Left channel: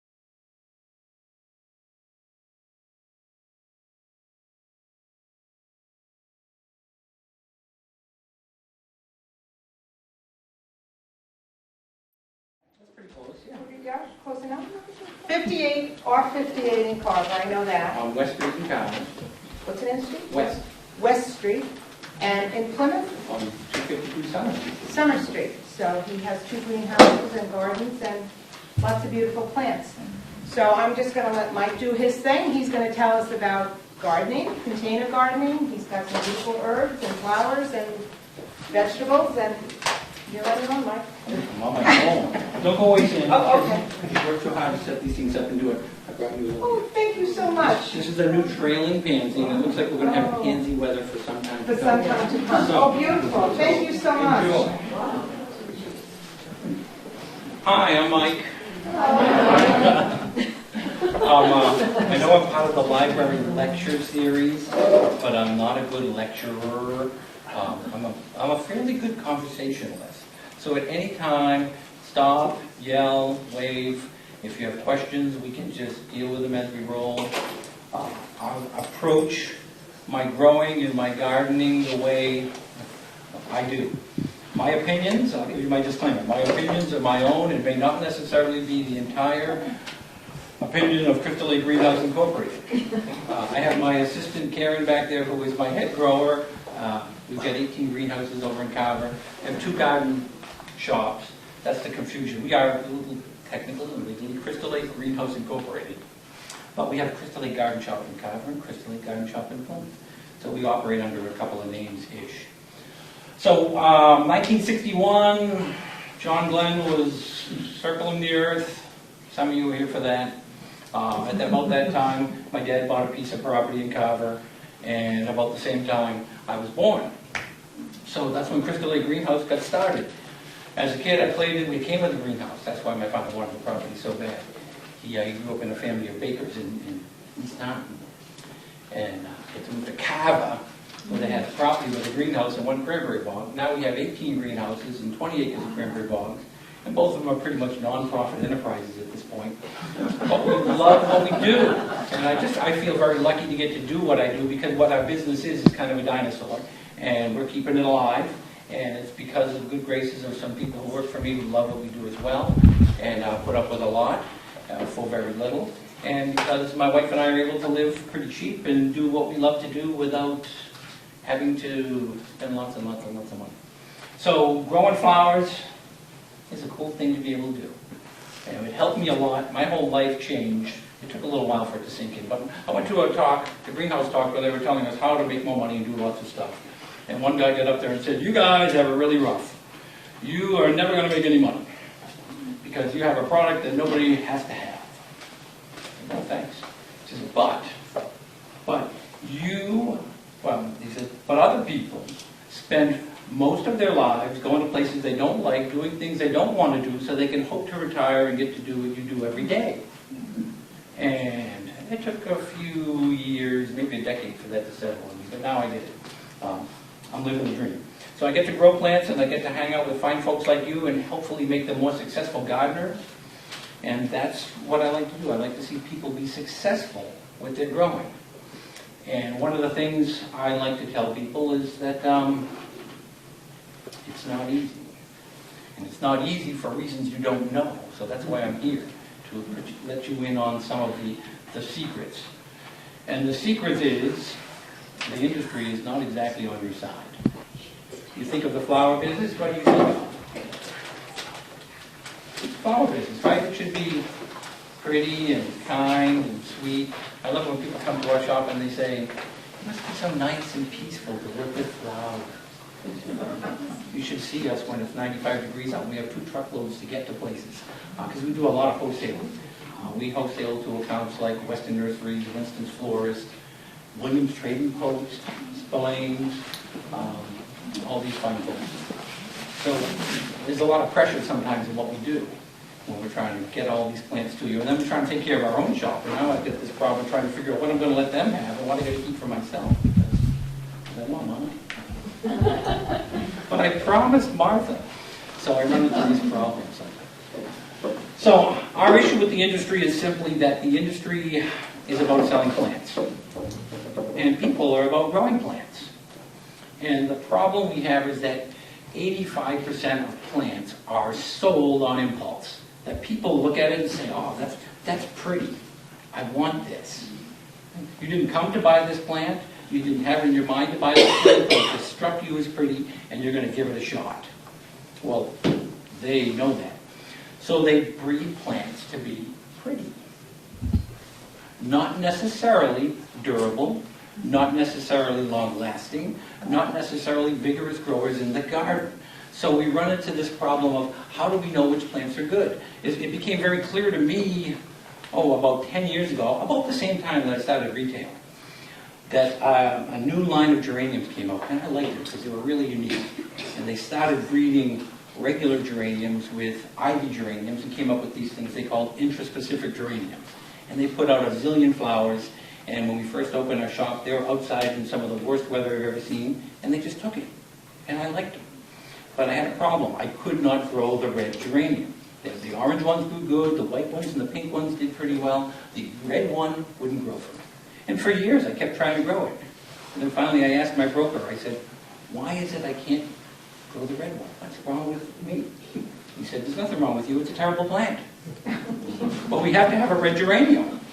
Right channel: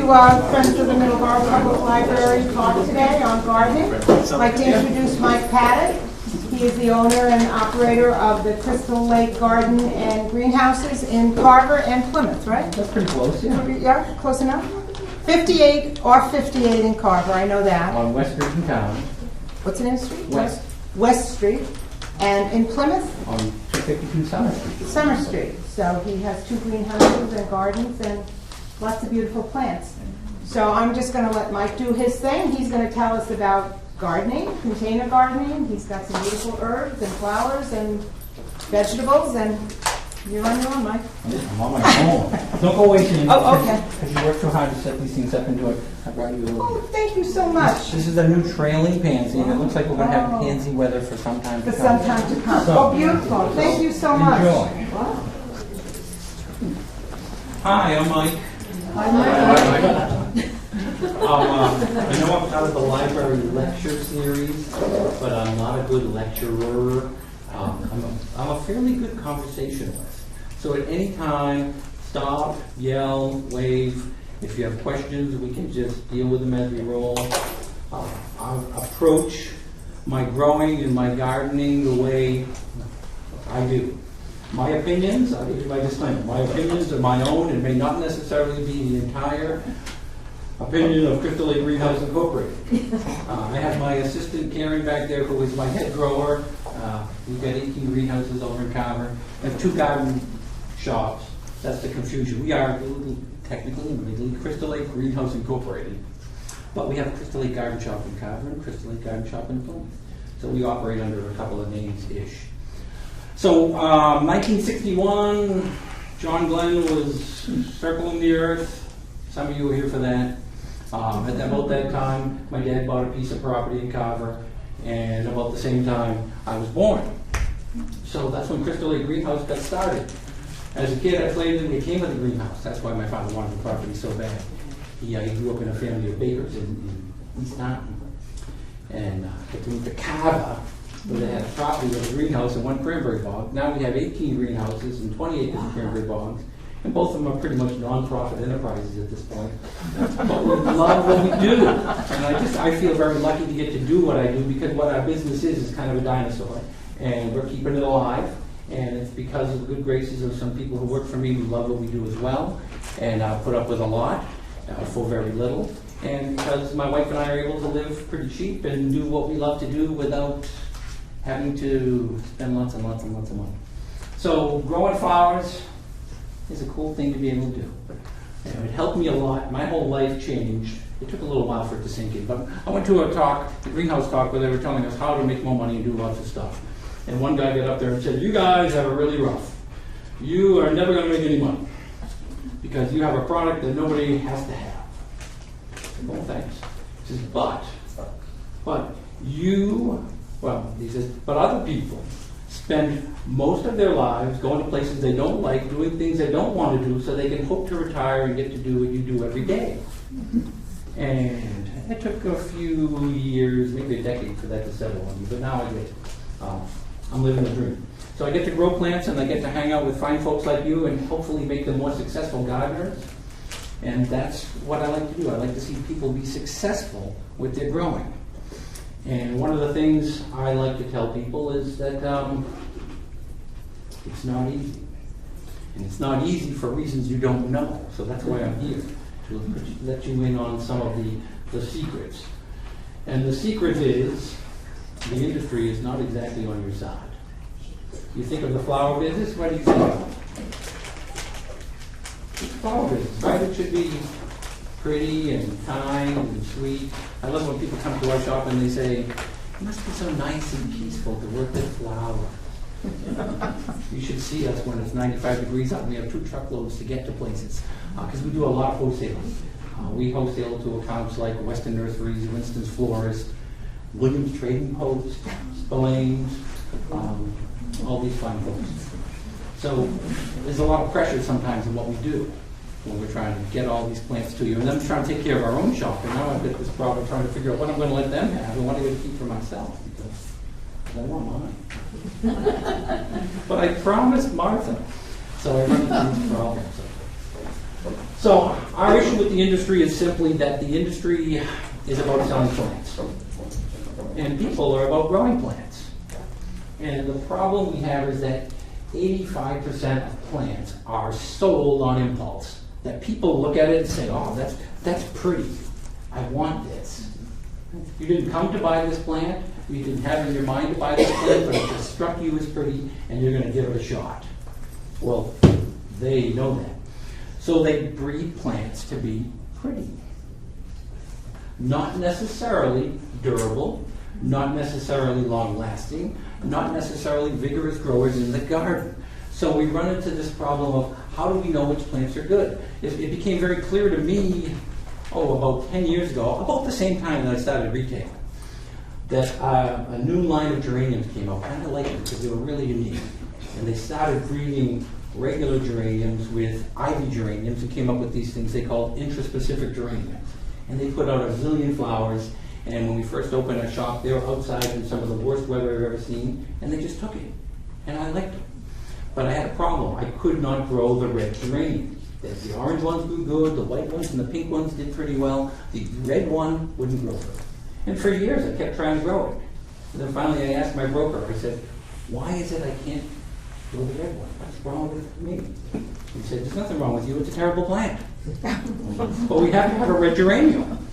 to Friends of the Middleborough Public Library talk today on gardening. I'd like to introduce Mike Paddock. He is the owner and operator of the Crystal Lake Garden and Greenhouses in Carver and Plymouth, right? That's pretty close, yeah. Yeah, close enough? 58 or 58 in Carver, I know that. On West Street in town, What's the name of the street? West. West Street. And in Plymouth? on 252 Summer Street. Summer Street. So he has 2 greenhouses and gardens and lots of beautiful plants. So I'm just going to let Mike do his thing. He's going to tell us about gardening, container gardening. He's got some beautiful herbs and flowers and vegetables, and you're on your own, Mike. I'm on my own. Don't go away, Sandy. Oh, okay. Because you work so hard to set these things up and do it. I brought you a little. Oh, thank you so much. This is a new trailing pansy, and it looks like we're going to have Oh. pansy weather for some time For to some come. time to come. So- Oh, beautiful. Thank you so much. Enjoy. Wow. Hi, I'm Mike. I know I'm part of the library lecture series, but I'm not a good lecturer. I'm a fairly good conversationalist. So at any time, stop, yell, wave. If you have questions, we can just deal with them as we roll. I approach my growing and my gardening the way I do. My opinions, I'll give you my disclaimer, my opinions are my own and may not necessarily be the entire opinion of Crystal Lake Greenhouse Incorporated. I have my assistant Karen back there who is my head grower. We've got 18 greenhouses over in Carver. I have 2 garden shops. That's the confusion. We are technically Crystal Lake Greenhouse Incorporated. But we have Crystal Lake Garden Shop in Carver and Crystal Lake Garden Shop in Plymouth. So we operate under a couple of names-ish. So, 1961, John Glenn was circling the earth. Some of you were here for that. At about that time, my dad bought a piece of property in Carver, and about the same time, I was born. So that's when Crystal Lake Greenhouse got started. As a kid, I played in, we came to the greenhouse. That's why my father wanted the property so bad. He grew up in a family of bakers in East Taunton. And get to move to Carver, where they had a property with a greenhouse and 1 cranberry bog. Now we have 18 greenhouses and 20 acres of cranberry bogs, and both of them are pretty much non-profit enterprises at this point. But we love what we do, and I feel very lucky to get to do what I do, because what our business is kind of a dinosaur, and we're keeping it alive. And it's because of the good graces of some people who work for me who love what we do as well, and put up with a lot for very little. And because my wife and I are able to live pretty cheap and do what we love to do without having to spend lots and lots and lots of money. So growing flowers is a cool thing to be able to do. And it helped me a lot. My whole life changed. It took a little while for it to sink in. But I went to a talk, the greenhouse talk, where they were telling us how to make more money and do lots of stuff. And one guy got up there and said, "You guys have it really rough. You are never going to make any money because you have a product that nobody has to have." I said, "No, thanks." He says, but you, well, he said, but other people spend most of their lives going to places they don't like, doing things they don't want to do, so they can hope to retire and get to do what you do every day. And it took a few years, maybe a decade for that to settle on me, but now I get it. I'm living the dream. So I get to grow plants and I get to hang out with fine folks like you and hopefully make them more successful gardeners. And that's what I like to do. I like to see people be successful with their growing. And one of the things I like to tell people is that it's not easy. And it's not easy for reasons you don't know. So that's why I'm here, to let you in on some of the secrets. And the secret is, the industry is not exactly on your side. You think of the flower business, what do you think of? It's flower business, right? It should be pretty and kind and sweet. I love when people come to our shop and they say, "It must be so nice and peaceful to work with flowers." You should see us when it's 95 degrees out. We have 2 truckloads to get to places because we do a lot of wholesaling. We wholesale to accounts like Western Nurseries, Winston's Florist, Williams Trading Post, Spillane's, all these fine things. So there's a lot of pressure sometimes in what we do when we're trying to get all these plants to you. And then we're trying to take care of our own shop. And now I've got this problem trying to figure out what I'm going to let them have and what I'm going to keep for myself. I want mine. But I promised Martha. So I run into these problems. But So our issue with the industry is simply that the industry is about selling plants. And people are about growing plants. And the problem we have is that 85% of plants are sold on impulse. That people look at it and say, oh, that's pretty. I want this. You didn't come to buy this plant. You didn't have in your mind to buy this plant, but it just struck you as pretty, and you're going to give it a shot. Well, they know that. So they breed plants to be pretty. Not necessarily durable, not necessarily long-lasting, not necessarily vigorous growers in the garden. So we run into this problem of how do we know which plants are good? It became very clear to me, about 10 years ago, about the same time that I started retailing, that a new line of geraniums came out, and I liked it because they were really unique. And they started breeding regular geraniums with ivy geraniums and came up with these things they called intraspecific geraniums. And they put out a zillion flowers, and when we first opened our shop, they were outside in some of the worst weather I've ever seen, and they just took it. And I liked them. But I had a problem. I could not grow the red geranium. The orange ones grew good, the white ones and the pink ones did pretty well. The red one wouldn't grow for me. And for years I kept trying to grow it. And then finally I asked my broker, I said, why is it I can't grow the red one? What's wrong with me? He said, there's nothing wrong with you, it's a terrible plant. But we have to have a red geranium.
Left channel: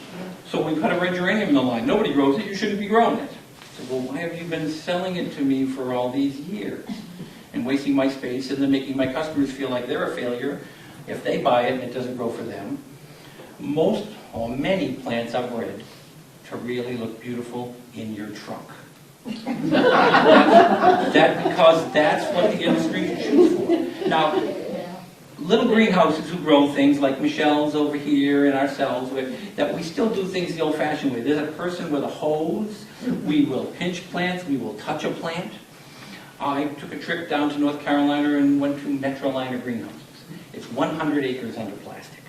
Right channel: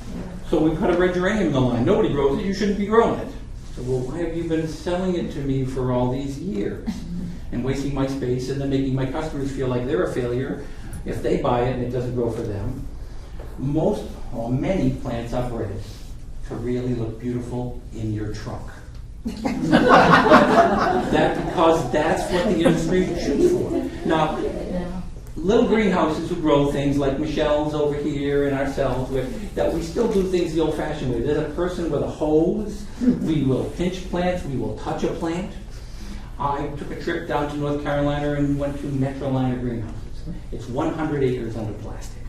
So we put a red geranium in the line. Nobody grows it, you shouldn't be growing it. So, well, why have you been selling it to me for all these years? And wasting my space and then making my customers feel like they're a failure if they buy it and it doesn't grow for them. Most or many plants are bred to really look beautiful in your trunk. Because that's what the industry shoots for. Now, little greenhouses who grow things like Michelle's over here and ourselves, that we still do things the old-fashioned way. There's a person with a hose. We will pinch plants. We will touch a plant. I took a trip down to North Carolina and went to Metroliner greenhouses. It's 100 acres under plastic.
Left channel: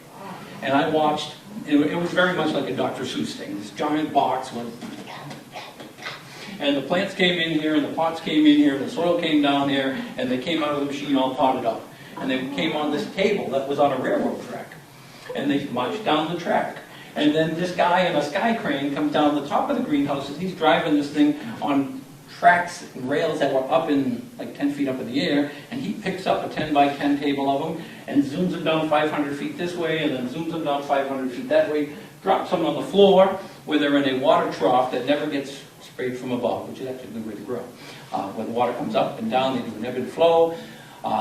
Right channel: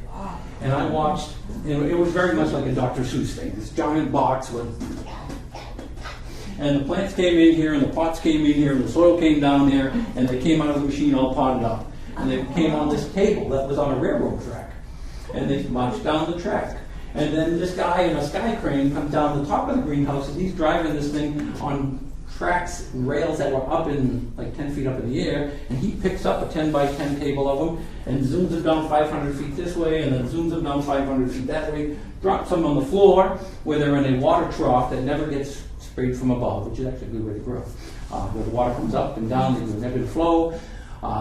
And I watched, it was very much like a Dr. Seuss thing, this giant box with, and the plants came in here, and the pots came in here, and the soil came down there, and they came out of the machine all potted up. And they came on this table that was on a railroad track. And they marched down the track. And then this guy in a sky crane comes down the top of the greenhouse, and he's driving this thing on tracks and rails that were up in, like 10 feet up in the air, and he picks up a 10 by 10 table of them and zooms them down 500 feet this way and then zooms them down 500 feet that way, drops them on the floor where they're in a water trough that never gets sprayed from above, which is actually a good way to grow. When the water comes up and down, they do an ebb and flow.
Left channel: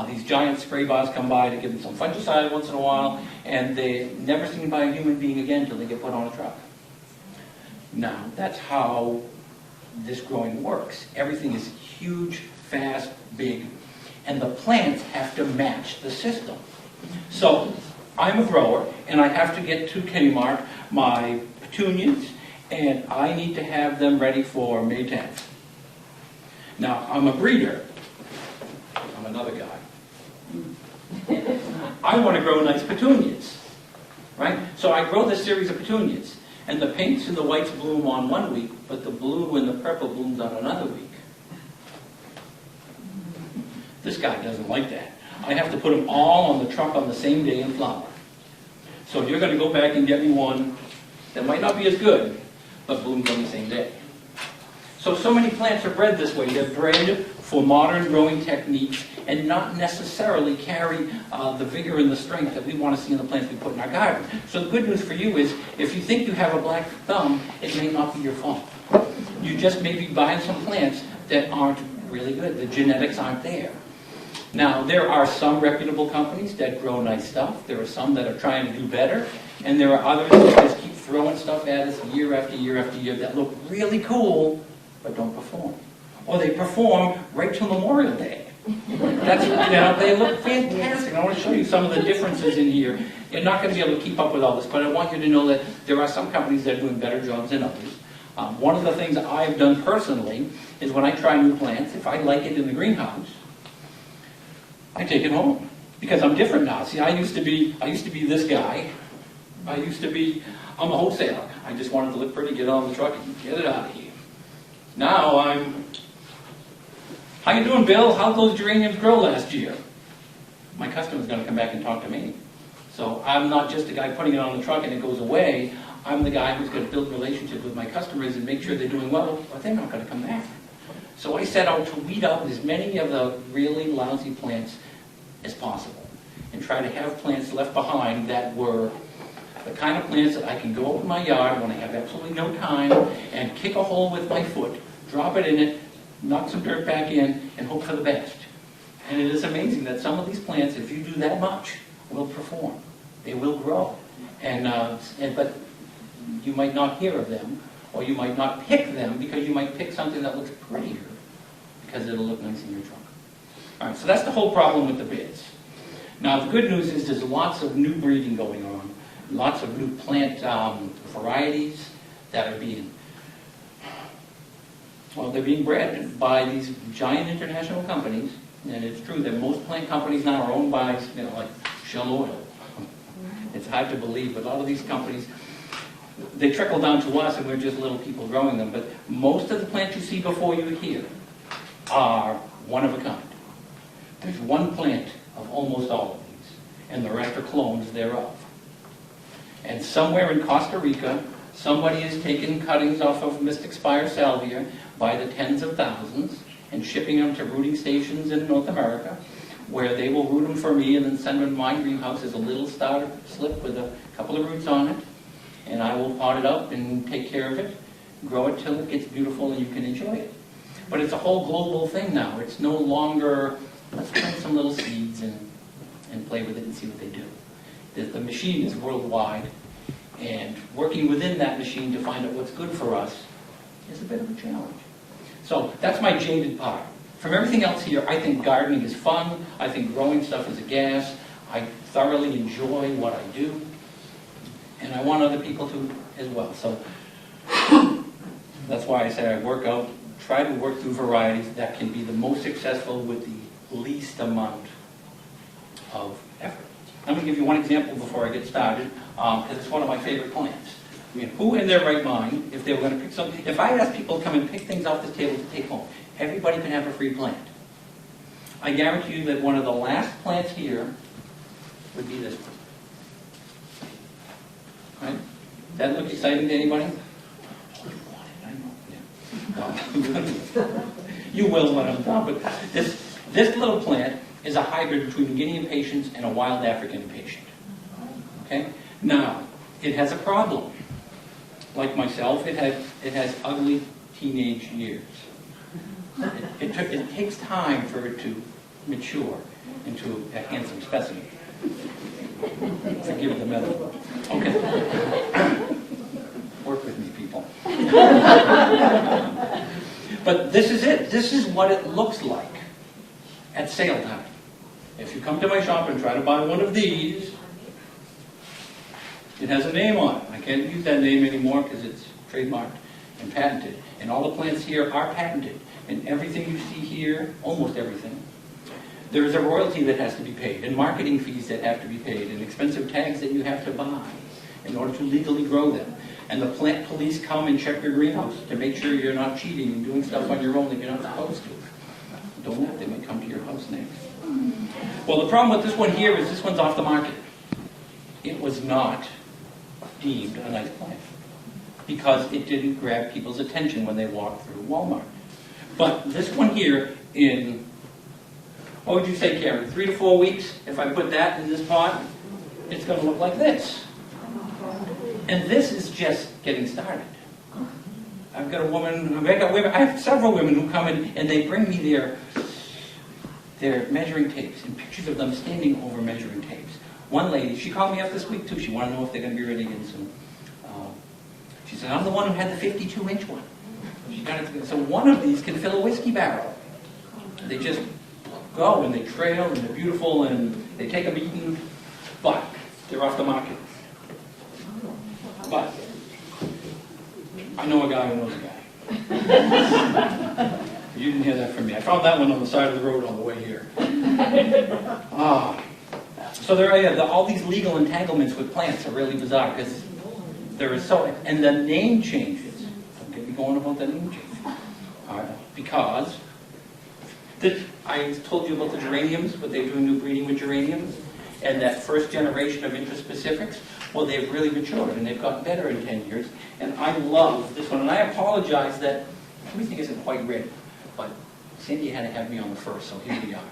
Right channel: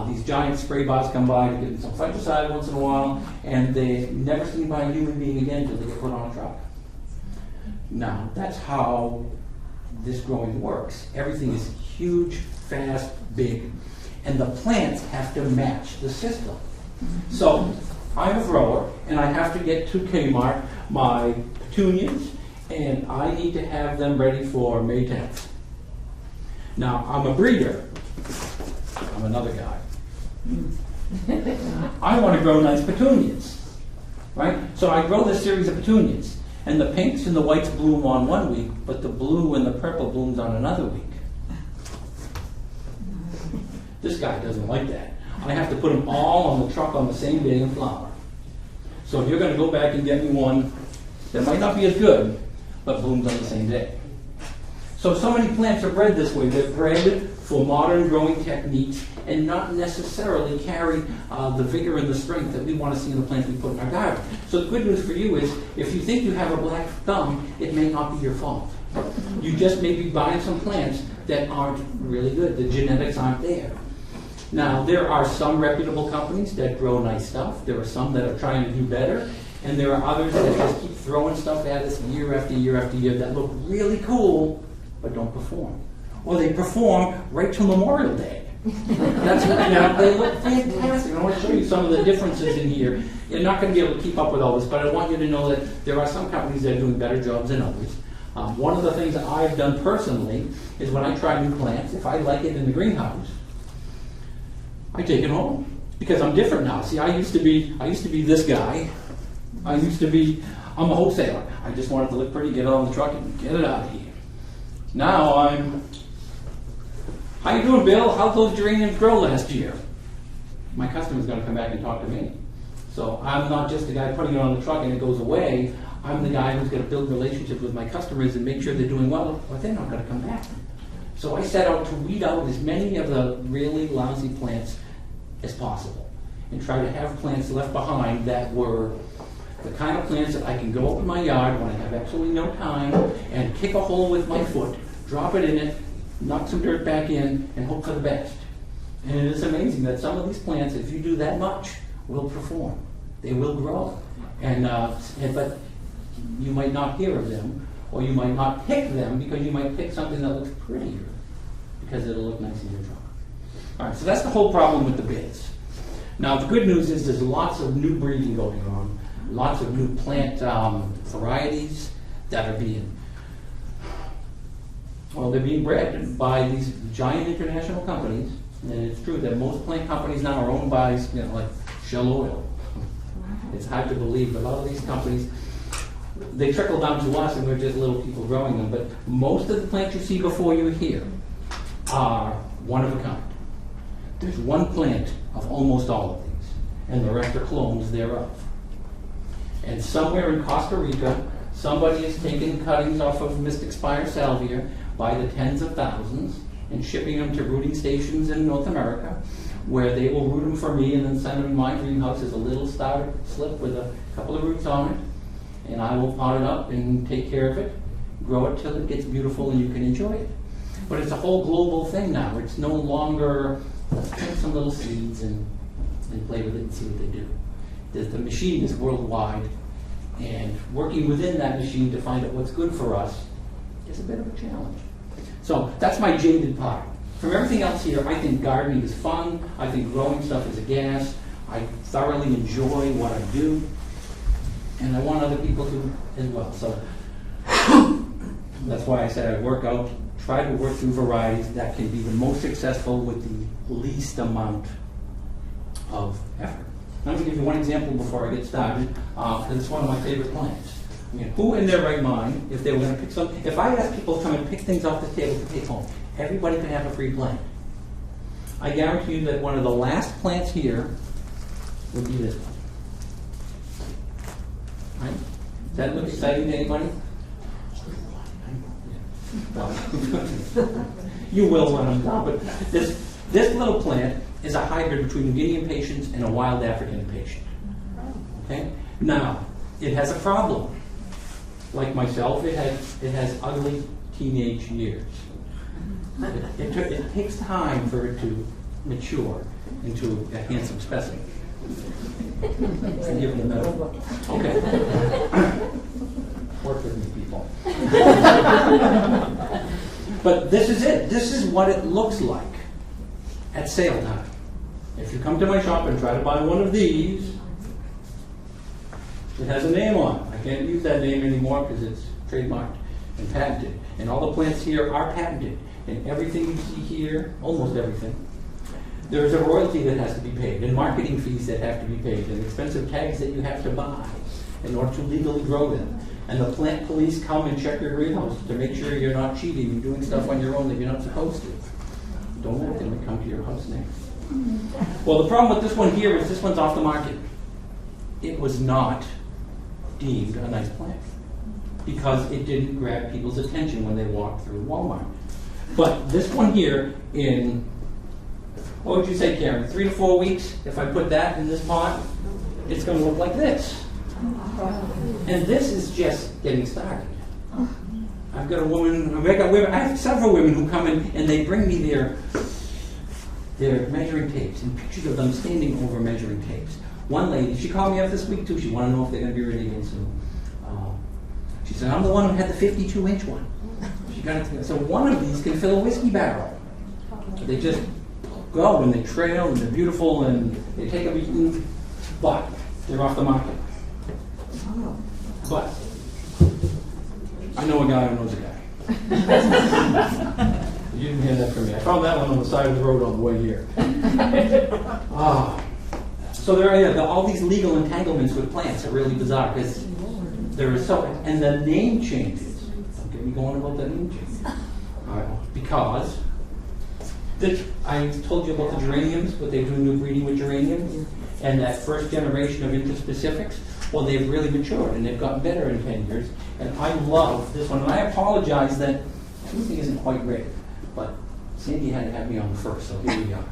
These giant spray bars come by to give them some fungicide once in a while, and they're never seen by a human being again until they get put on a truck. Now, that's how this growing works. Everything is huge, fast, big, and the plants have to match the system. So I'm a grower, and I have to get to Kmart my petunias, and I need to have them ready for May 10th. Now, I'm a breeder. I'm another guy. I want to grow nice petunias, right? So I grow this series of petunias. And the pinks and the whites bloom on one week, but the blue and the purple blooms on another week. This guy doesn't like that. I have to put them all on the truck on the same day and flower. So if you're going to go back and get me one that might not be as good, but blooms on the same day. So many plants are bred this way. They're bred for modern growing techniques and not necessarily carry the vigor and the strength that we want to see in the plants we put in our garden. So the good news for you is, if you think you have a black thumb, it may not be your fault. You just may be buying some plants that aren't really good. The genetics aren't there. Now, there are some reputable companies that grow nice stuff. There are some that are trying to do better. And there are others that just keep throwing stuff at us year after year after year that look really cool, but don't perform. Or they perform right till Memorial Day. That's, they look fantastic. I want to show you some of the differences in here. You're not going to be able to keep up with all this, but I want you to know that there are some companies that are doing better jobs than others. One of the things that I've done personally is when I try new plants, if I like it in the greenhouse, I take it home because I'm different now. See, I used to be this guy. I'm a wholesaler. I just wanted to look pretty, get it on the truck, and get it out of here. Now how you doing, Bill? How'd those geraniums grow last year? My customer's going to come back and talk to me. So I'm not just the guy putting it on the truck and it goes away. I'm the guy who's going to build relationships with my customers and make sure they're doing well, but they're not going to come back. So I set out to weed out as many of the really lousy plants as possible and try to have plants left behind that were the kind of plants that I can go up in my yard when I have absolutely no time and kick a hole with my foot, drop it in it, knock some dirt back in, and hope for the best. And it is amazing that some of these plants, if you do that much, will perform. They will grow. But you might not hear of them, or you might not pick them because you might pick something that looks prettier because it'll look nice in your truck. All right, so that's the whole problem with the beds. Now, the good news is there's lots of new breeding going on, lots of new plant varieties that are being, well, they're being bred by these giant international companies, and it's true that most plant companies now are owned by, like Shell Oil. It's hard to believe, but a lot of these companies, they trickle down to us and we're just little people growing them, but most of the plants you see before you here are one of a kind. There's one plant of almost all of these, and the rest are clones thereof. And somewhere in Costa Rica, somebody is taking cuttings off of Mystic Spire salvia by the tens of thousands and shipping them to rooting stations in North America, where they will root them for me and then send them to my greenhouse as a little starter slip with a couple of roots on it. And I will pot it up and take care of it, grow it till it gets beautiful and you can enjoy it. But it's a whole global thing now. It's no longer, let's plant some little seeds and play with it and see what they do. The machine is worldwide, and working within that machine to find out what's good for us is a bit of a challenge. So that's my jaded part. From everything else here, I think gardening is fun. I think growing stuff is a gas. I thoroughly enjoy what I do. And I want other people to as well. So that's why I said I try to work through varieties that can be the most successful with the least amount of effort. Let me give you one example before I get started, because it's one of my favorite plants. I mean, who in their right mind, if they were going to pick something, if I asked people to come and pick things off the table to take home, everybody could have a free plant. I guarantee you that one of the last plants here would be this one. Right? Does that look exciting to anybody? You will when I'm done, but this little plant is a hybrid between a Guinea impatiens and a wild African impatient. Okay? Now, it has a problem. Like myself, it has ugly teenage years. It takes time for it to mature into a handsome specimen. Forgive the middle. Okay. Work with me, people. But this is it. This is what it looks like at sale time. If you come to my shop and try to buy one of these, it has a name on it. I can't use that name anymore because it's trademarked and patented. And all the plants here are patented. And everything you see here, almost everything, there's a royalty that has to be paid, and marketing fees that have to be paid, and expensive tags that you have to buy in order to legally grow them. And the plant police come and check your greenhouse to make sure you're not cheating and doing stuff on your own that you're not supposed to. Don't let them come to your house next. Well, the problem with this one here is this one's off the market. It was not deemed a nice plant because it didn't grab people's attention when they walked through Walmart. But this one here in, what would you say, Karen, 3 to 4 weeks, if I put that in this pot, it's going to look like this. And this is just getting started. I've got a woman, I have several women who come in and they bring me their measuring tapes and pictures of them standing over measuring tapes. One lady, she called me up this week too. She wanted to know if they're going to be ready again soon. She said, I'm the one who had the 52-inch one. She got it to me. So one of these can fill a whiskey barrel. They just go and they trail and they're beautiful and they take a beating, but they're off the market. But I know a guy who knows a guy. You didn't hear that from me. I found that one on the side of the road on the way here. So there are all these legal entanglements with plants are really bizarre because there is and the name changes. I'm getting going about the name change. Because I told you about the geraniums, what they're doing new breeding with geraniums. And that first generation of intraspecifics, well, they've really matured and they've gotten better in 10 years. And I love this one. And I apologize that everything isn't quite ready, but Sandy had to have me on the first, so here we are.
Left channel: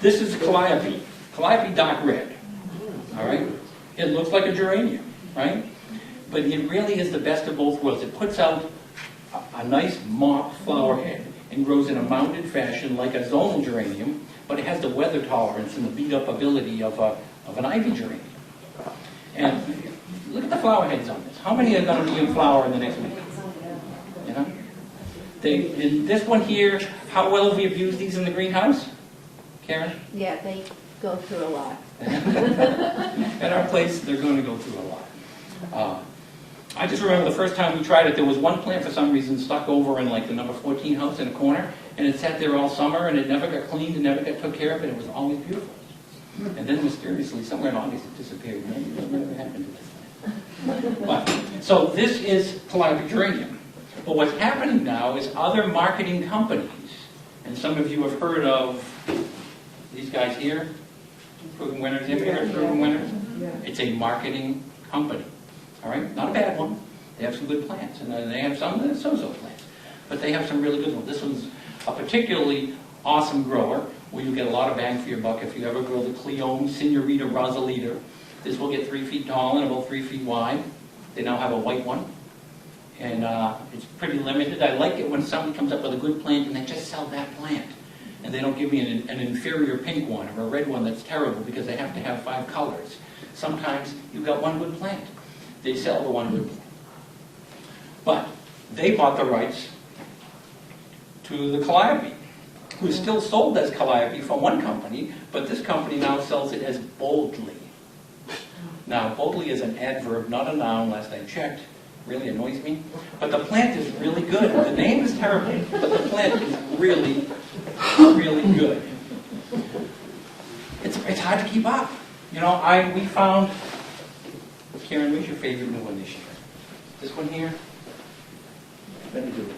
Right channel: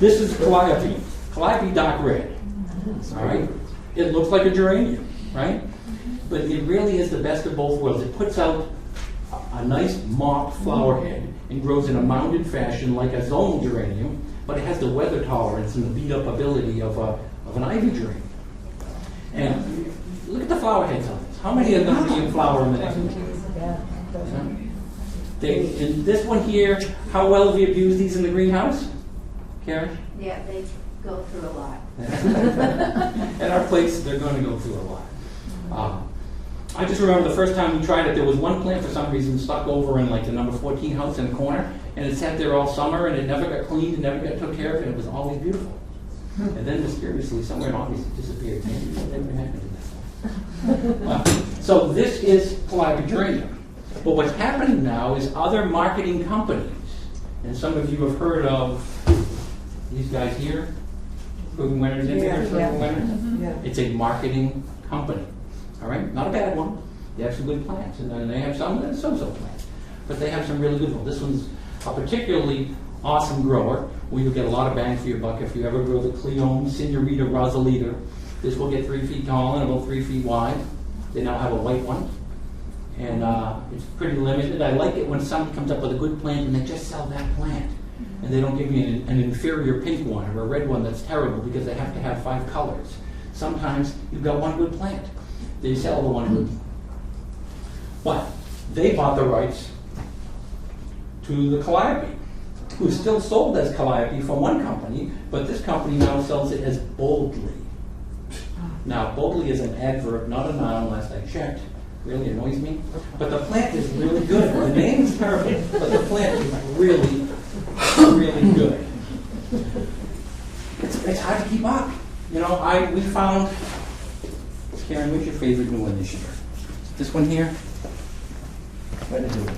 This is Calliope. Calliope Dark Red. All right? It looks like a geranium, right? But it really is the best of both worlds. It puts out a nice mock flower head and grows in a mounded fashion like a zonal geranium, but it has the weather tolerance and the beat-up ability of an ivy geranium. And look at the flower heads on this. How many are going to be in flower in the next week? You know? In this one here, how well have we abused these in the greenhouse? Karen? Yeah, they go through a lot. At our place, they're going to go through a lot. I just remember the first time we tried it, there was one plant for some reason stuck over in like the number 14 house in the corner, and it sat there all summer, and it never got cleaned, and never got took care of, and it was always beautiful. And then mysteriously, somewhere in August, it disappeared. Maybe it never happened to that. So this is Calliope geranium. But what's happening now is other marketing companies, and some of you have heard of these guys here, Proven Winners. Have you heard of Proven Winners? Yeah. It's a marketing company. All right, not a bad one. They have some good plants, and they have some so-so plants, but they have some really good ones. This one's a particularly awesome grower where you get a lot of bang for your buck. If you ever grow the Cleome Senorita Rosalita, this will get 3 feet tall and about 3 feet wide. They now have a white one, and it's pretty limited. I like it when somebody comes up with a good plant and they just sell that plant, and they don't give me an inferior pink one or a red one that's terrible because they have to have 5 colors. Sometimes you've got one good plant. They sell the one good plant. But they bought the rights to the Calliope, who is still sold as Calliope from one company, but this company now sells it as Boldly. Now, Boldly is an adverb, not a noun, last I checked. Really annoys me. But the plant is really good. The name is terrible, but the plant is really, really good. It's hard to keep up. You know, we found, Karen, what's your favorite new one this year? This one here? What is it?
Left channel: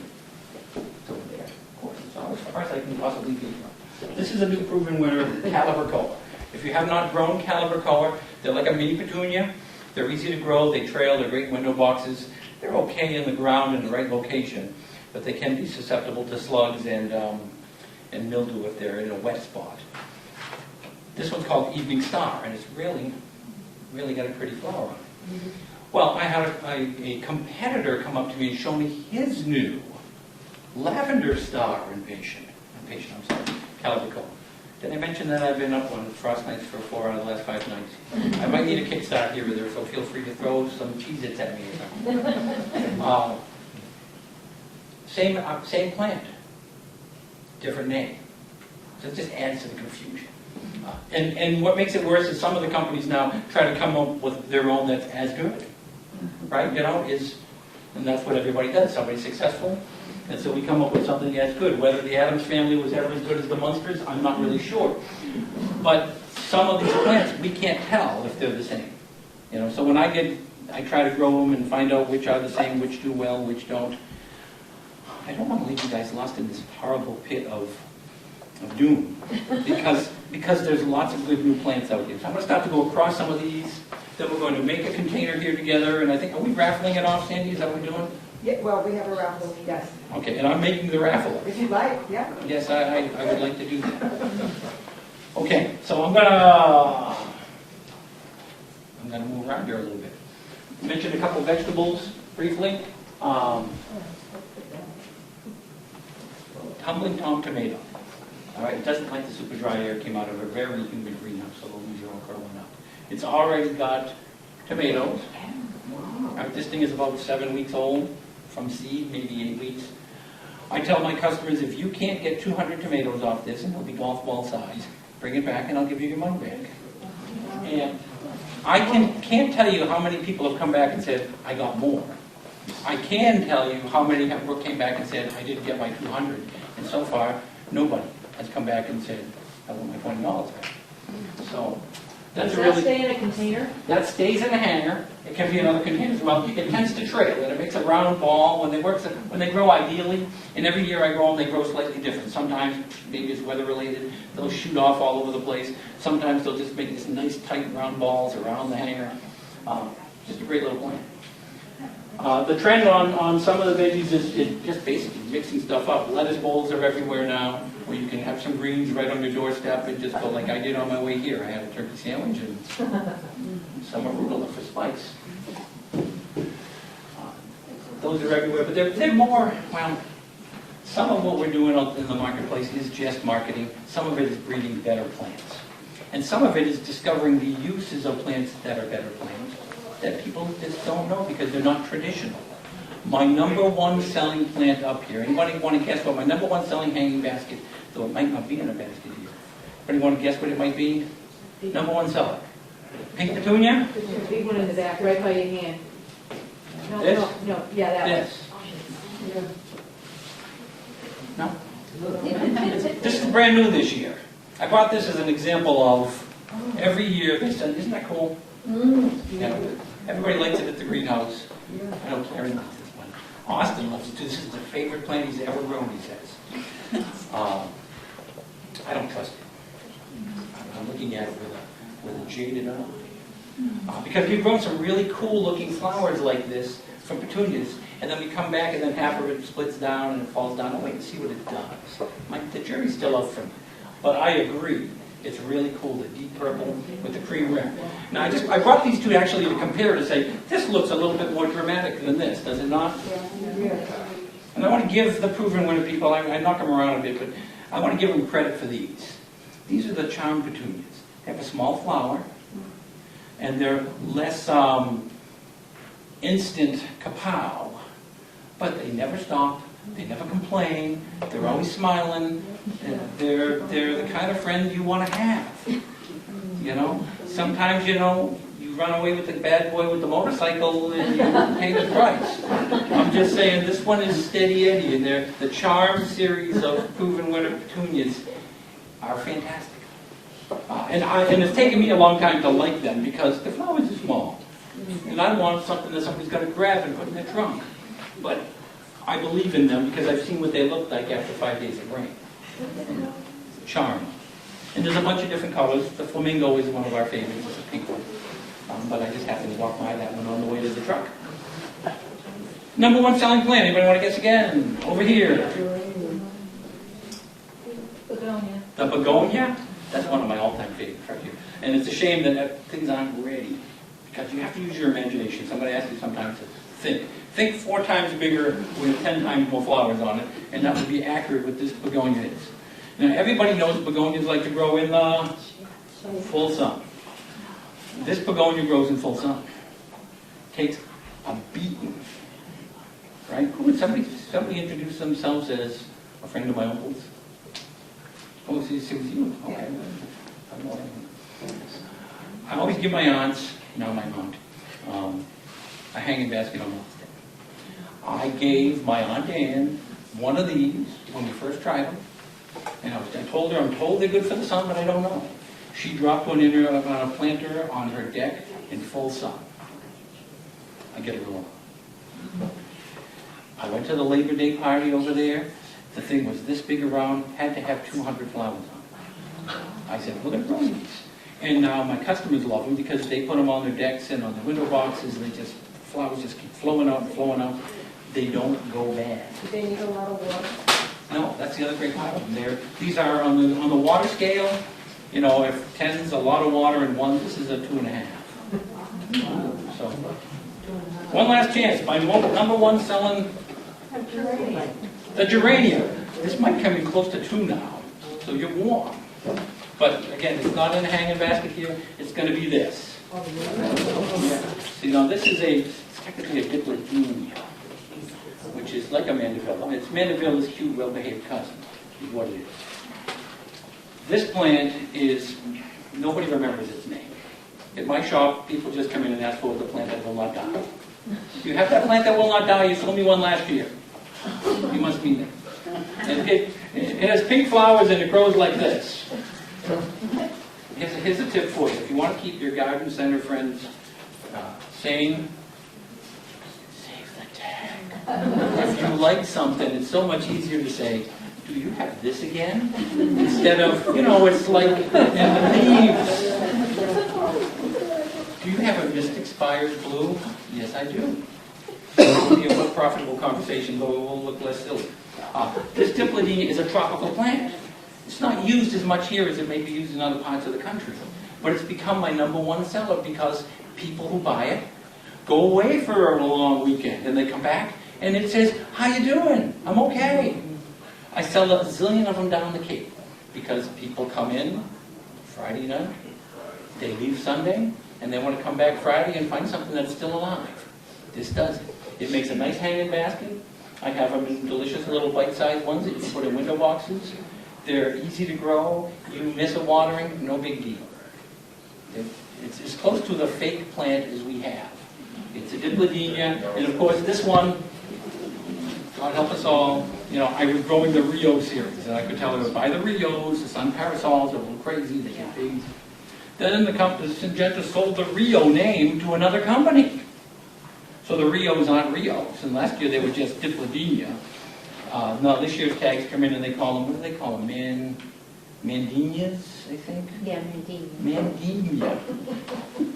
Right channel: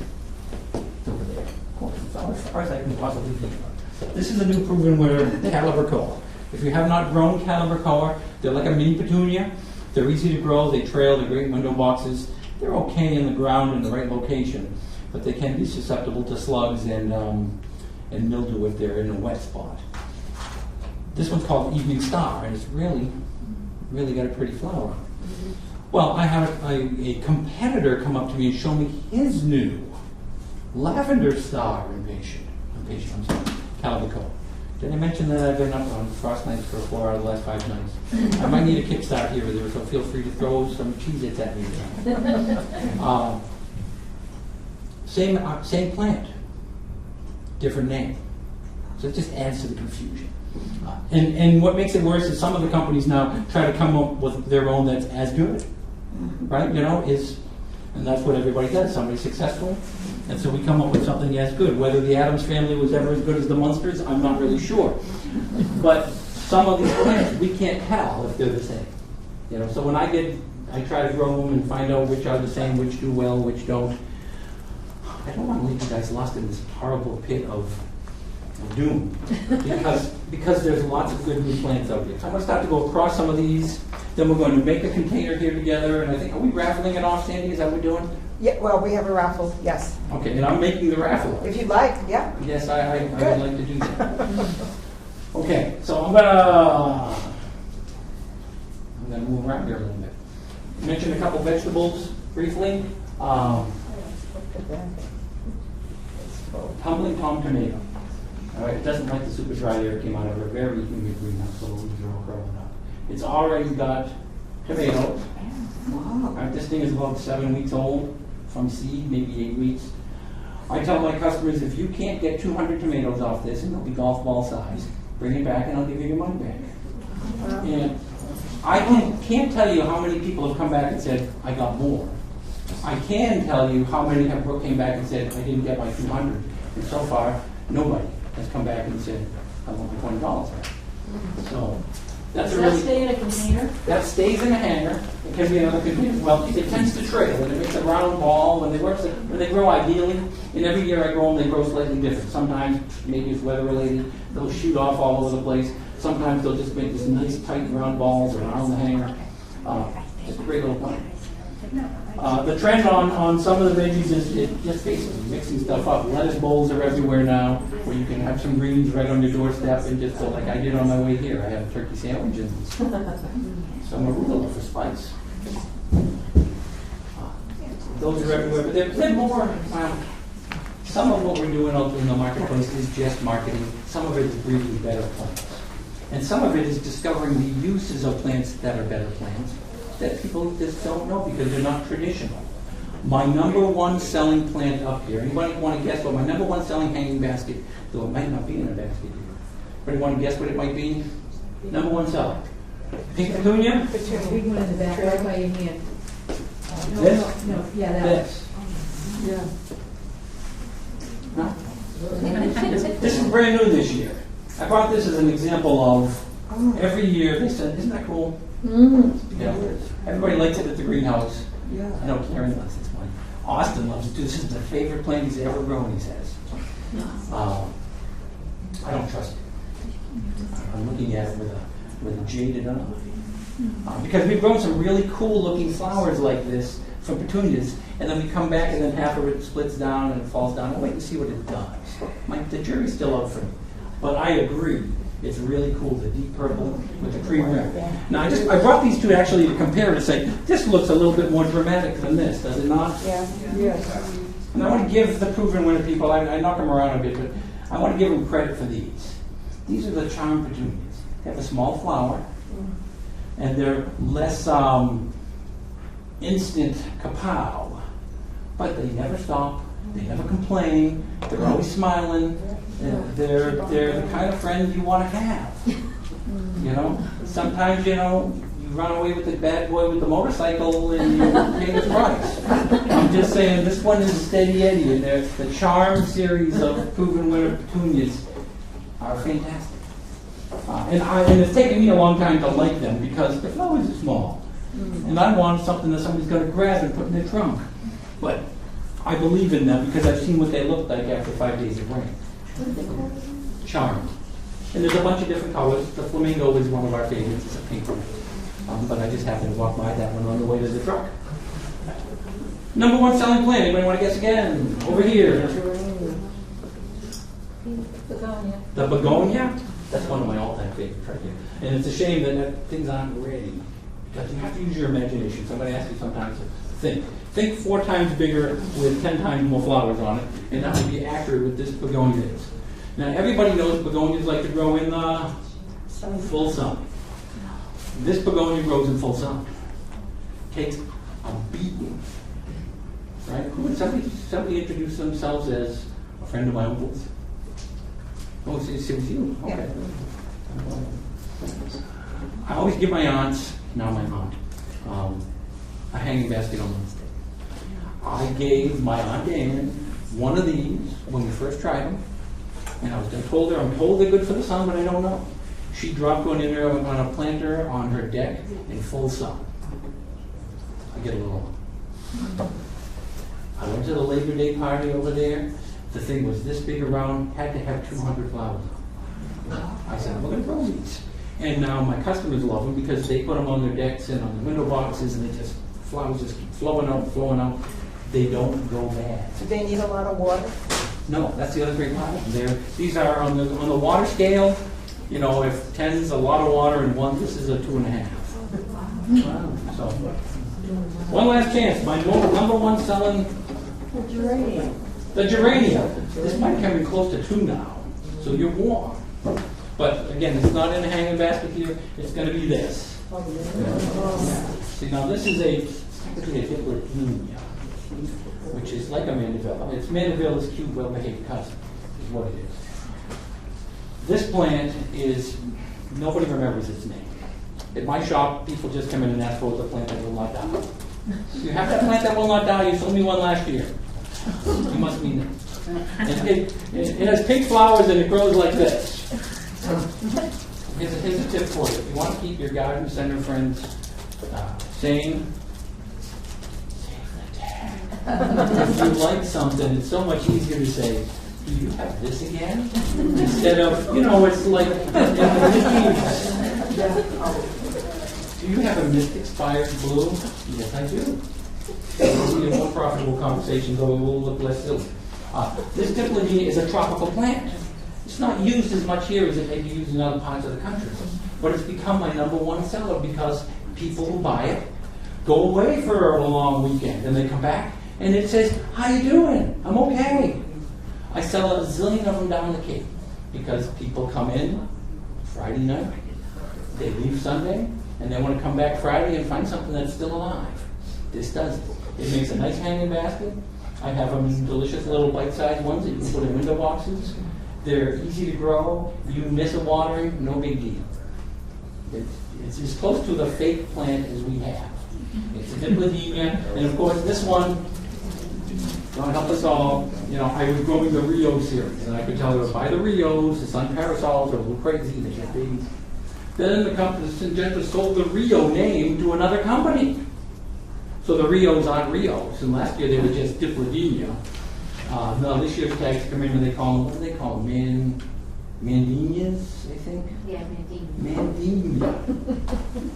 It's over there. Of course, it's all as far as I can possibly think of. This is a new proven winner, Calibrachoa. If you have not grown Calibrachoa, they're like a mini petunia. They're easy to grow, they trail, they're great window boxes. They're okay in the ground in the right location, but they can be susceptible to slugs and mildew if they're in a wet spot. This one's called Evening Star, and it's really, really got a pretty flower on it. Mm-hmm. Well, I had a competitor come up to me and show me his new Lavender Star invasion. I'm sorry, Calibrachoa. Did I mention that I've been up on frost nights for 4 out of the last 5 nights? I might need a kickstart here or there, so feel free to throw some Cheez-Its at me. Same plant, different name. So it just adds to the confusion. And what makes it worse is some of the companies now try to come up with their own that's as good, right? You know, and that's what everybody does. Somebody's successful, and so we come up with something as good. Whether the Addams family was ever as good as the Munsters, I'm not really sure. But some of these plants, we can't tell if they're the same. You know, so when I try to grow them and find out which are the same, which do well, which don't. I don't want to leave you guys lost in this horrible pit of doom, because there's lots of good new plants out here. So I'm going to start to go across some of these. Then we're going to make a container here together, and I think, are we raffling it off, Sandy? Is that what we're doing? Yeah, well, we have a raffle, yes. Okay, and I'm making the raffle. If you'd like, yeah. Yes, I would like to do that. Okay, so I'm gonna move around here a little bit. Mention a couple vegetables briefly. Tumbling Tom tomato. All right, it doesn't like the super dry air. It came out of a very humid greenhouse, so these are all curling up. It's already got tomatoes. All right, this thing is about 7 weeks old from seed, maybe 8 weeks. I tell my customers, if you can't get 200 tomatoes off this, and they'll be golf ball size, bring it back and I'll give you your money back. And I can't tell you how many people have come back and said, I got more. I can tell you how many came back and said, I didn't get my 200. And so far, nobody has come back and said, I want my $20 back. So That's Does a that really, stay in a container? that stays in a hanger. It can be in other containers. Well, it tends to trail, and it makes a round ball. When they grow ideally, and every year I grow them, they grow slightly different. Sometimes, maybe it's weather related, they'll shoot off all over the place. Sometimes they'll just make these nice tight round balls around the hanger. Just a great little plant. The trend on some of the veggies is just basically mixing stuff up. Lettuce bowls are everywhere now, where you can have some greens right on your doorstep and just go like I did on my way here. I have a turkey sandwich and some arugula for spice. Those are everywhere, but they're more, well, some of what we're doing out in the marketplace is just marketing. Some of it is breeding better plants. And some of it is discovering the uses of plants that are better plants that people just don't know because they're not traditional. My number one selling plant up here, anybody want to guess what my number one selling hanging basket, though it might not be in a basket here. Anybody want to guess what it might be? Number one seller. Pink petunia? Put your big one in the back, right by your hand. No, This? no, yeah, that This. one. No? This is brand new this year. I brought this as an example of every year they said, isn't that cool? Yeah. Everybody likes it at the greenhouse. I know Karen loves it. Austin loves it too. This is the favorite plant he's ever grown, he says. I don't trust it. I'm looking at it with a jaded eye. Because we've grown some really cool looking flowers like this from petunias, and then we come back and then half of it splits down and it falls down. I wait to see what it does. The jury's still up for me. But I agree. It's really cool, the deep purple with the cream rim. Now, I brought these two actually to compare to say, this looks a little bit more dramatic than this, does it not? Yeah. And I want to give the proven winner people, I knock them around a bit, but I want to give them credit for these. These are the charm petunias. They have a small flower, and they're less instant kapow, but they never stop, they never complain, they're always smiling. They're the kind of friend you want to have. You know, sometimes you run away with the bad boy with the motorcycle and you pay the price. I'm just saying this one is Steady Eddie, and the Charm series of proven winner petunias are fantastic. And it's taken me a long time to like them because the flowers are small, and I want something that somebody's going to grab and put in their trunk. But I believe in them because I've seen what they look like after 5 days of rain. Charm. And there's a bunch of different colors. The flamingo is one of our favorites. It's a pink one. But I just happened to walk by that one on the way to the truck. Number one selling plant. Anybody want to guess again? Over here. Begonia. The begonia? That's one of my all-time favorites right here. And it's a shame that things aren't ready. Because you have to use your imagination. Somebody asks you sometimes to think. Think 4 times bigger with 10 times more flowers on it, and that would be accurate with this begonia is. Now, everybody knows begonias like to grow in the full sun. This begonia grows in full sun. Takes a beating. Right? Somebody introduce themselves as a friend of my uncle's. Oh, it's you. Okay. I always give my aunts, now my aunt, a hanging basket on Mother's Day. I gave my Aunt Ann one of these when we first tried them, and I told her, I'm told they're good for the sun, but I don't know. She dropped one in her on a planter on her deck in full sun. I get it wrong. I went to the Labor Day party over there. The thing was this big around, had to have 200 flowers on it. I said, we're going to grow these. And now my customers love them because they put them on their decks and on the window boxes, and flowers just keep flowing out, flowing out. They don't go bad. Do they need a lot of water? No, that's the other great part of them. These are on the water scale. If 10 is a lot of water and 1, this is a 2.5. Wow. So, one last chance. My number one selling, the geranium. This might come in close to 2 now, so you're warm. But again, it's not in a hanging basket here. It's going to be this. Yeah. See, now this is technically a diplodenia, which is like a mandevilla. It's Mandevilla's cute, well-behaved cousin, is what it is. This plant is, nobody remembers its name. At my shop, people just come in and ask for the plant that will not die. You have that plant that will not die, you sold me one last year. You must mean it. It has pink flowers and it grows like this. Here's a tip for you. If you want to keep your garden center friends sane, save the tag. If you like something, it's so much easier to say, do you have this again? Instead of, it's like in the leaves. Do you have a Mystic Spires blue? Yes, I do. It'll be a more profitable conversation, though it will look less silly. This Dipladenia is a tropical plant. It's not used as much here as it may be used in other parts of the country. But it's become my #1 seller because people who buy it go away for a long weekend and they come back and it says, how you doing? I'm okay. I sell a zillion of them down the Cape because people come in Friday night, they leave Sunday, and they want to come back Friday and find something that's still alive. This does it. It makes a nice hanging basket. I have them in delicious little bite-sized ones that you can put in window boxes. They're easy to grow. You miss a watering, no big deal. It's as close to the fake plant as we have. It's a Dipladenia, and of course this one, God help us all, I was growing the Rio series, and I could tell her to buy the Rios, the sun parasols are a little crazy, they get big. Then the company, Syngenta sold the Rio name to another company. So the Rios aren't Rios, and last year they were just Dipladenia. No, this year's tags come in and they call them, what do they call them? Mandinias, I think? Yeah, indeed. Mandinia.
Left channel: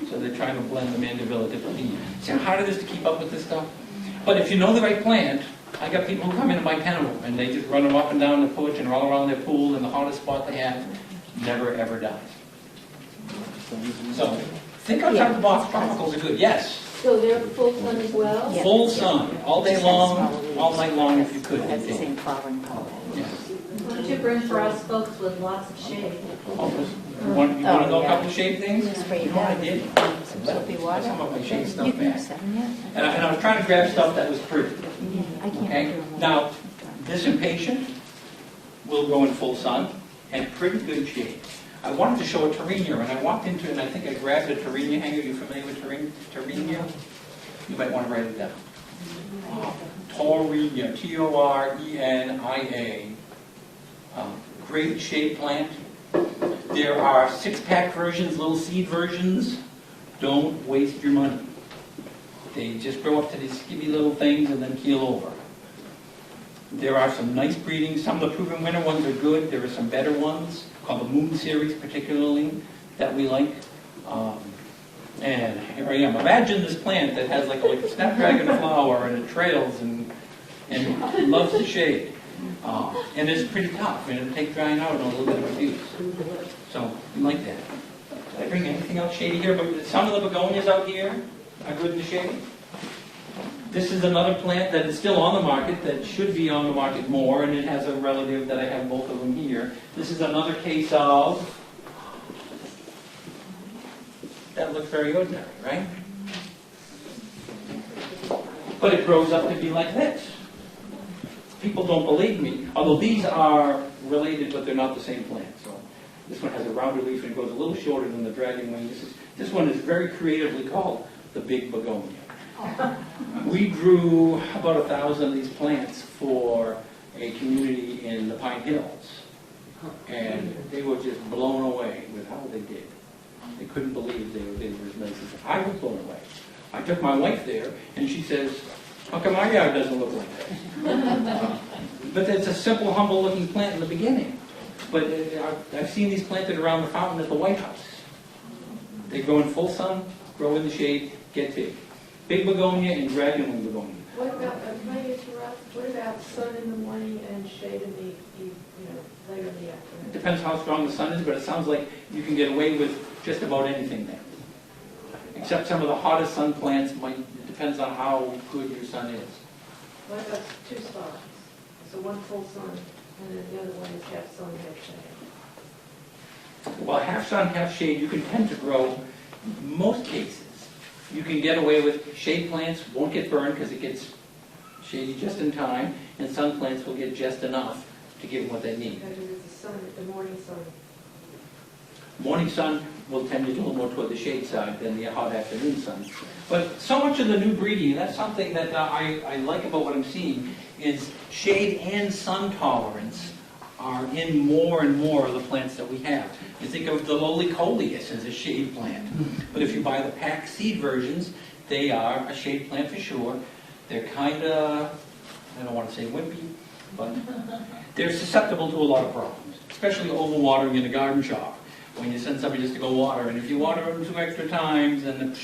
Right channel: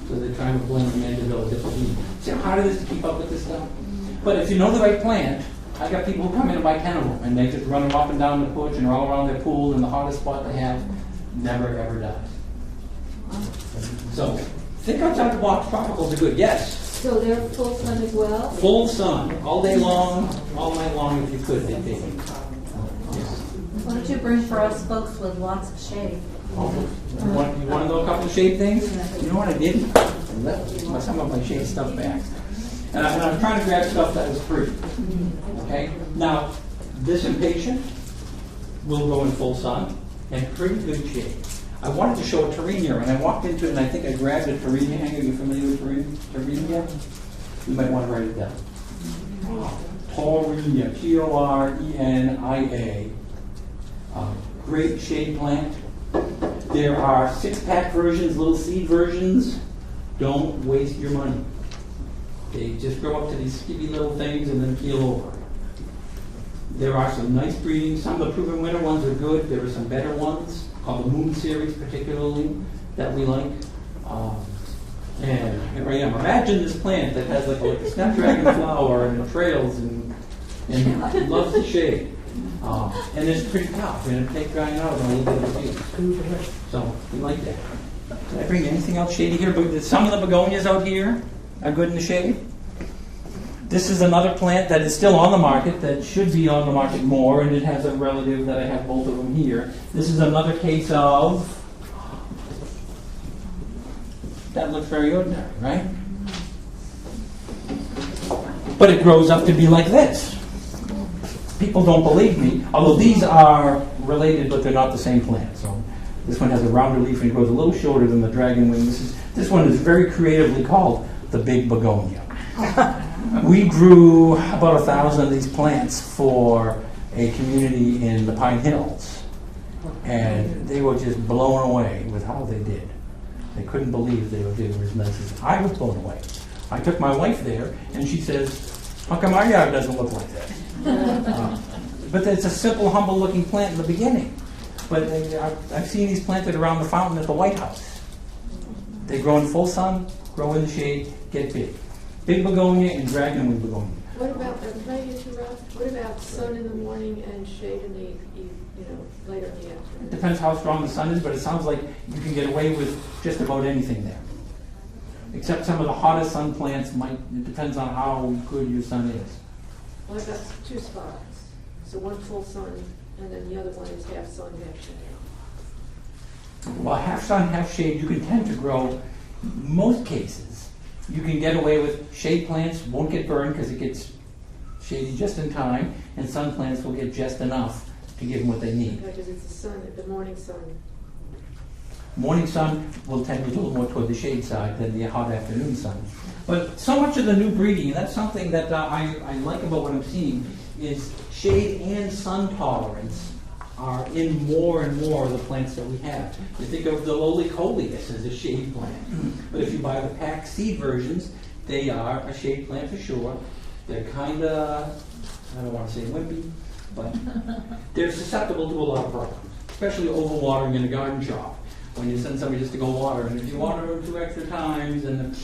So they're trying to blend the Mandevilla Dipladenia. See how hard it is to keep up with this stuff? But if you know the right plant, I got people who come in and buy 10 of them, and they just run them up and down the porch and all around their pool in the hottest spot they have. Never ever dies. So, think outside the box. Tropicals are good. Yes. So they're full sun as well? Full sun, all day long, all night long if you could. That's the same flowering color. Yes. What did you bring for us folks with lots of shade? You want to know a couple of shade things? You know what I did? I left some of my shade stuff back. And I was trying to grab stuff that was pretty. Okay? Now, this impatient will go in full sun and pretty good shade. I wanted to show a Torenia, and I walked into it, and I think I grabbed a Torenia hanger. Are you familiar with Torenia? You might want to write it down. Torenia, Torenia. Great shade plant. There are 6-pack versions, little seed versions. Don't waste your money. They just grow up to these skinny little things and then keel over. There are some nice breedings. Some of the proven winner ones are good. There are some better ones, called the Moon Series particularly, that we like. And here I am. Imagine this plant that has like a snapdragon flower and it trails and loves the shade. And it's pretty tough. And it'll take drying out and a little bit of abuse. So we like that. Did I bring anything else shady here? But some of the begonias out here are good in the shade. This is another plant that is still on the market, that should be on the market more, and it has a relative that I have both of them here. This is another case of, that looks very ordinary, right? But it grows up to be like this. People don't believe me, although these are related, but they're not the same plant. So this one has a rounder leaf and grows a little shorter than the dragonwing. This one is very creatively called the big begonia. We grew about 1,000 of these plants for a community in the Pine Hills, and they were just blown away with how they did. They couldn't believe they were as nice as I was blown away. I took my wife there, and she says, "How come my yard doesn't look like that?" But it's a simple, humble-looking plant in the beginning. But I've seen these planted around the fountain at the White House. They grow in full sun, grow in the shade, get big. Big begonia and dragonwing begonia. What about, can I interrupt? What about sun in the morning and shade in the, later in the afternoon? Depends how strong the sun is, but it sounds like you can get away with just about anything there. Except some of the hottest sun plants might, it depends on how good your sun is. What about 2 spots? So one full sun, and then the other one is half sun, half shade. Well, half sun, half shade, you can tend to grow, most cases, you can get away with shade plants, won't get burned because it gets shady just in time, and sun plants will get just enough to give them what they need. Because it's the sun, the morning sun. Morning sun will tend to a little more toward the shade side than the hot afternoon sun. But so much of the new breeding, and that's something that I like about what I'm seeing, is shade and sun tolerance are in more and more of the plants that we have. You think of the lowly coleus as a shade plant, but if you buy the packed seed versions, they are a shade plant for sure. They're kind of, I don't want to say wimpy, but they're susceptible to a lot of problems, especially overwatering in a garden shop. When you send somebody just to go water, and if you water them 2 extra times, then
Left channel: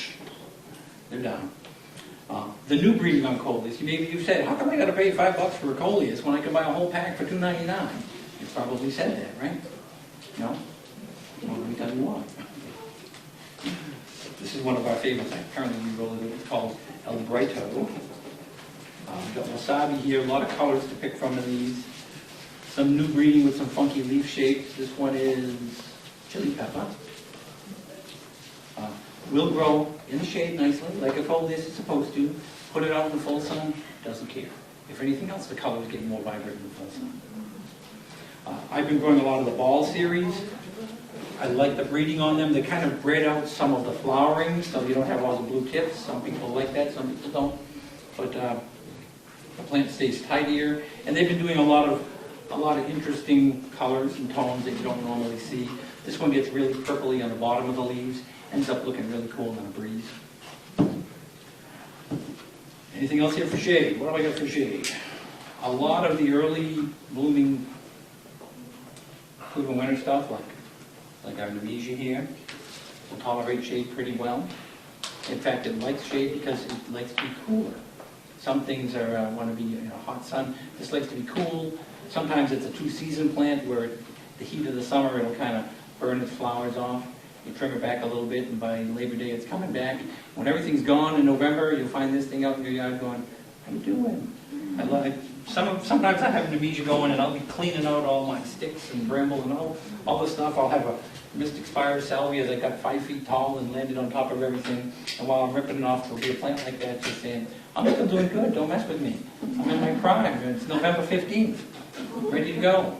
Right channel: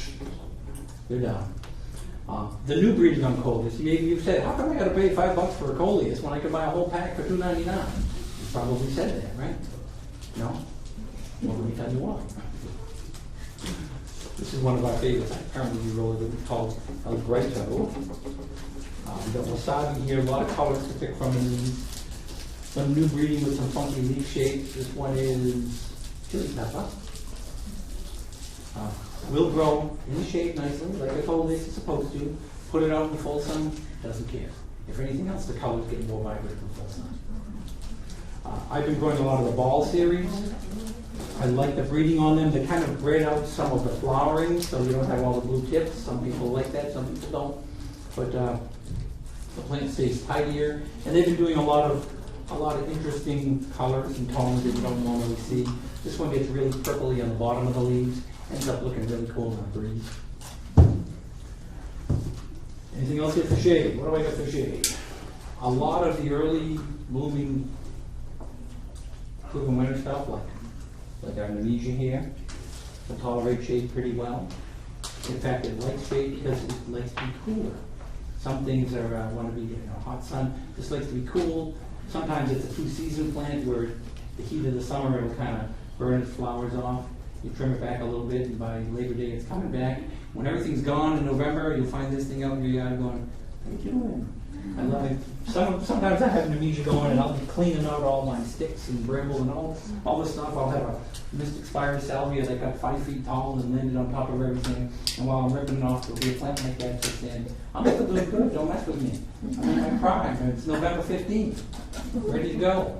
they're done. The new breeding on coleus, maybe you've said, how come I got to pay $5 for a coleus when I can buy a whole pack for $2.99? You probably said that, right? No? Well, let me tell you why. This is one of our favorites. Apparently you roll it called El Brito. We got wasabi here, a lot of colors to pick from in these. Some new breeding with some funky leaf shapes. This one is chili pepper. Will grow in the shade nicely, like I told this is supposed to. Put it out in the full sun, doesn't care. If anything else, the colors get more vibrant in the full sun. I've been growing a lot of the ball series. I like the breeding on them. They kind of bred out some of the flowering, so you don't have all the blue tips. Some people like that, some people don't. But the plant stays tidier, and they've been doing a lot of interesting colors and tones that you don't normally see. This one gets really purpley on the bottom of the leaves. Ends up looking really cool in the breeze. Anything else here for shade? What do I got for shade? A lot of the early blooming winter stuff, like our Nemesia here, will tolerate shade pretty well. In fact, it likes shade because it likes to be cooler. Some things are want to be in a hot sun. This likes to be cool. Sometimes it's a 2-season plant where the heat of the summer it'll kind of burn its flowers off. You trim it back a little bit, and by Labor Day it's coming back. When everything's gone in November, you'll find this thing out in your yard going, how you doing? I love it. Sometimes I have a Nemesia going, and I'll be cleaning out all my sticks and bramble and all the stuff. I'll have a Mystic Spire salvia that got 5 feet tall and landed on top of everything. And while I'm ripping it off, there'll be a plant like that just saying, I'm still doing good, don't mess with me. I'm in my prime. It's November 15th. Ready to go.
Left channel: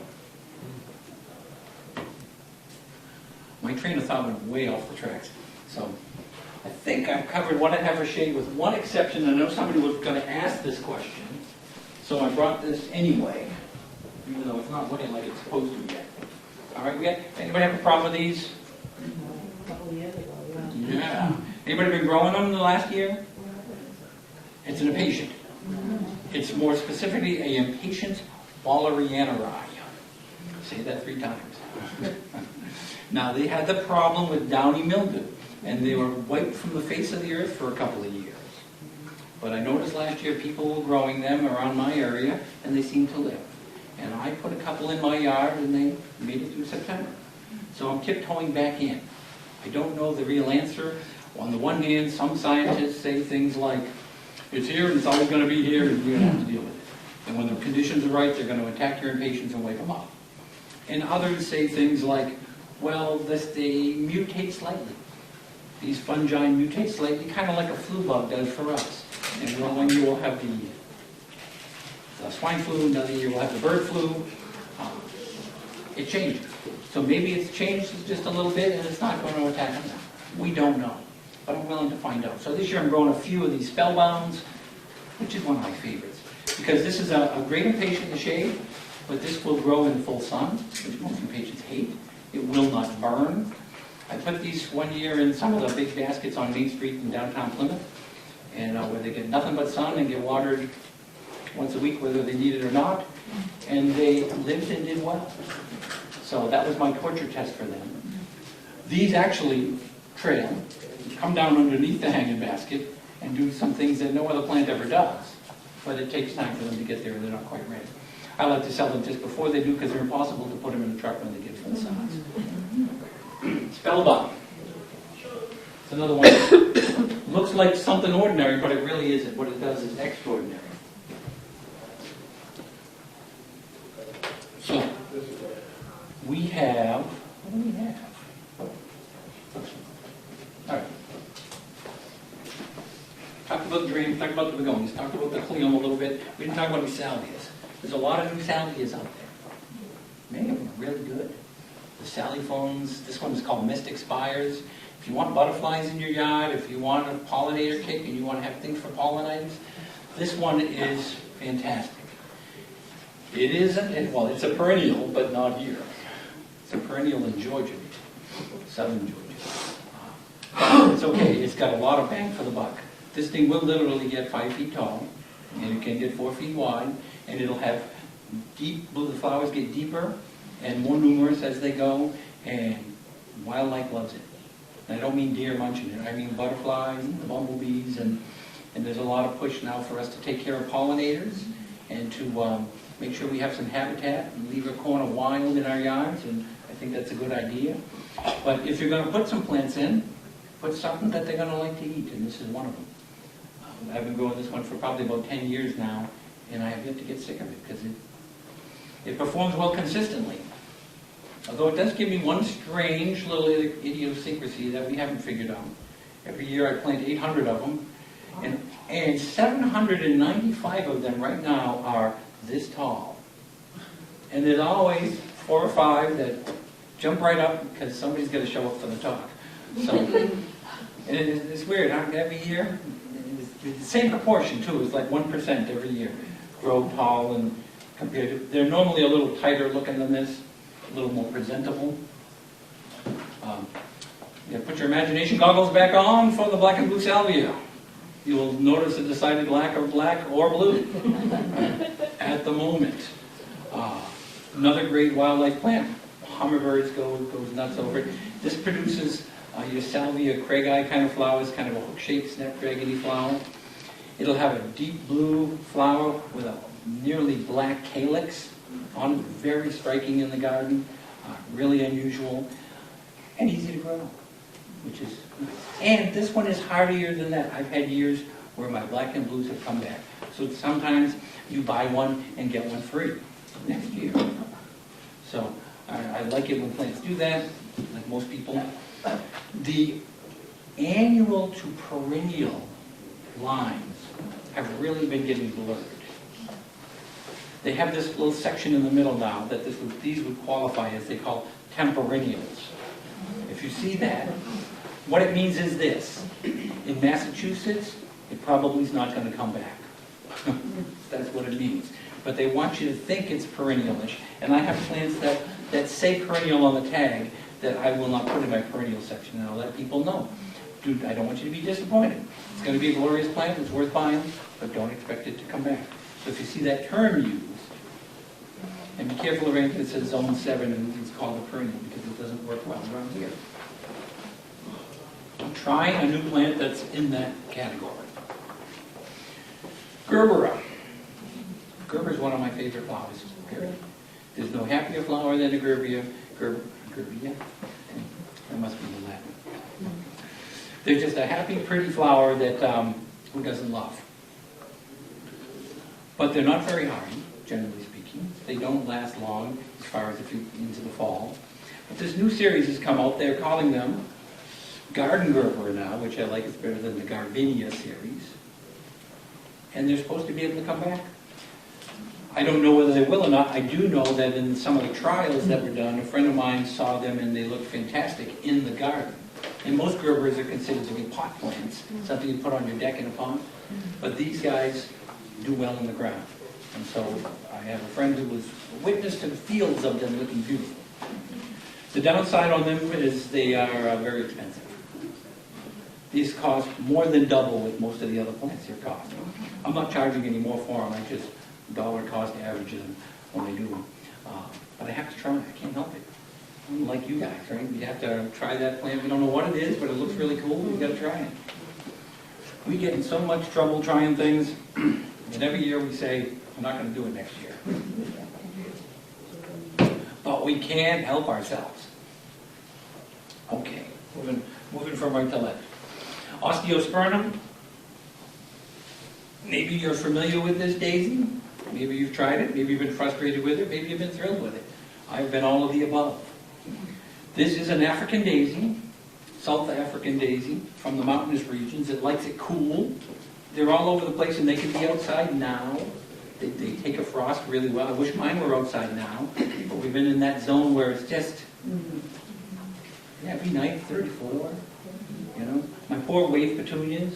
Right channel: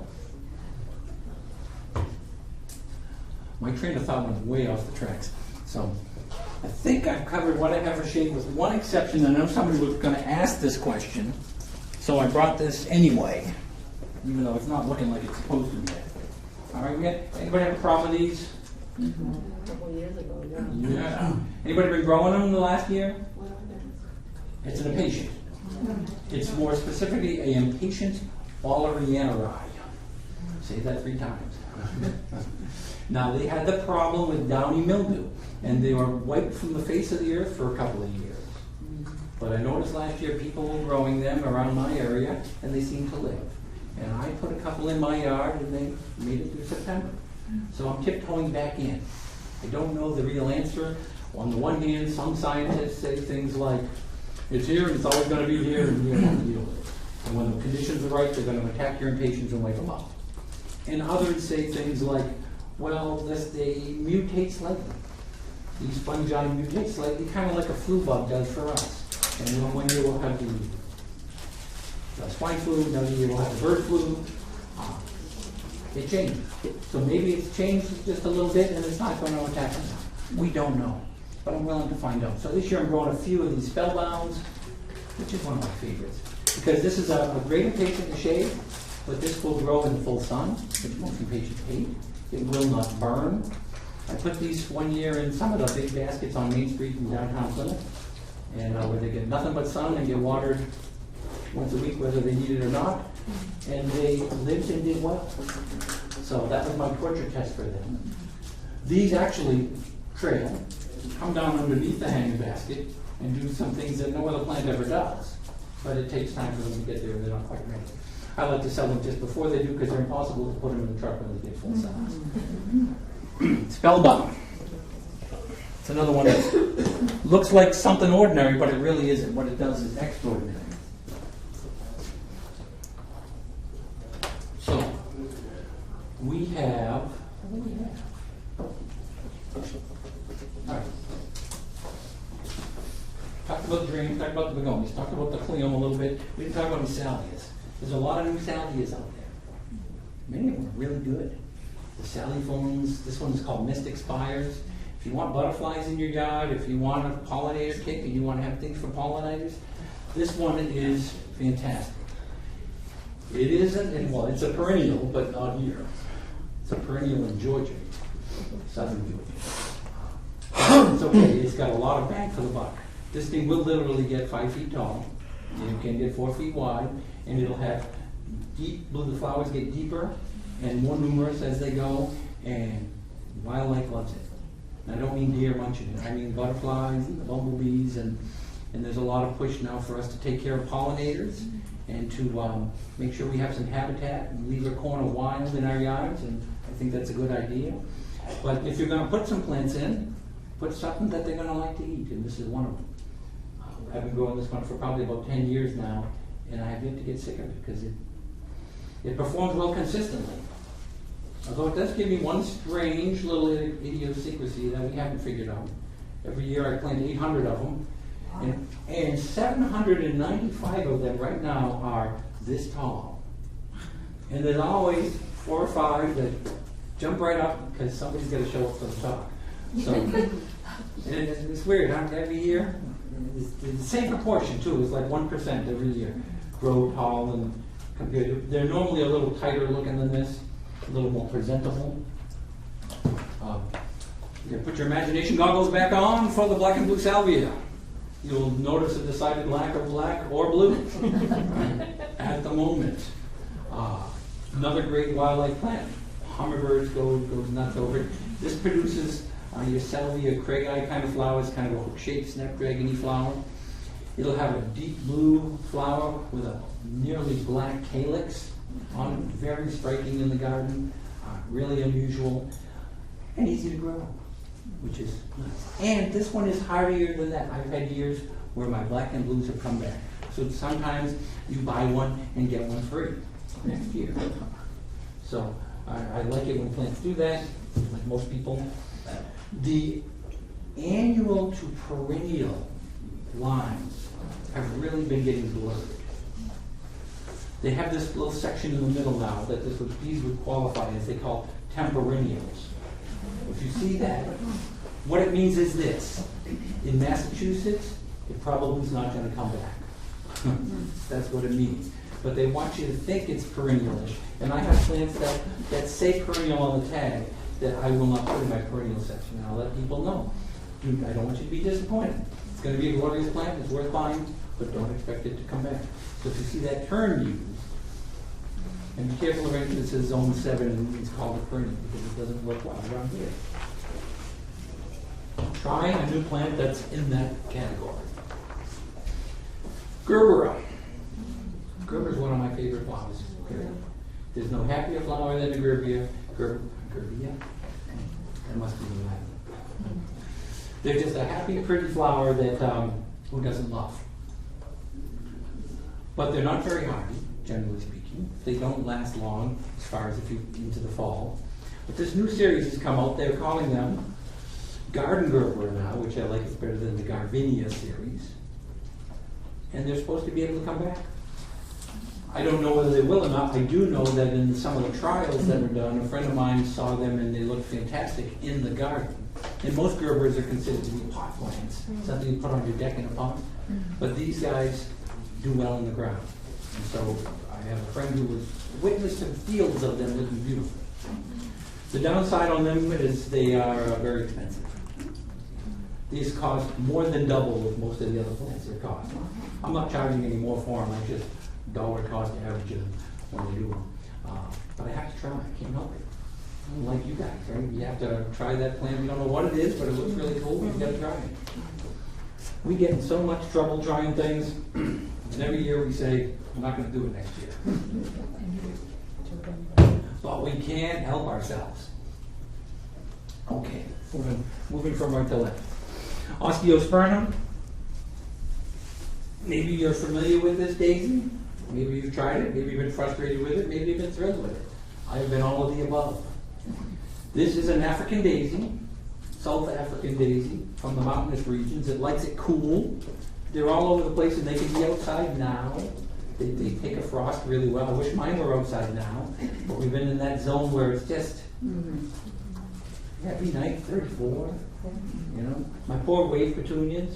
My train of thought went way off the tracks. So I think I've covered what I have for shade with one exception. I know somebody was going to ask this question, so I brought this anyway, even though it's not looking like it's supposed to be. All right, anybody have a problem with these? A couple of years ago, yeah. Yeah. Anybody been growing them in the last year? It's an impatient. It's more specifically a impatient Wallerianeri. Say that 3 times. Now, they had the problem with downy mildew, and they were wiped from the face of the earth for a couple of years. But I noticed last year people were growing them around my area, and they seemed to live. And I put a couple in my yard, and they made it through September. So I'm tiptoeing back in. I don't know the real answer. On the one hand, some scientists say things like, it's here, and it's always going to be here, and you're going to have to deal with it. And when the conditions are right, they're going to attack your impatiens and wipe them out. And others say things like, well, they mutate slightly. These fungi mutate slightly, kind of like a flu bug does for us. And one year we'll have the swine flu, another year we'll have the bird flu. It changes. So maybe it's changed just a little bit and it's not going to attack us. We don't know. But I'm willing to find out. So this year I'm growing a few of these spellbounds, which is one of my favorites. Because this is a great impatient in the shade, but this will grow in the full sun, which most impatiens hate. It will not burn. I put these one year in some of the big baskets on Main Street in downtown Plymouth, and where they get nothing but sun and get watered once a week, whether they need it or not, and they lived and did well. So that was my torture test for them. These actually trail, come down underneath the hanging basket, and do some things that no other plant ever does. But it takes time for them to get there, and they're not quite ready. I like to sell them just before they do because they're impossible to put them in a truck when they get full size. Spellbound. It's another one that looks like something ordinary, but it really isn't. What it does is extraordinary. So, we have, what do we have? All right. Talked about the dream, talked about the begonias, talked about the cleome a little bit. We didn't talk about new salvias. There's a lot of new salvias out there. Many of them are really good. The saliphones, this one is called Mystic Spires. If you want butterflies in your yard, if you want a pollinator tick and you want to have things for pollinators, this one is fantastic. It isn't, and well, it's a perennial, but not here. It's a perennial in Georgia, southern Georgia. It's okay, it's got a lot of bang for the buck. This thing will literally get 5 feet tall, and it can get 4 feet wide, and it'll have deep, the flowers get deeper and more numerous as they go, and wildlife loves it. And I don't mean deer munching it, I mean butterflies, bumblebees, and there's a lot of push now for us to take care of pollinators and to make sure we have some habitat and leave a corner wild in our yards, and I think that's a good idea. But if you're going to put some plants in, put something that they're going to like to eat, and this is one of them. I've been growing this one for probably about 10 years now, and I have yet to get sick of it because it performs well consistently. Although it does give me one strange little idiosyncrasy that we haven't figured out. Every year I plant 800 of them, and 795 of them right now are this tall. And there's always 4 or 5 that jump right up because somebody's got to show up for the talk. So, and it's weird, huh? Every year, it's the same proportion too. It's like 1% every year grow tall, and compared to, they're normally a little tighter looking than this, a little more presentable. Put your imagination goggles back on for the black and blue salvia. You'll notice a decided lack of black or blue at the moment. Another great wildlife plant. Hummingbirds go nuts over it. This produces your salvia craigi kind of flowers, kind of a hook-shaped snapdragon-y flower. It'll have a deep blue flower with a nearly black calyx on, very striking in the garden, really unusual, and easy to grow, which is nice. And this one is hardier than that. I've had years where my black and blues have come back. So sometimes you buy one and get one free next year. So I like it when plants do that, like most people. The annual to perennial lines have really been getting blurred. They have this little section in the middle now that these would qualify as, they call temperennials. If you see that, what it means is this. In Massachusetts, it probably is not going to come back. That's what it means. But they want you to think it's perennial-ish. And I have plants that say perennial on the tag that I will not put in my perennial section. And I'll let people know. Dude, I don't want you to be disappointed. It's going to be a glorious plant. It's worth buying. But don't expect it to come back. So if you see that term used, and be careful of anything that says zone 7 and it's called a perennial, because it doesn't work well around here. Try a new plant that's in that category. Gerbera. Gerber is one of my favorite flowers, period. There's no happier flower than a gerbera. Gerbera? That must be the Latin. They're just a happy, pretty flower that who doesn't love? But they're not very hardy, generally speaking. They don't last long, as far as if you into the fall. But this new series has come out. They're calling them Garden Gerber now, which I like. It's better than the Garvinia series. And they're supposed to be able to come back. I don't know whether they will or not. I do know that in some of the trials that were done, a friend of mine saw them and they looked fantastic in the garden. And most Gerbers are considered to be pot plants, something you put on your deck in a pond. But these guys do well in the ground. And so I have a friend who was witness to fields of them looking beautiful. The downside on them is they are very expensive. These cost more than double what most of the other plants here cost. I'm not charging any more for them. I just dollar cost average them when I do them. But I have to try. I can't help it. I'm like you guys, right? You have to try that plant. We don't know what it is, but it looks really cool. You've got to try it. We get in so much trouble trying things, and every year we say, we're not going to do it next year. But we can't help ourselves. Okay, moving from right to left. Osteospermum. Maybe you're familiar with this daisy. Maybe you've tried it. Maybe you've been frustrated with it. Maybe you've been thrilled with it. I've been all of the above. This is an African daisy, South African daisy from the mountainous regions. It likes it cool. They're all over the place, and they can be outside now. They take a frost really well. I wish mine were outside now, but we've been in that zone where it's just every night, 34. You know, my poor wave petunias.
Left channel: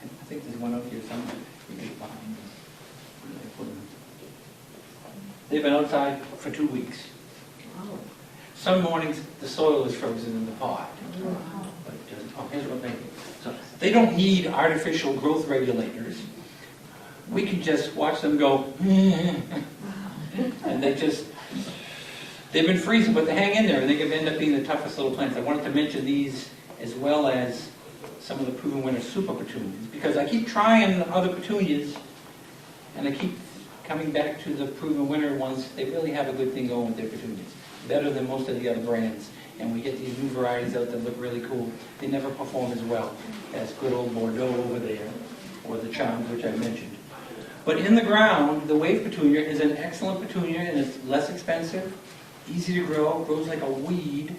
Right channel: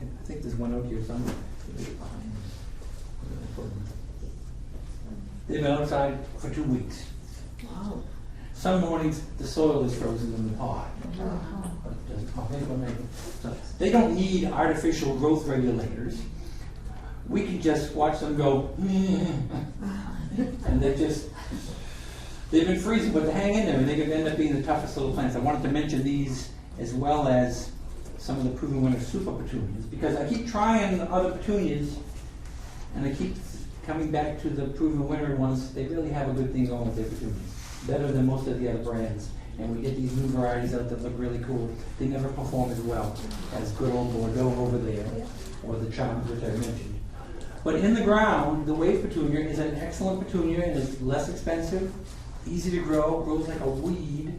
I think there's one out here somewhere. They've been outside for 2 weeks. Some mornings, the soil is frozen in the pot. But here's what they, so they don't need artificial growth regulators. We can just watch them go, and they've been freezing, but they hang in there, and they can end up being the toughest little plants. I wanted to mention these as well as some of the proven winter super petunias, because I keep trying other petunias, and I keep coming back to the proven winter ones. They really have a good thing going with their petunias, better than most of the other brands. And we get these new varieties out that look really cool. They never perform as well as good old Bordeaux over there, or the Charms, which I mentioned. But in the ground, the wave petunia is an excellent petunia, and it's less expensive, easy to grow, grows like a weed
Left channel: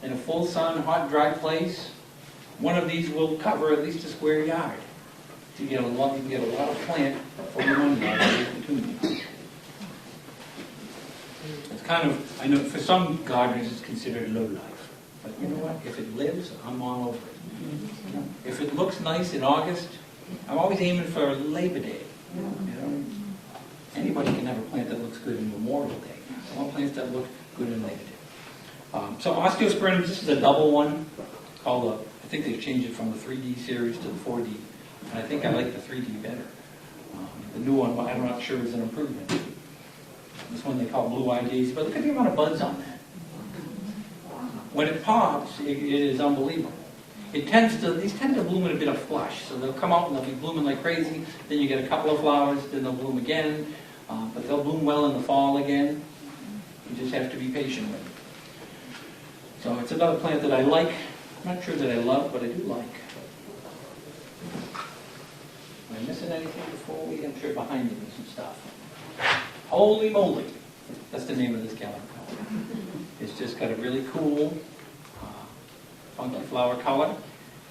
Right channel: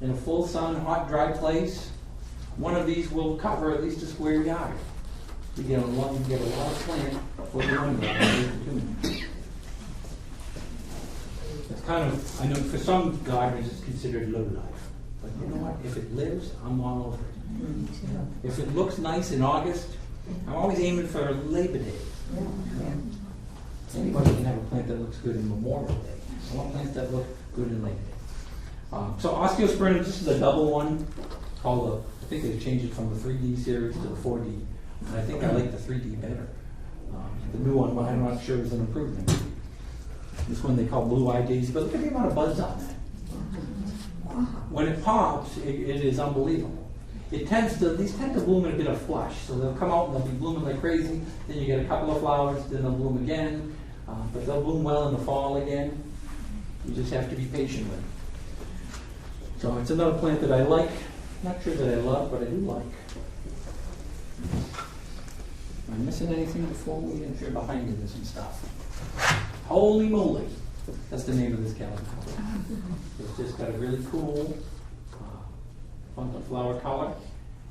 in a full sun, hot, dry place. One of these will cover at least a square yard. You get a lot of plant for one yard of petunia. It's kind of, I know for some gardeners it's considered low life. But you know what? If it lives, I'm all over it. If it looks nice in August, I'm always aiming for Labor Day. You know? Anybody can have a plant that looks good in Memorial Day. I want plants that look good in Labor Day. So Osteosprinum, this is a double one called I think they've changed it from the 3D series to the 4D. And I think I like the 3D better. The new one, I'm not sure is an improvement. This one they call blue-eyed daisy, but look at the amount of buds on that. When it pops, it is unbelievable. These tend to bloom in a bit of flush, so they'll come out and they'll be blooming like crazy. Then you get a couple of flowers, then they'll bloom again, but they'll bloom well in the fall again. You just have to be patient with it. So it's another plant that I like. Not sure that I love, but I do like. Am I missing anything before we enter behind me with some stuff? Holy moly! That's the name of this calico. It's just got a really cool, funky flower color,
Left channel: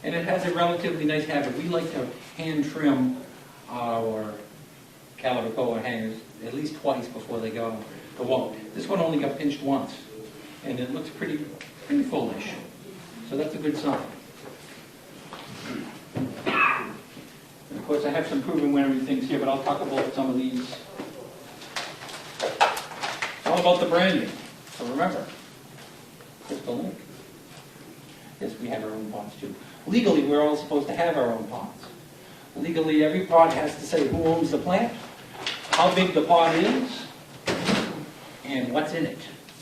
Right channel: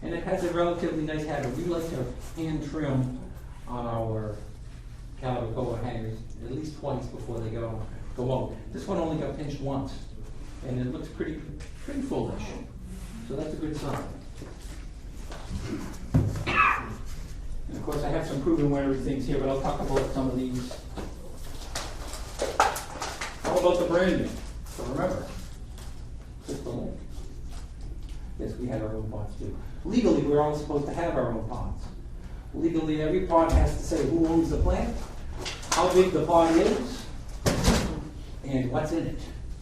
and it has a relatively nice habit. We like to hand trim our calico hangers at least twice before they go out. This one only got pinched once, and it looks pretty foolish. So that's a good sign. And of course, I have some proven wintery things here, but I'll talk about some of these. How about the branding? So remember, Crystal Lake. Yes, we have our own pots too. Legally, we're all supposed to have our own pots. Legally, every pot has to say who owns the plant, how big the pot is, and what's in it.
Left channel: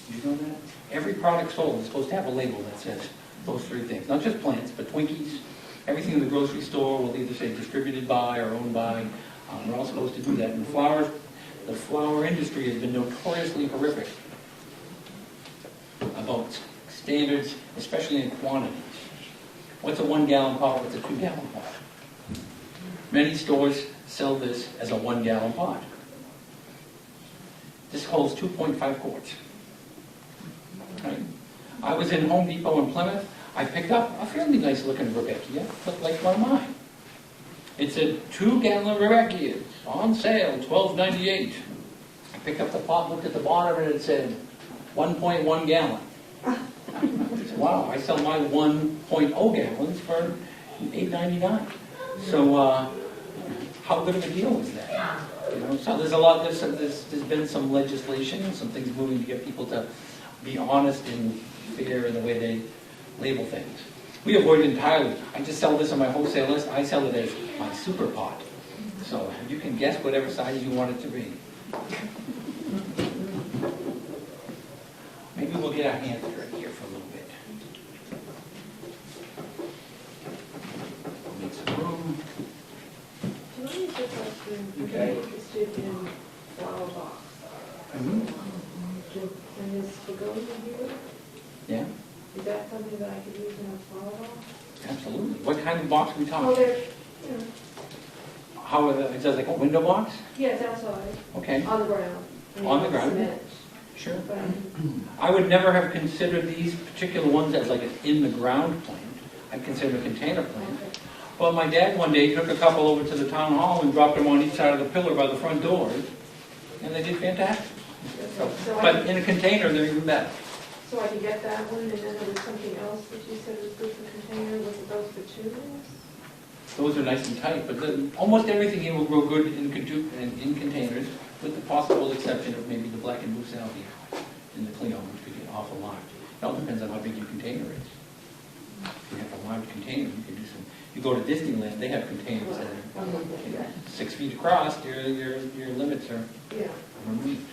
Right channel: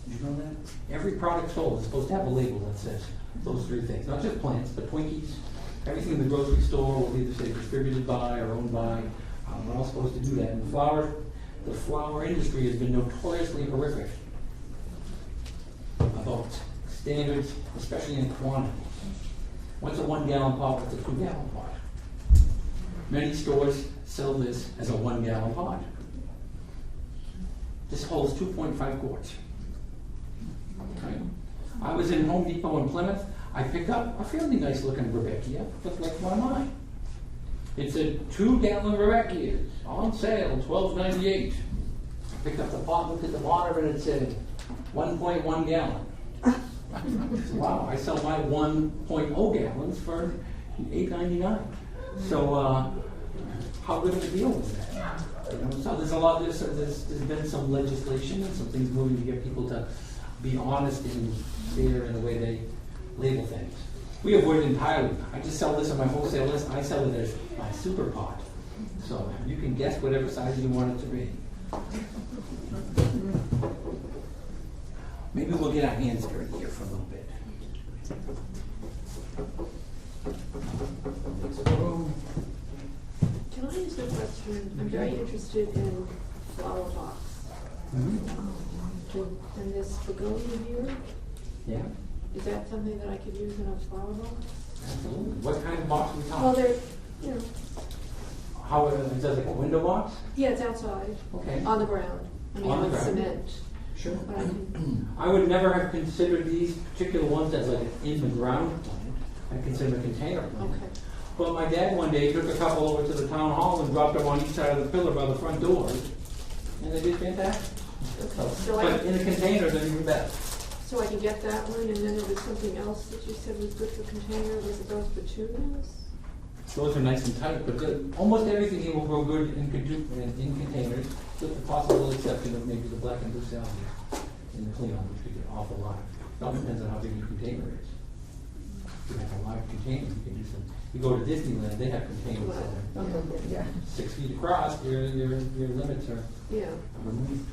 You know that? Every product sold is supposed to have a label that says those three things. Not just plants, but Twinkies. Everything in the grocery store will either say distributed by or owned by. We're all supposed to do that. And the flower industry has been notoriously horrific about standards, especially in quantities. What's a 1 gallon pot? What's a 2 gallon pot? Many stores sell this as a 1 gallon pot. This holds 2.5 quarts. Right? I was in Home Depot in Plymouth. I picked up a fairly nice looking Rebecca, looked like one of mine. It said 2 gallon Rebecca on sale, $12.98. I picked up the pot, looked at the bottom, and it said 1.1 gallon. I said, wow, I sell my 1.0 gallons for $8.99. So how good of a deal was that? You know, so there's been some legislation and some things moving to get people to be honest and fair in the way they label things. We avoid it entirely. I just sell this on my wholesale list. I sell it as my super pot. So you can guess whatever size you want it to be. Maybe we'll get our hands dirty here for a little bit. Make some room. Tell me if I'm Okay. interested in flower box. And this begonia here, Yeah, is that something that I could use in a flower box? absolutely. What kind of box are we Well, talking? they're, you know, How is that, like a window box? yeah, it's outside, Okay, on the ground. I mean, On the with ground. cement. sure. But, I would never have considered these particular ones as like an in-the-ground plant. I'd consider a container plant. okay. Well, my dad one day took a couple over to the town hall and dropped them on each side of the pillar by the front doors, and they did fantastic. So, but in a container, they're even better. So I could get that one, and then there was something else that you said was good for container, was it those petunias? those are nice and tight, but almost everything here will grow good in containers, with the possible exception of maybe the black and blue salvia in the Cleon, which could get awful large. It all depends on how big your container is. If you have a large container, you can do some. You go to Disneyland, they have containers that are 6 feet across. Your limits are Yeah. removed.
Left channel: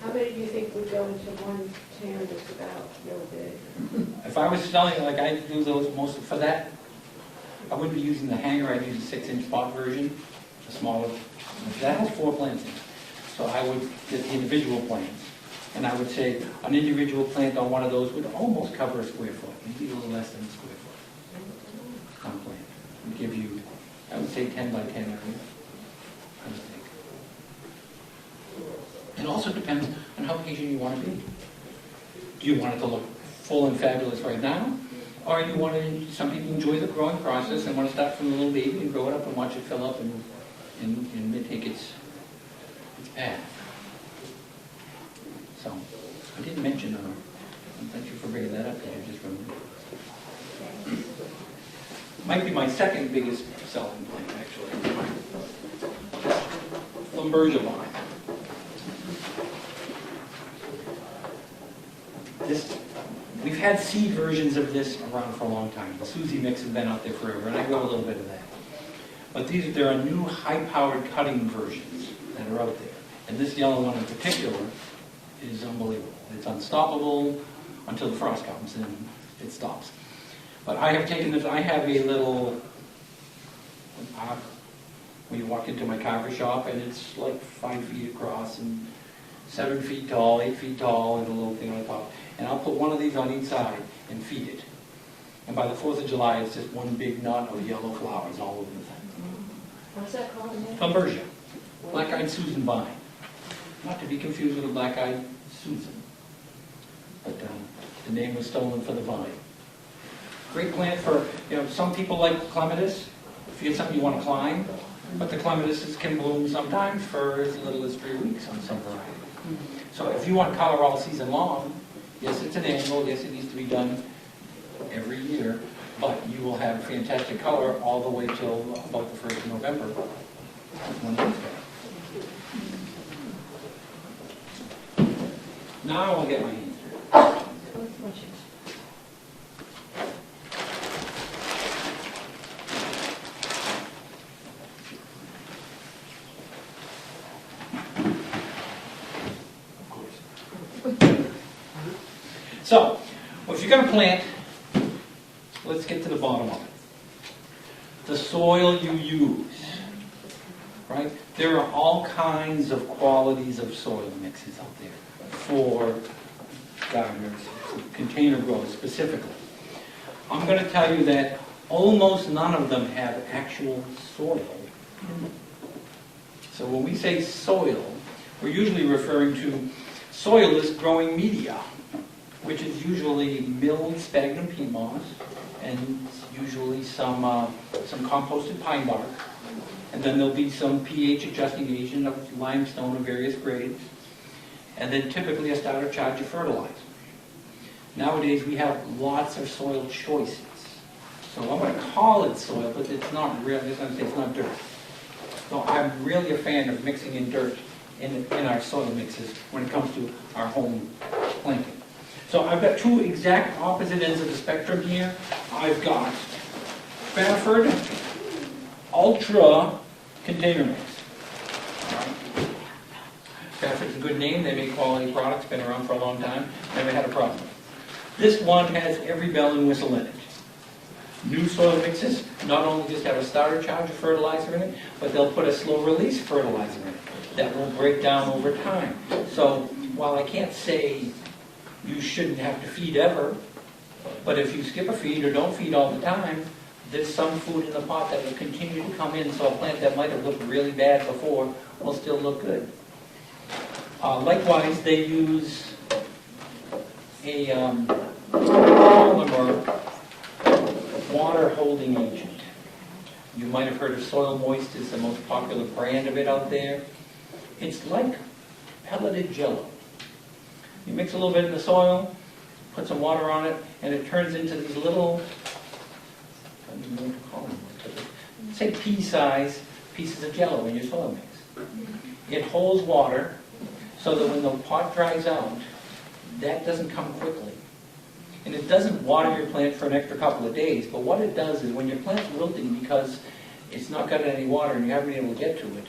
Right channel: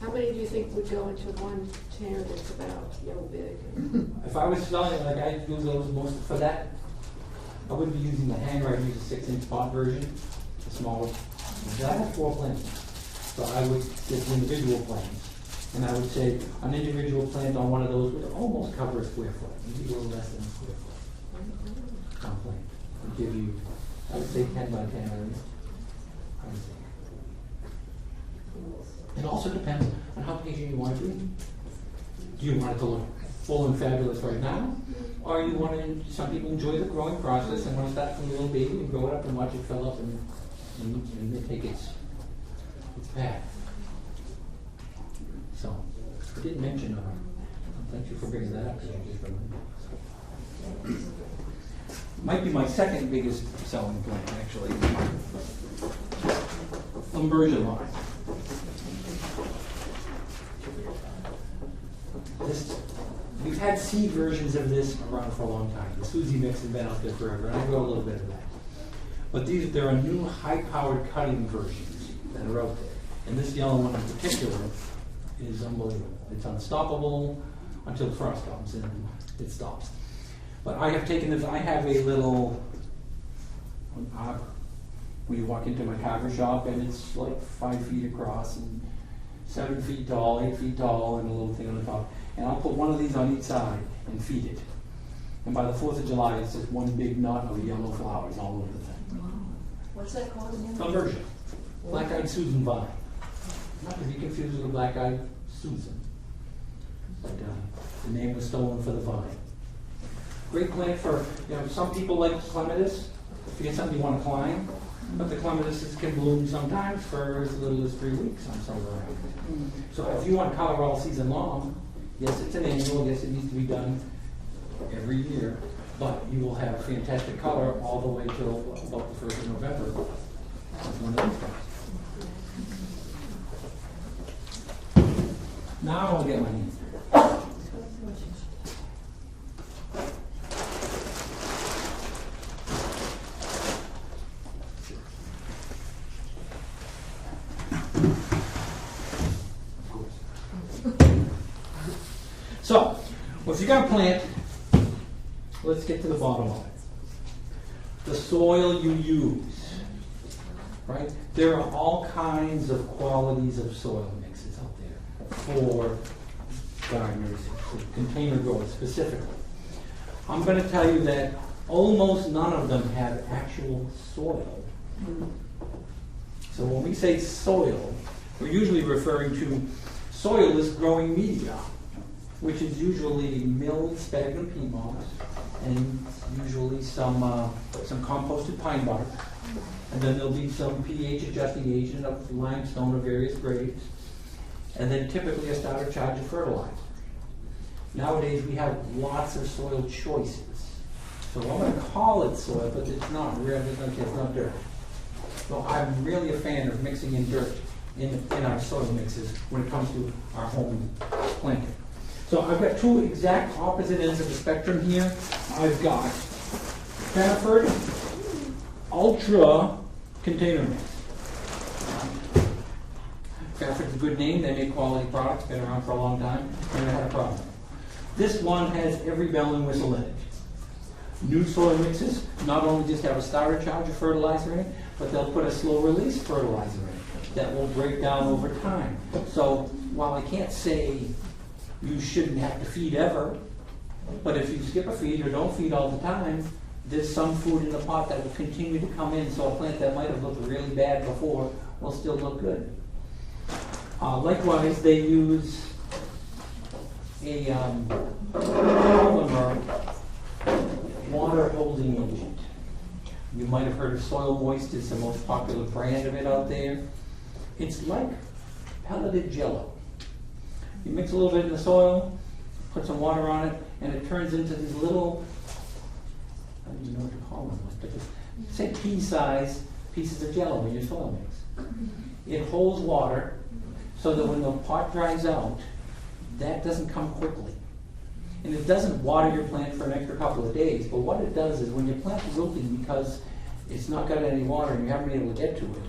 How many do you think would go into one container that's about really big? If I was selling, like I do those most for that, I wouldn't be using the hanger. I'd use a 6-inch pot version, a smaller. That has 4 plants in it. So I would get the individual plants, and I would say an individual plant on one of those would almost cover a square foot, maybe a little less than a square foot. On plant would give you, I would say 10 by 10 areas. I would think. It also depends on how patient you want to be. Do you want it to look full and fabulous right now? Or you want to, some people enjoy the growing process and want to start from a little baby and grow it up and watch it fill up and take its path. So, I didn't mention, thank you for bringing that up, because you just remembered. Might be my second biggest selling plant, actually. Thunbergia vine. We've had seed versions of this around for a long time. The Susie mix has been out there forever, and I grow a little bit of that. But there are new high-powered cutting versions that are out there. And this yellow one in particular is unbelievable. It's unstoppable until the frost comes, and then it stops. But I have taken this, I have a little, when you walk into my carver shop, and it's like 5 feet across and 7 feet tall, 8 feet tall, and a little thing on the top. And I'll put one of these on each side and feed it. And by the 4th of July, it's just one big knot of yellow flowers all over the thing. What's that called again? Thunbergia. Black-eyed Susan vine. Not to be confused with a black-eyed Susan. But the name was stolen for the vine. Great plant for, some people like clematis. If you get something you want to climb. But the clematis can bloom sometimes for as little as 3 weeks on some variety. So if you want color all season long, yes, it's an annual. Yes, it needs to be done every year. But you will have fantastic color all the way till about the 1st of November. One of these things. Now I'll get my hand. So, if you're going to plant, let's get to the bottom of it. The soil you use, right? There are all kinds of qualities of soil mixes out there for gardeners, for container growers specifically. I'm going to tell you that almost none of them have actual soil. So when we say soil, we're usually referring to soilless growing media, which is usually milled sphagnum peat moss and usually some composted pine bark. And then there'll be some pH adjusting agent of limestone of various grades. And then typically a starter charge of fertilizer. Nowadays we have lots of soil choices. So I'm going to call it soil, but it's not really, it's not dirt. So I'm really a fan of mixing in dirt in our soil mixes when it comes to our home planting. So I've got two exact opposite ends of the spectrum here. I've got Beneford Ultra Container Mix. Beneford's a good name. They make quality products. Been around for a long time. Never had a problem. This one has every bell and whistle in it. New soil mixes not only just have a starter charge of fertilizer in it, but they'll put a slow release fertilizer in it that will break down over time. So while I can't say you shouldn't have to feed ever, but if you skip a feed or don't feed all the time, there's some food in the pot that will continue to come in, so a plant that might have looked really bad before will still look good. Likewise, they use a polymer water holding agent. You might have heard of Soil Moist is the most popular brand of it out there. It's like pelleted jello. You mix a little bit in the soil, put some water on it, and it turns into these little, I don't even know what to call them. say pea-sized pieces of Jell-O in your soil mix. It holds water so that when the pot dries out, that doesn't come quickly. And it doesn't water your plant for an extra couple of days, but what it does is when your plant's wilting because it's not got any water and you haven't been able to get to it,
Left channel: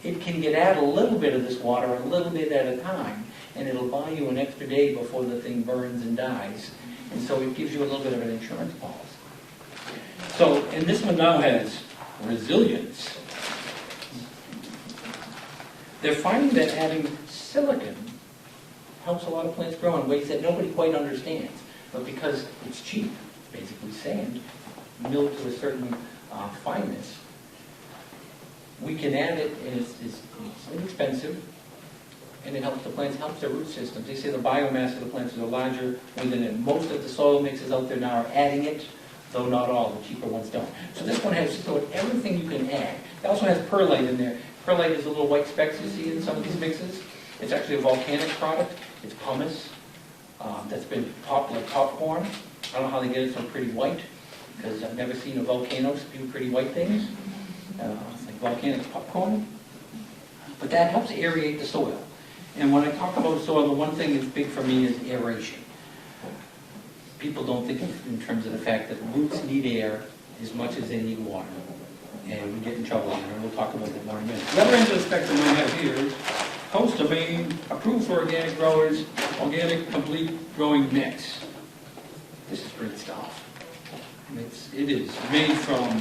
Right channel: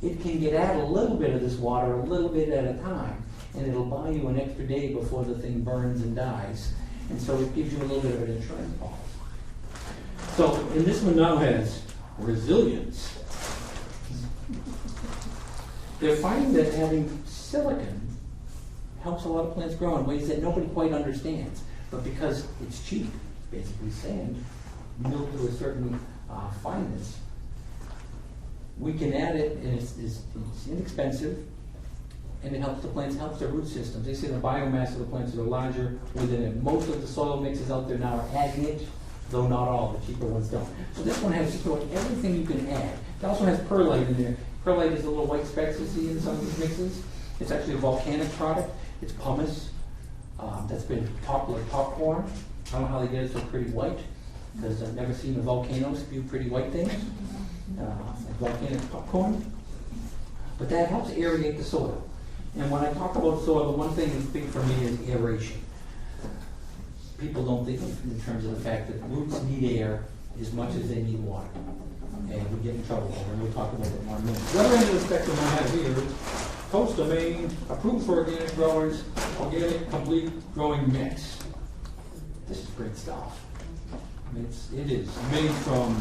it can get out a little bit of this water a little bit at a time, and it'll buy you an extra day before the thing burns and dies. And so it gives you a little bit of an insurance policy. So, and this one now has resilience. They're finding that adding silicon helps a lot of plants grow in ways that nobody quite understands. But because it's cheap, basically sand, milled to a certain fineness, we can add it, and it's inexpensive, and it helps the plants, helps their root systems. They say the biomass of the plants is larger within it. Most of the soil mixes out there now are adding it, though not all, the cheaper ones don't. So this one has just about everything you can add. It also has perlite in there. Perlite is a little white specks you see in some of these mixes. It's actually a volcanic product. It's pumice that's been popped like popcorn. I don't know how they get it so pretty white, because I've never seen a volcano spew pretty white things, like volcanic popcorn. But that helps aerate the soil. And when I talk about soil, the one thing that's big for me is aeration. People don't think in terms of the fact that roots need air as much as they need water. And we get in trouble on it, and we'll talk about that more in a minute. The other end of the spectrum I have here is Coast of Maine, approved for organic growers, organic complete growing mix. This is great stuff. It is made from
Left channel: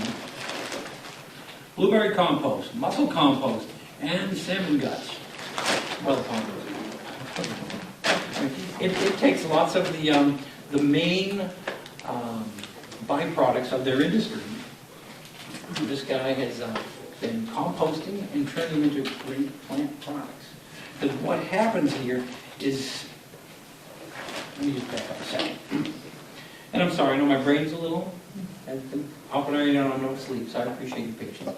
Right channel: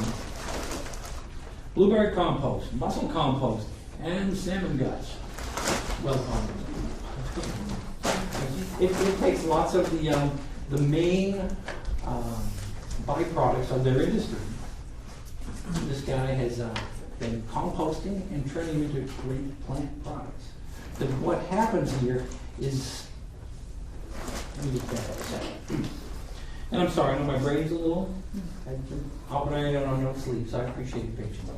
blueberry compost, mussel compost, and salmon guts. Well compost. It takes lots of the main byproducts of their industry. This guy has been composting and turning them into great plant products. Because what happens here is, let me just back up a second. And I'm sorry, I know my brain's a little, I've been hopping around on no sleep, so I appreciate your patience.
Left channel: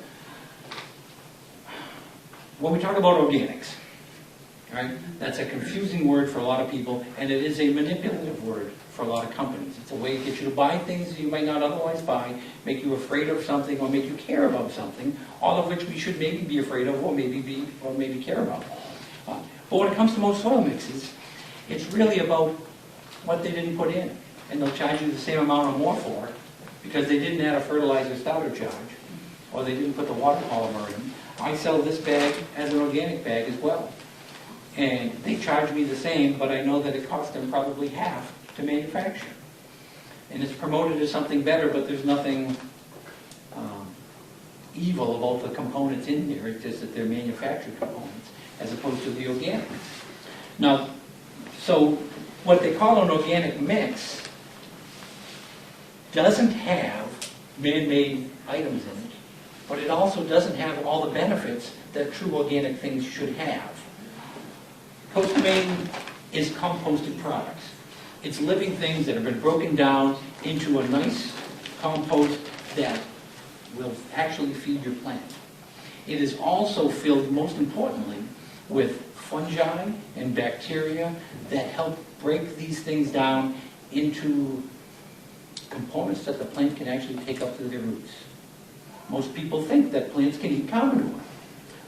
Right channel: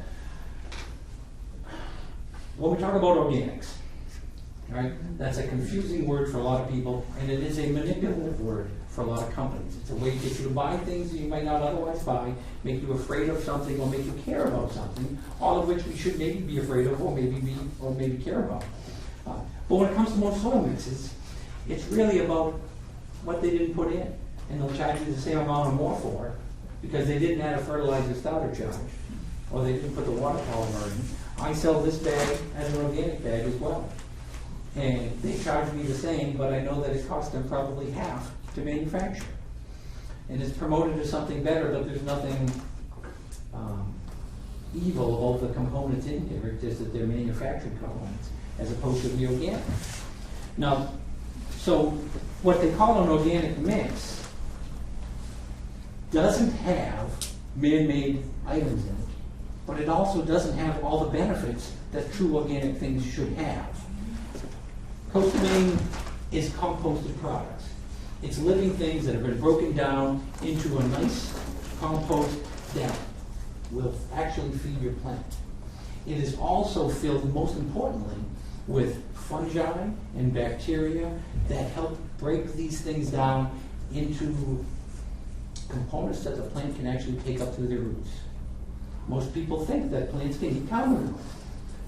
When we talk about organics, right, that's a confusing word for a lot of people, and it is a manipulative word for a lot of companies. It's a way to get you to buy things that you might not otherwise buy, make you afraid of something, or make you care about something, all of which we should maybe be afraid of, or maybe care about. But when it comes to most soil mixes, it's really about what they didn't put in. And they'll charge you the same amount or more for it because they didn't add a fertilizer starter charge, or they didn't put the water polymer in. I sell this bag as an organic bag as well. And they charge me the same, but I know that it costs them probably half to manufacture. And it's promoted as something better, but there's nothing evil about the components in there. It's just that they're manufactured components as opposed to the organic. Now, so what they call an organic mix doesn't have man-made items in it, but it also doesn't have all the benefits that true organic things should have. Coast of Maine is composted products. It's living things that have been broken down into a nice compost that will actually feed your plant. It is also filled, most importantly, with fungi and bacteria that help break these things down into components that the plant can actually take up through their roots. Most people think that plants can eat cow manure,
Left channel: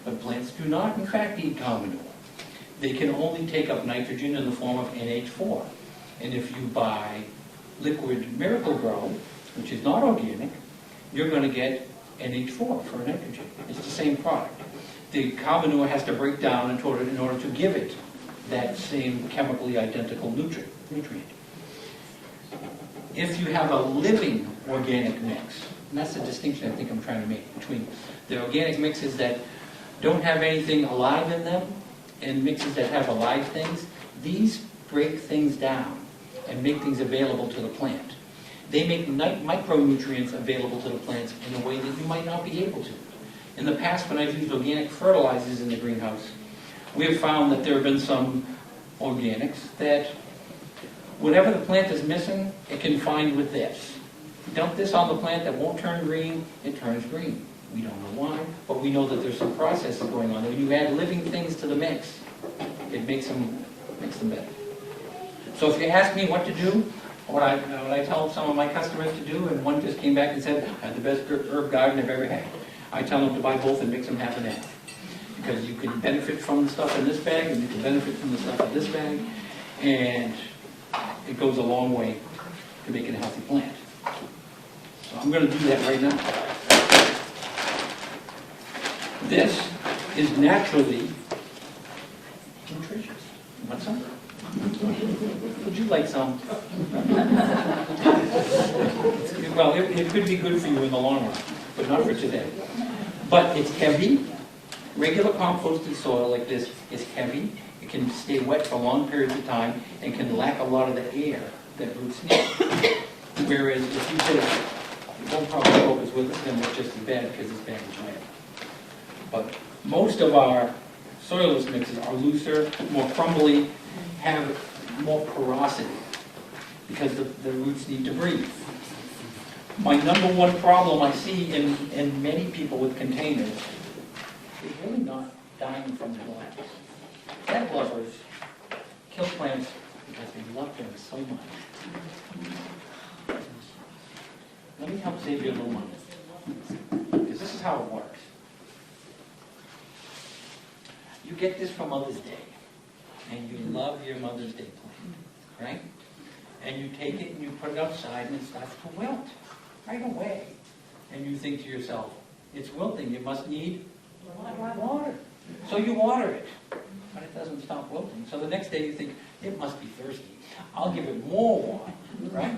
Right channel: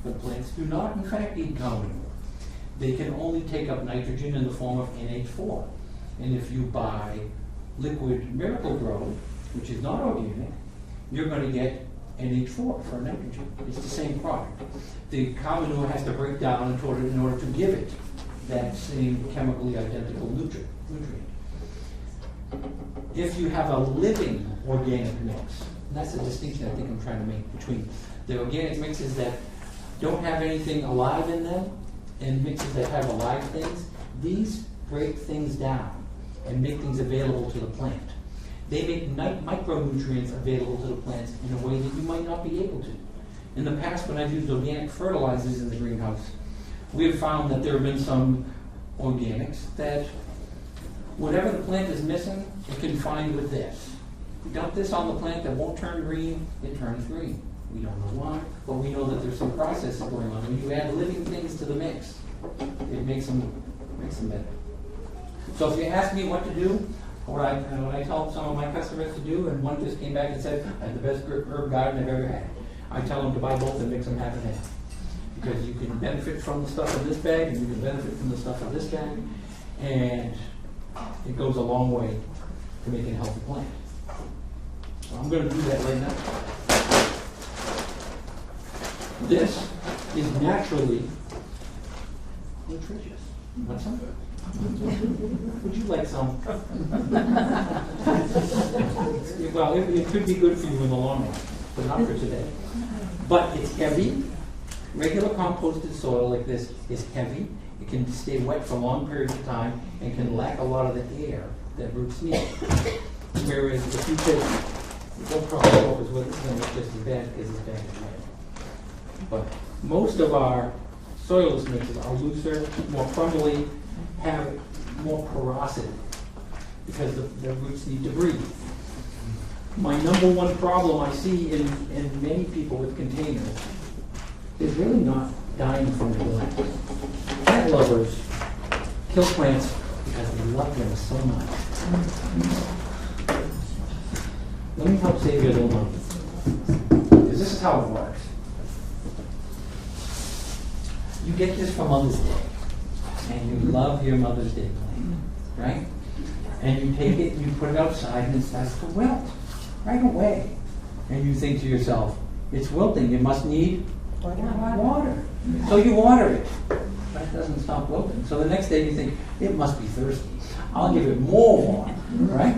but plants do not, in fact, eat cow manure. They can only take up nitrogen in the form of NH4. And if you buy liquid Miracle-Gro, which is not organic, you're going to get NH4 for nitrogen. It's the same product. The cow manure has to break down in order to give it that same chemically identical nutrient. If you have a living organic mix, and that's the distinction I think I'm trying to make between the organic mixes that don't have anything alive in them and mixes that have alive things, these break things down and make things available to the plant. They make micronutrients available to the plants in a way that you might not be able to. In the past, when I've used organic fertilizers in the greenhouse, we have found that there have been some organics that whatever the plant is missing, it can find with this. Dump this on the plant that won't turn green, it turns green. We don't know why, but we know that there's some processes going on. When you add living things to the mix, it makes them better. So if you ask me what to do, what I tell some of my customers to do, and one just came back and said, I had the best herb garden I've ever had. I tell them to buy both and mix them half and half. Because you can benefit from the stuff in this bag, and you can benefit from the stuff in this bag, and it goes a long way to making a healthy plant. So I'm going to do that right now. This is naturally nutritious. Want some? Would you like some? Well, it could be good for you in the long run, but not for today. But it's heavy. Regular composted soil like this is heavy. It can stay wet for long periods of time and can lack a lot of the air that roots need. Whereas if you take, don't probably focus with it, then it's just as bad because it's bad and wet. But most of our soilless mixes are looser, more crumbly, have more porosity because the roots need to breathe. My number one problem I see in many people with containers is really not dying from neglect. Plant lovers kill plants because they love them so much. Let me help save you a little money. Because this is how it works. You get this for Mother's Day, and you love your Mother's Day plant, right? And you take it, and you put it outside, and it starts to wilt right away. And you think to yourself, it's wilting, it must need water. So you water it. But it doesn't stop wilting. So the next day you think, it must be thirsty. I'll give it more water, right?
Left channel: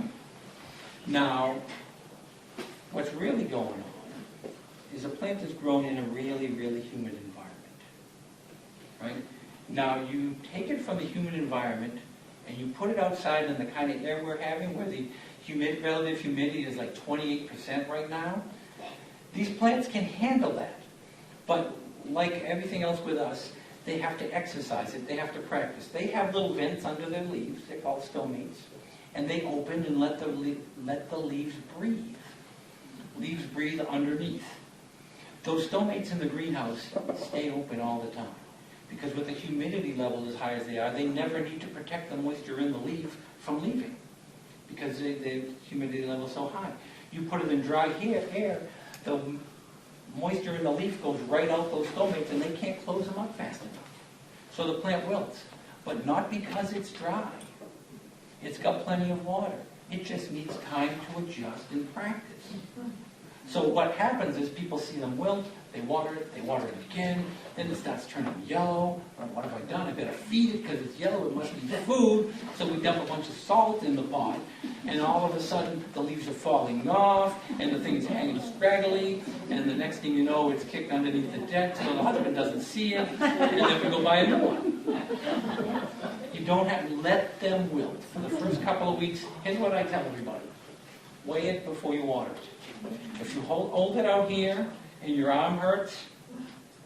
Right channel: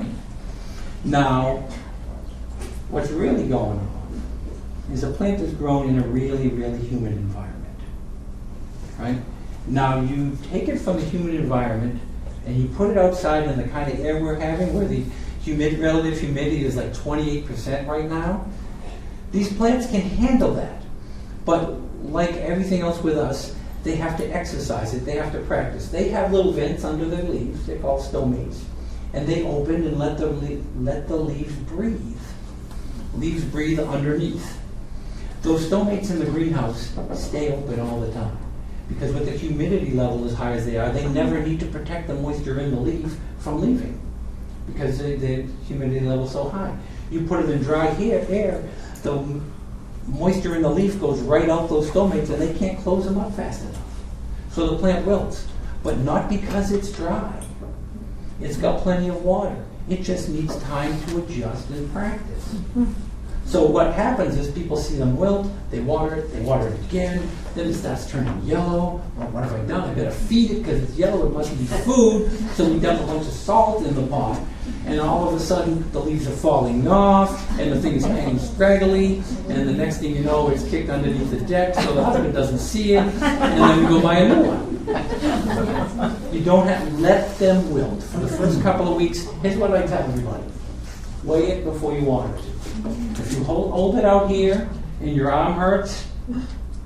Now, what's really going on is a plant is grown in a really, really humid environment, right? Now you take it from the humid environment and you put it outside in the kind of air we're having where the relative humidity is like 28% right now. These plants can handle that. But like everything else with us, they have to exercise it, they have to practice. They have little vents under their leaves, they're called stomates, and they open and let the leaves breathe. Leaves breathe underneath. Those stomates in the greenhouse stay open all the time. Because with the humidity level as high as they are, they never need to protect the moisture in the leaf from leaving. Because the humidity level is so high. You put it in dry air, the moisture in the leaf goes right out those stomates and they can't close them up fast enough. So the plant wilts, but not because it's dry. It's got plenty of water. It just needs time to adjust and practice. So what happens is people see them wilt, they water it again, then it starts turning yellow. Well, what have I done? I better feed it because it's yellow, it must be food. So we dump a bunch of salt in the pot. And all of a sudden, the leaves are falling off, and the thing is hanging scraggly, and the next thing you know, it's kicked underneath the deck, so the husband doesn't see it, and then we go buy a new one. You don't have to let them wilt. For the first couple of weeks, here's what I tell everybody. Weigh it before you water it. If you hold it out here, and your arm hurts,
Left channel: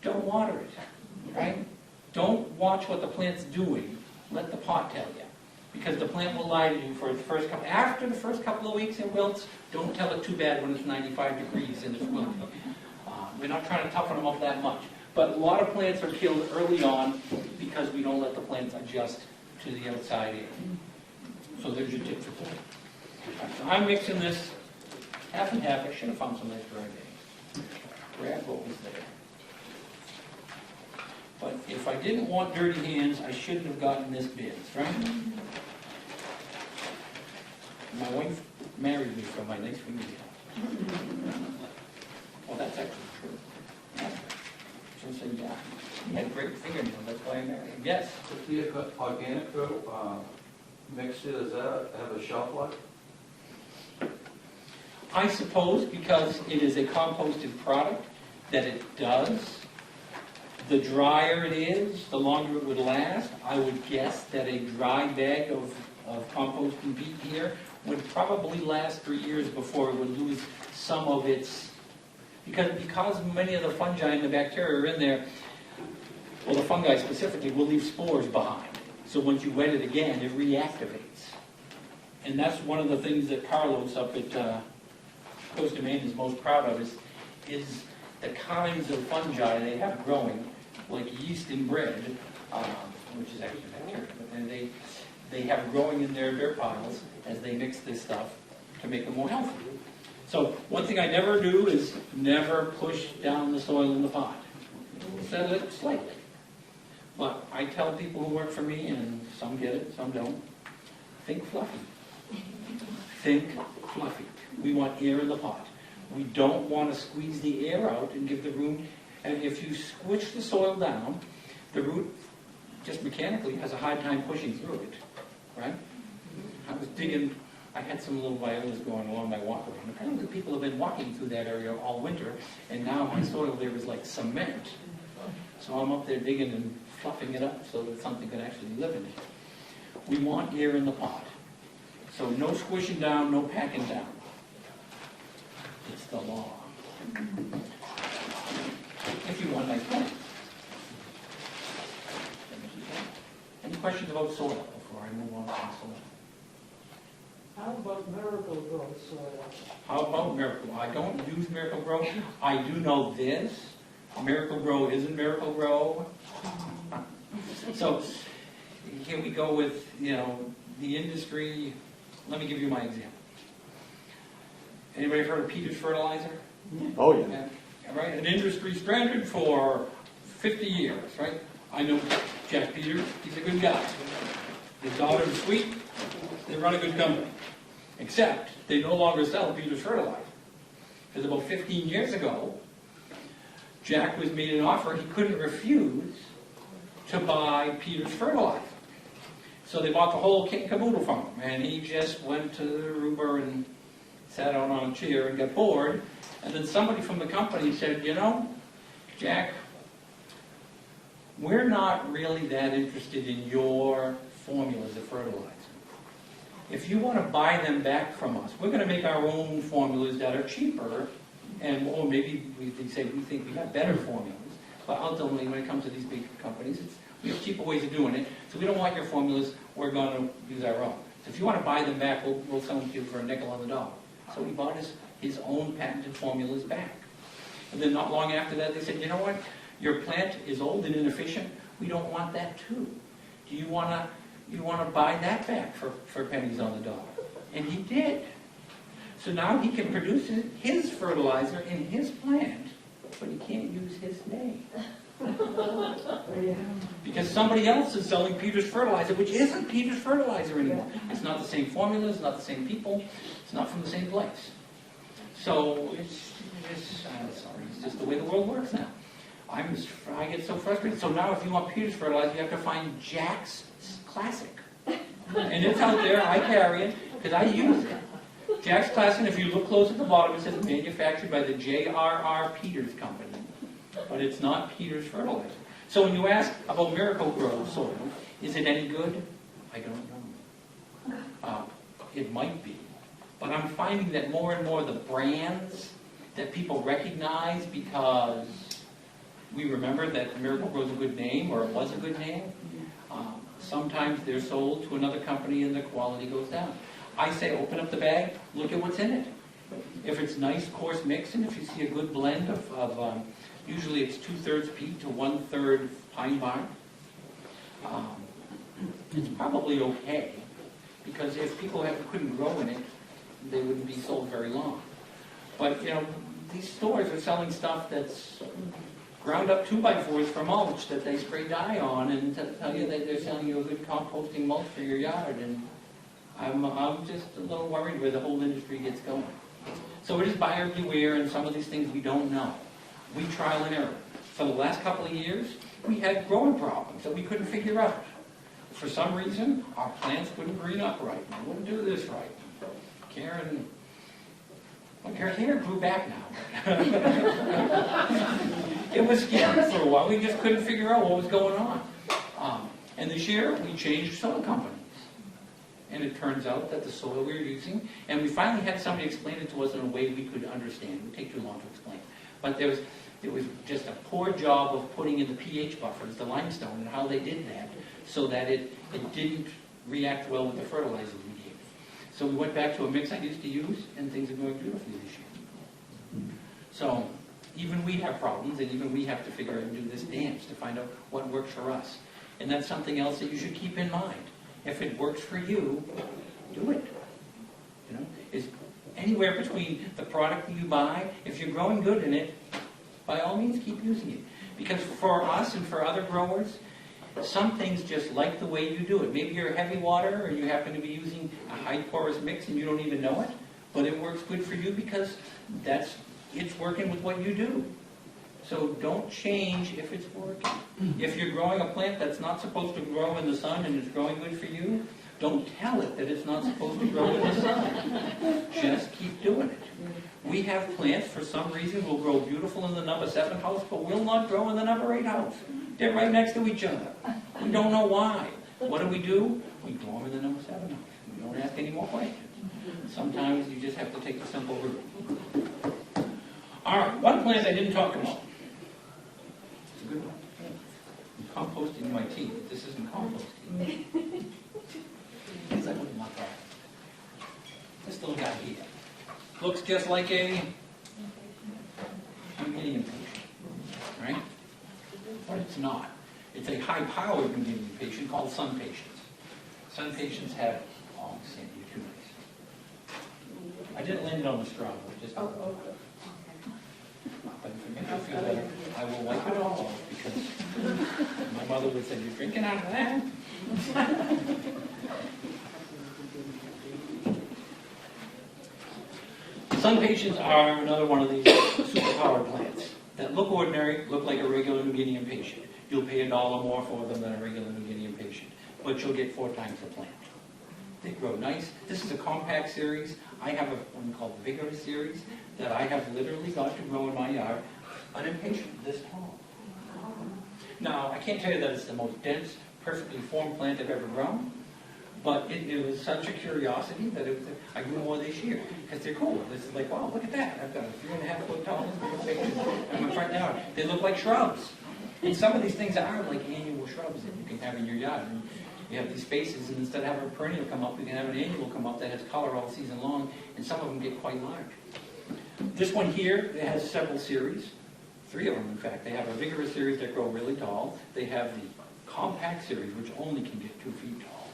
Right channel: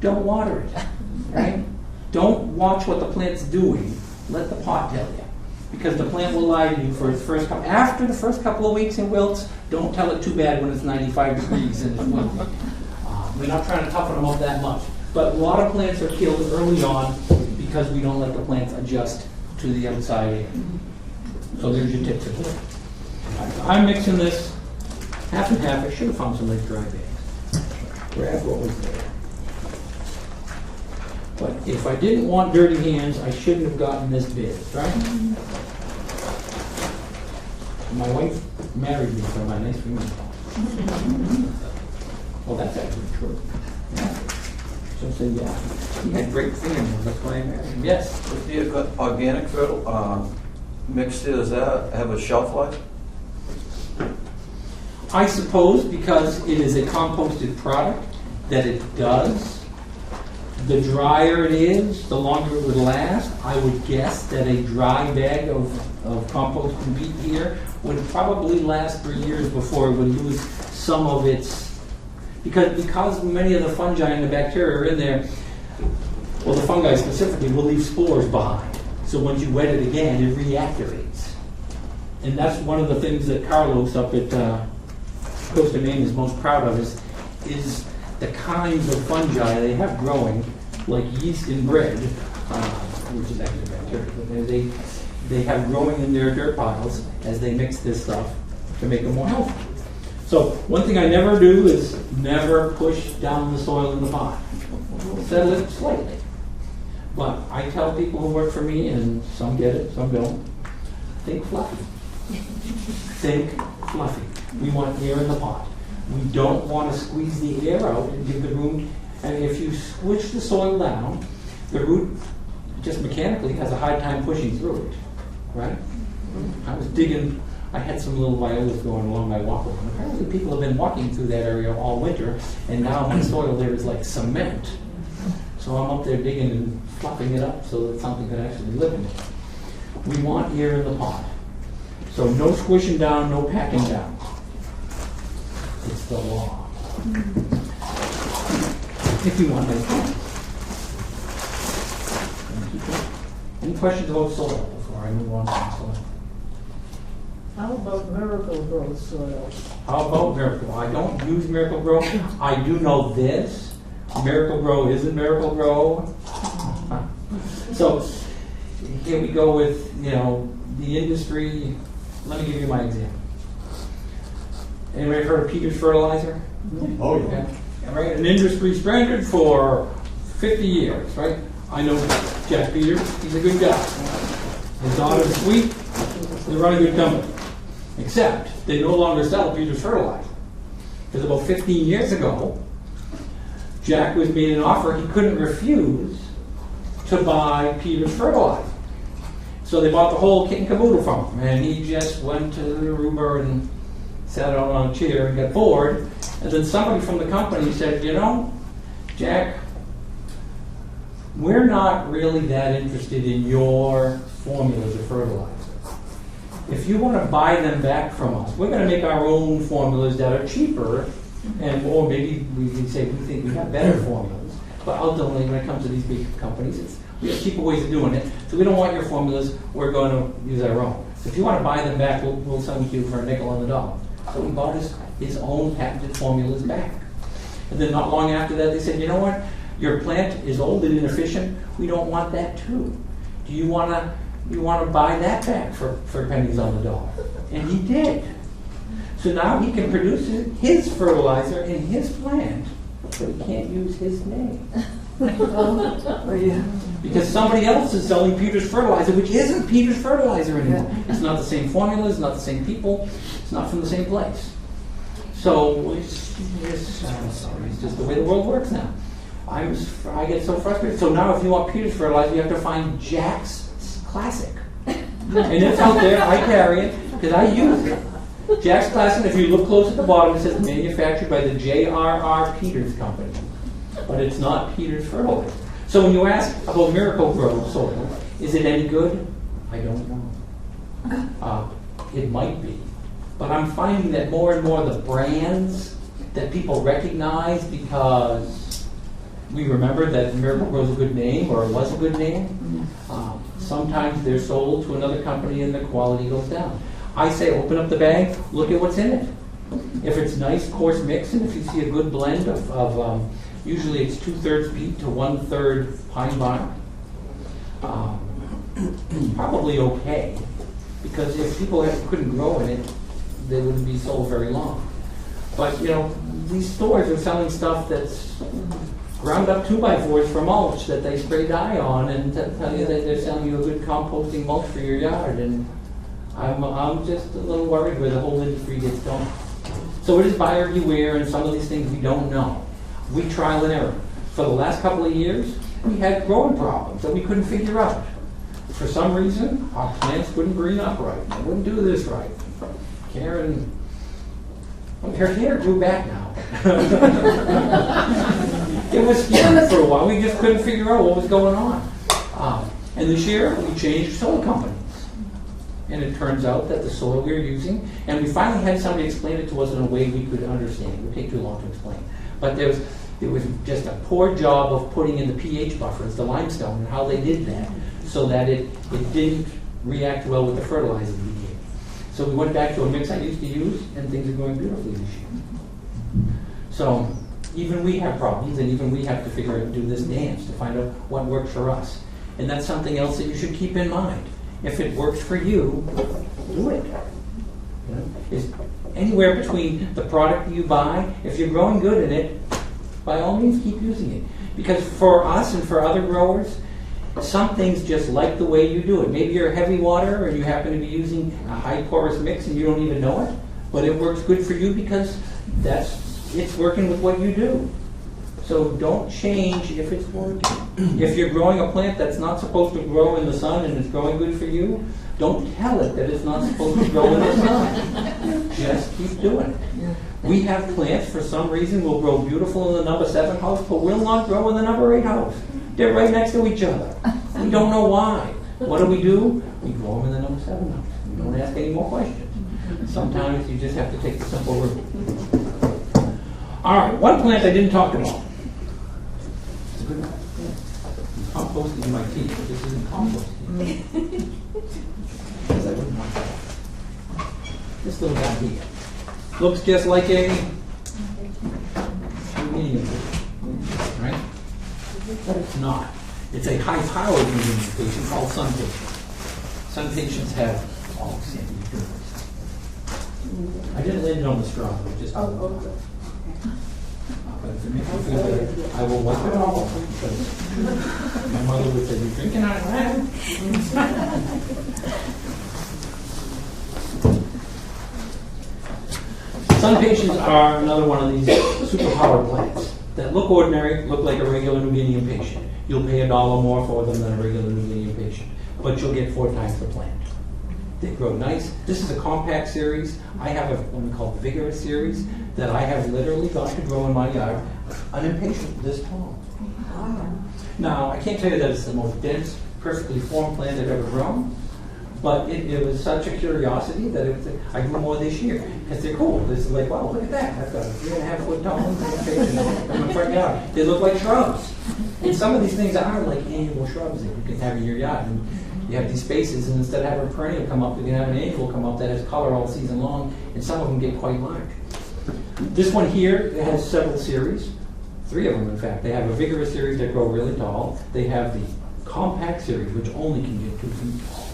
don't water it, right? Don't watch what the plant's doing. Let the pot tell you. Because the plant will lie to you for its first couple. After the first couple of weeks it wilts, don't tell it too bad when it's 95 degrees and it's wilting. We're not trying to toughen them up that much. But a lot of plants are killed early on because we don't let the plants adjust to the outside air. So there's your tip for today. I'm mixing this half and half. I should have found some nice dry bags. Grab what was there. But if I didn't want dirty hands, I shouldn't have gotten this big, right? My wife married me for my nice fingernails. Well, that's actually true. She'll say, yeah, he had great fingernails, that's why I married him. Yes? If the organic mixture, does that have a shelf life? I suppose because it is a composted product that it does. The drier it is, the longer it would last. I would guess that a dry bag of compost and beet here would probably last for years before it would lose some of its, because many of the fungi and the bacteria are in there, well, the fungi specifically will leave spores behind. So once you wet it again, it reactivates. And that's one of the things that Carlos up at Costa Maine is most proud of is the kinds of fungi they have growing, like yeast in bread, which is actually bacteria, but they have growing in their dirt piles as they mix this stuff to make them more healthy. So one thing I never do is never push down the soil in the pot. Settle it slightly. But I tell people who work for me, and some get it, some don't, think fluffy. Think fluffy. We want air in the pot. We don't want to squeeze the air out and give the room, and if you squish the soil down, the root just mechanically has a hard time pushing through it, right? I was digging, I had some little violas going along my walk around. Apparently people have been walking through that area all winter, and now my soil there is like cement. So I'm up there digging and fluffing it up so that something could actually live in it. We want air in the pot. So no squishing down, no packing down. It's the law. If you want it. Any questions about soil before I move on to soil? How about Miracle-Gro soil? How about Miracle? I don't use Miracle-Gro. I do know this. Miracle-Gro isn't Miracle-Gro. So here we go with, the industry. Let me give you my example. Anybody heard of Peters Fertilizer? Oh, yeah. Okay. Yeah, right? An industry standard for 50 years, right? I know Jack Peters. He's a good guy. His daughter's sweet. They run a good company. Except they no longer sell Peters Fertilizer. Because about 15 years ago, Jack was made an offer he couldn't refuse to buy Peters Fertilizer. So they bought the whole kit and caboodle from him. And he just went to the Aruba and sat down on a chair and got bored. And then somebody from the company said, Jack, we're not really that interested in your formulas of fertilizer. If you want to buy them back from us, we're going to make our own formulas that are cheaper, or maybe we say we think we have better formulas. But ultimately, when it comes to these big companies, we have cheaper ways of doing it. So we don't want your formulas. We're going to use our own. So if you want to buy them back, we'll sell them to you for a nickel on the dollar. So he bought his own patented formulas back. And then not long after that, they said, you know what? Your plant is old and inefficient. We don't want that too. Do you want to buy that back for pennies on the dollar? And he did. So now he can produce his fertilizer in his plant, but he can't use his name. Because somebody else is selling Peters Fertilizer, which isn't Peters Fertilizer anymore. It's not the same formula, it's not the same people, it's not from the same place. So it's just the way the world works now. I get so frustrated. So now if you want Peters Fertilizer, you have to find Jack's Classic. And it's out there, I carry it, because I use it. Jack's Classic, if you look close at the bottom, it says manufactured by the J.R.R. Peters Company. But it's not Peters Fertilizer. So when you ask about Miracle-Gro soil, is it any good? I don't know. It might be. But I'm finding that more and more the brands that people recognize because we remember that Miracle-Gro is a good name or was a good name, sometimes they're sold to another company and the quality goes down. I say open up the bag, look at what's in it. If it's nice, coarse mix, and if you see a good blend of usually it's 2/3 peat to 1/3 pine bark, it's probably okay. Because if people couldn't grow in it, they wouldn't be sold very long. But these stores are selling stuff that's ground up 2x4s for mulch that they spray dye on, and tell you that they're selling you a good composting mulch for your yard. And I'm just a little worried where the whole industry gets going. So it is buyer beware, and some of these things we don't know. We trial and error. For the last couple of years, we had growing problems that we couldn't figure out. For some reason, our plants wouldn't green up right. They wouldn't do this right. Karen, her hair grew back now. It was scary for a while. We just couldn't figure out what was going on. And this year, we changed soil companies. And it turns out that the soil we were using, and we finally had somebody explain it to us in a way we could understand. It would take too long to explain. But it was just a poor job of putting in the pH buffers, the limestone, and how they did that, so that it didn't react well with the fertilizer we gave. So we went back to a mix I used to use, and things are going beautifully this year. So even we have problems, and even we have to do this dance to find out what works for us. And that's something else that you should keep in mind. If it works for you, do it. You know, it's anywhere between the product you buy. If you're growing good in it, by all means, keep using it. Because for us and for other growers, some things just like the way you do it. Maybe you're a heavy water and you happen to be using a high porous mix and you don't even know it, but it works good for you because it's working with what you do. So don't change if it's working. If you're growing a plant that's not supposed to grow in the sun and it's growing good for you, don't tell it that it's not supposed to grow in the sun. Just keep doing it. We have plants, for some reason, will grow beautiful in the number 7 house, but will not grow in the number 8 house. They're right next to each other. We don't know why. What do? We grow them in the number 7 house. We don't ask any more questions. Sometimes you just have to take the simple route. All right, one plant I didn't talk about. It's a good one. Composted in my tea, but this isn't compost tea. Because I wouldn't want that. This little guy here. Looks just like a medium patient, right? But it's not. It's a high-powered medium patient called sun patient. Sun patients have all sandy tumors. I didn't land it on the straw, but just. But if it makes you feel better, I will wipe it off because my mother would say, "You're drinking out of that." Sun patients are another one of these superpowered plants that look ordinary, look like a regular New Guinean patient. You'll pay $1 more for them than a regular New Guinean patient, but you'll get 4 times the plant. They grow nice. This is a compact series. I have one called the Vigorous series that I have literally got to grow in my yard, an impatient this tall. Now, I can't tell you that it's the most dense, perfectly formed plant I've ever grown, but it was such a curiosity that I grew more this year because they're cool. This is like, wow, look at that. I've got a 3.5 foot tall impatient in my front yard. They look like shrubs. And some of these things are like annual shrubs that you can have in your yard. And you have these spaces, and instead of having a perennial come up, you can have an annual come up that has color all season long, and some of them get quite large. This one here has several series, 3 of them in fact. They have a Vigorous series that grow really tall. They have the Compact series, which only can get 2 feet tall.